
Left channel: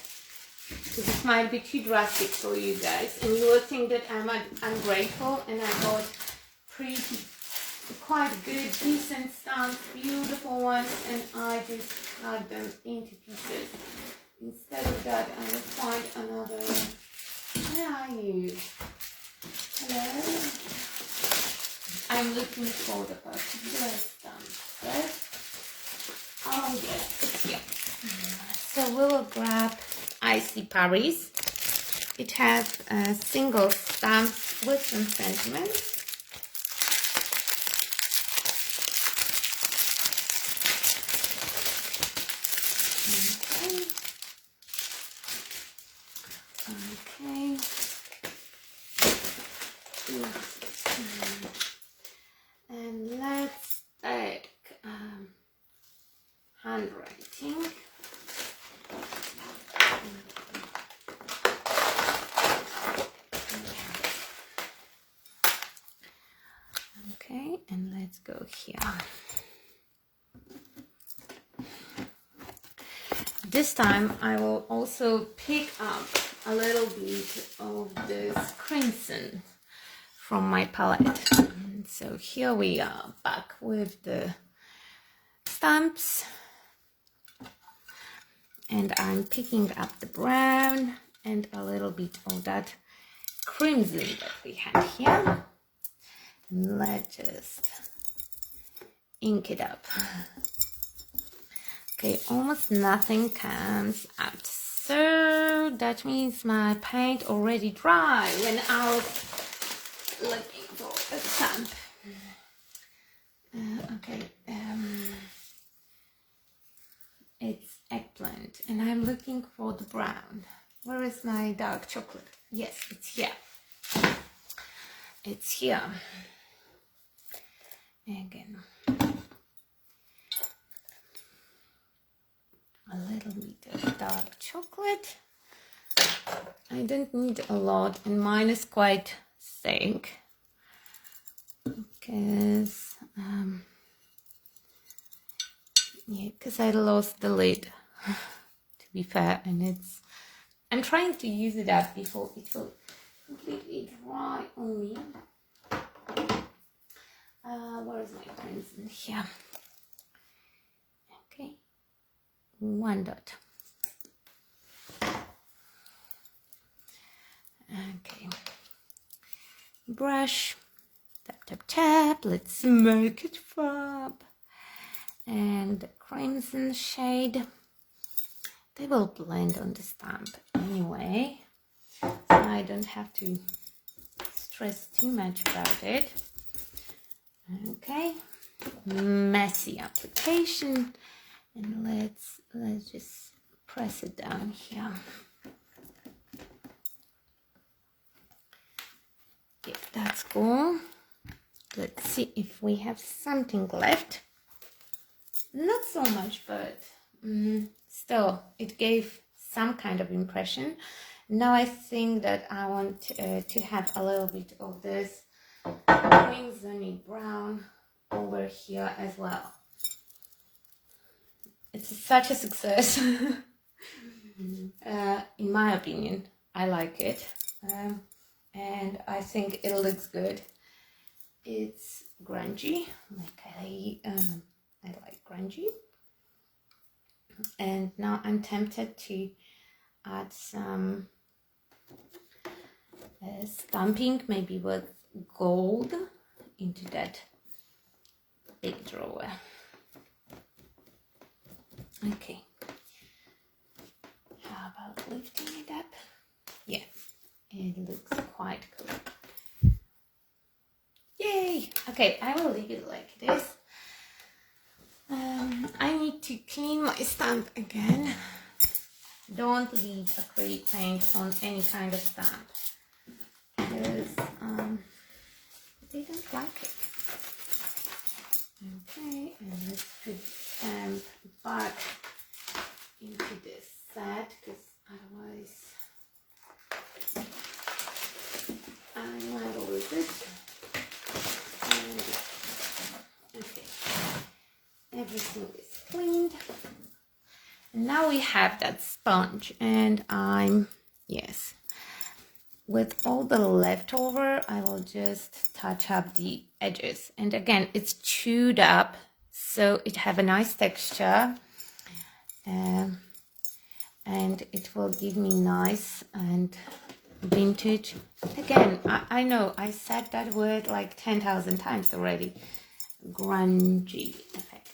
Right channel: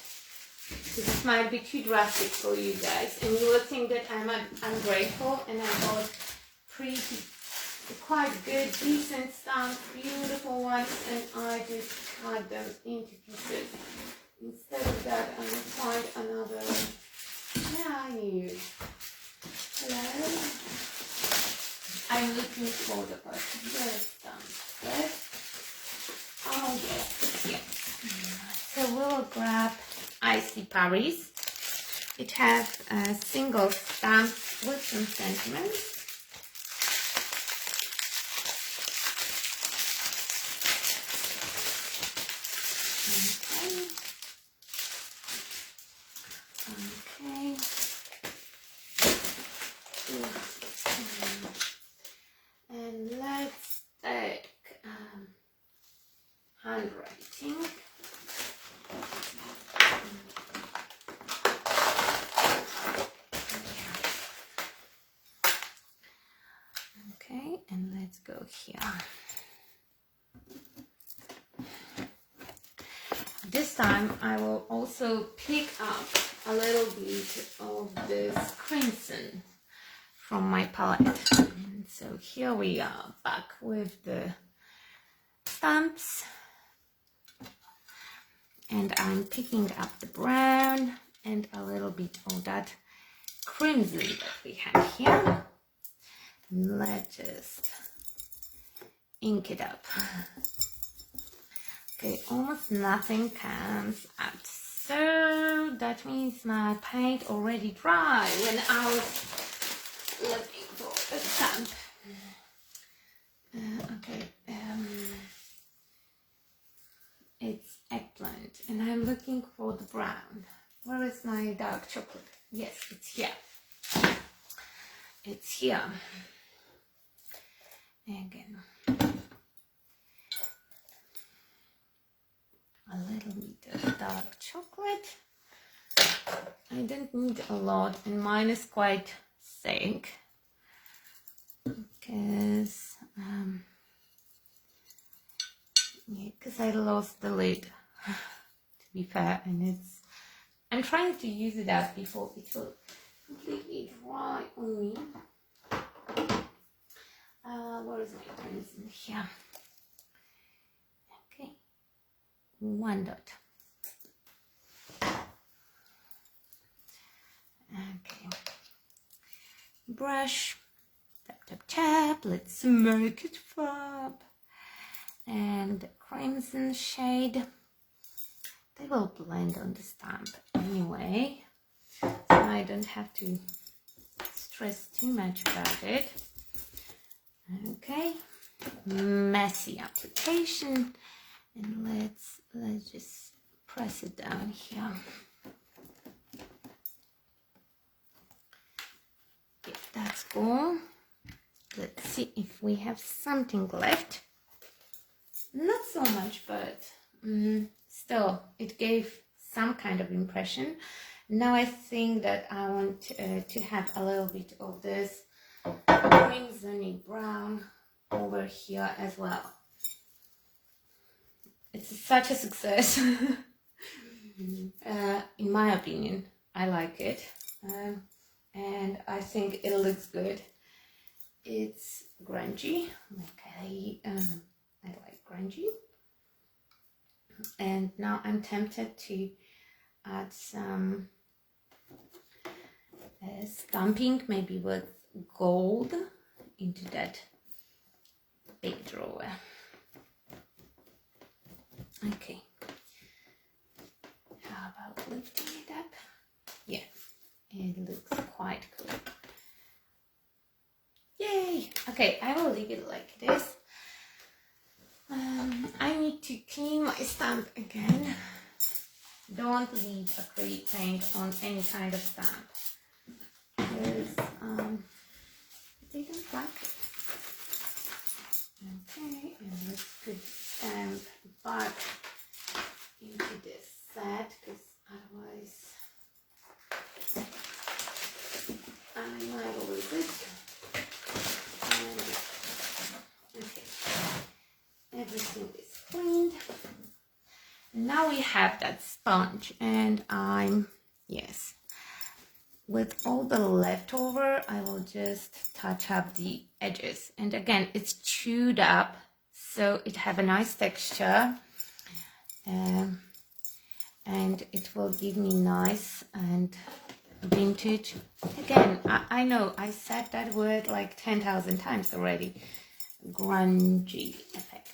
because it might be too drastic for you guys, and you will think that I'm ungrateful, and I bought quite good, decent stamps, beautiful ones, and I just cut them into pieces. Instead of that, I will find another one. Where are you? Hello? I'm looking for the particular stamp. Oh yes, it's here. So we'll grab Icy Paris. It has a single stamp with some sentiments. And let's take handwriting. Okay, and let's go here. This time I will also pick up a little bit of this crimson from my palette. And so here we are back with the stamps, and I'm picking up the brown and a little bit of that crimson that we have here. And let's just ink it up. Okay, almost nothing comes out. So that means my paint already dry when I was looking for a stamp. Okay, it's eggplant, and I'm looking for the brown. Where is my dark chocolate? Yes, it's here. It's here. Again, a little bit of dark chocolate. I don't need a lot, and mine is quite thick because I lost the lid, to be fair, and I'm trying to use it up before it will completely dry on me. Where is my pencil? Here. Okay, 1 dot. Okay, brush, tap, tap, tap. Let's make it fab. And the crimson shade, they will blend on the stamp anyway, so I don't have to stress too much about it. Okay, messy application, and let's just press it down here. Yeah, that's cool. Let's see if we have something left. Not so much, but still, it gave some kind of impression. Now I think that I want to have a little bit of this crimsony brown over here as well. It's such a success. In my opinion, I like it, and I think it looks good. It's grungy, like I like grungy. And now I'm tempted to add some stamping, maybe with gold, into that big drawer. Okay. How about lifting it up? Yeah, it looks quite cool. Yay! Okay, I will leave it like this. I need to clean my stamp again. Don't leave acrylic paint on any kind of stamp, because they don't like it. Okay, and let's put the stamp back into this set, because otherwise I might lose it. Okay, everything is cleaned. Now we have that sponge, and with all the leftover, I will just touch up the edges. And again, it's chewed up, so it have a nice texture, and it will give me nice and vintage. Again, I know I said that word like 10,000 times already. Grungy effect.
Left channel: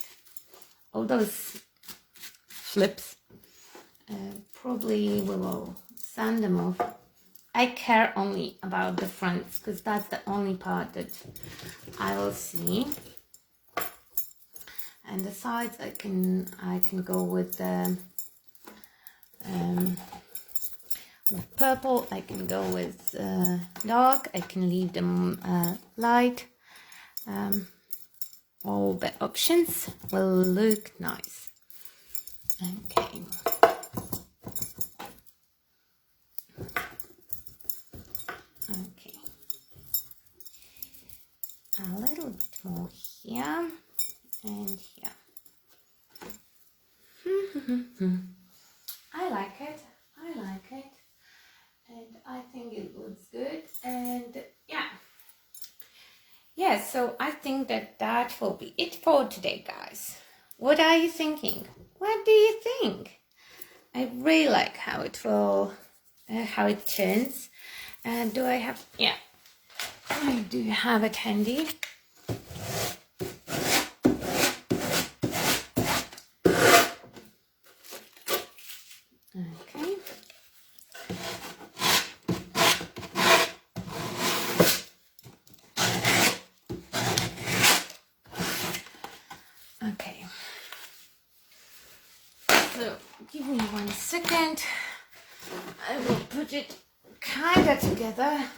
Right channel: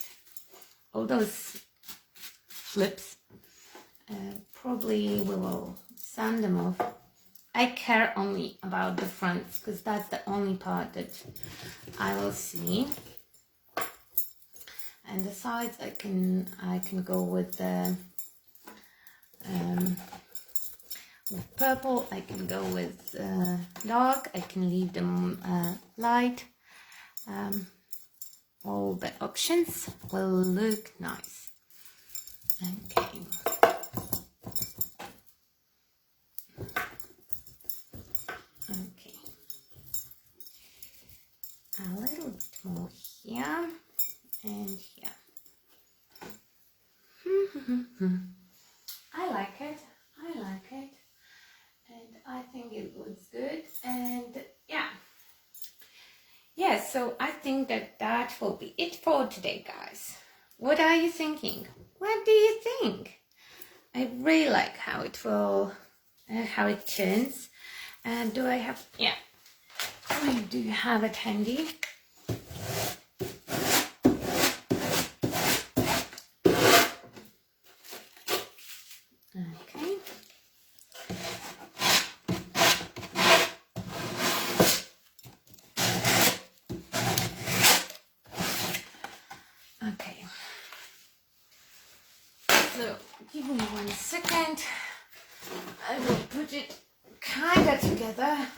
All those flips, probably we will sand them off. I care only about the fronts, because that's the only part that I will see. And the sides, I can go with the with purple. I can go with dark. I can leave them light. All the options will look nice. Okay. Okay. A little bit more here and here. I like it. I like it. And I think it looks good. And yeah, so I think that will be it for today, guys. What are you thinking? What do you think? I really like how it turns. And do I have, I do have it handy. Okay. Okay. So, give me 1 second. I will put it kind of together.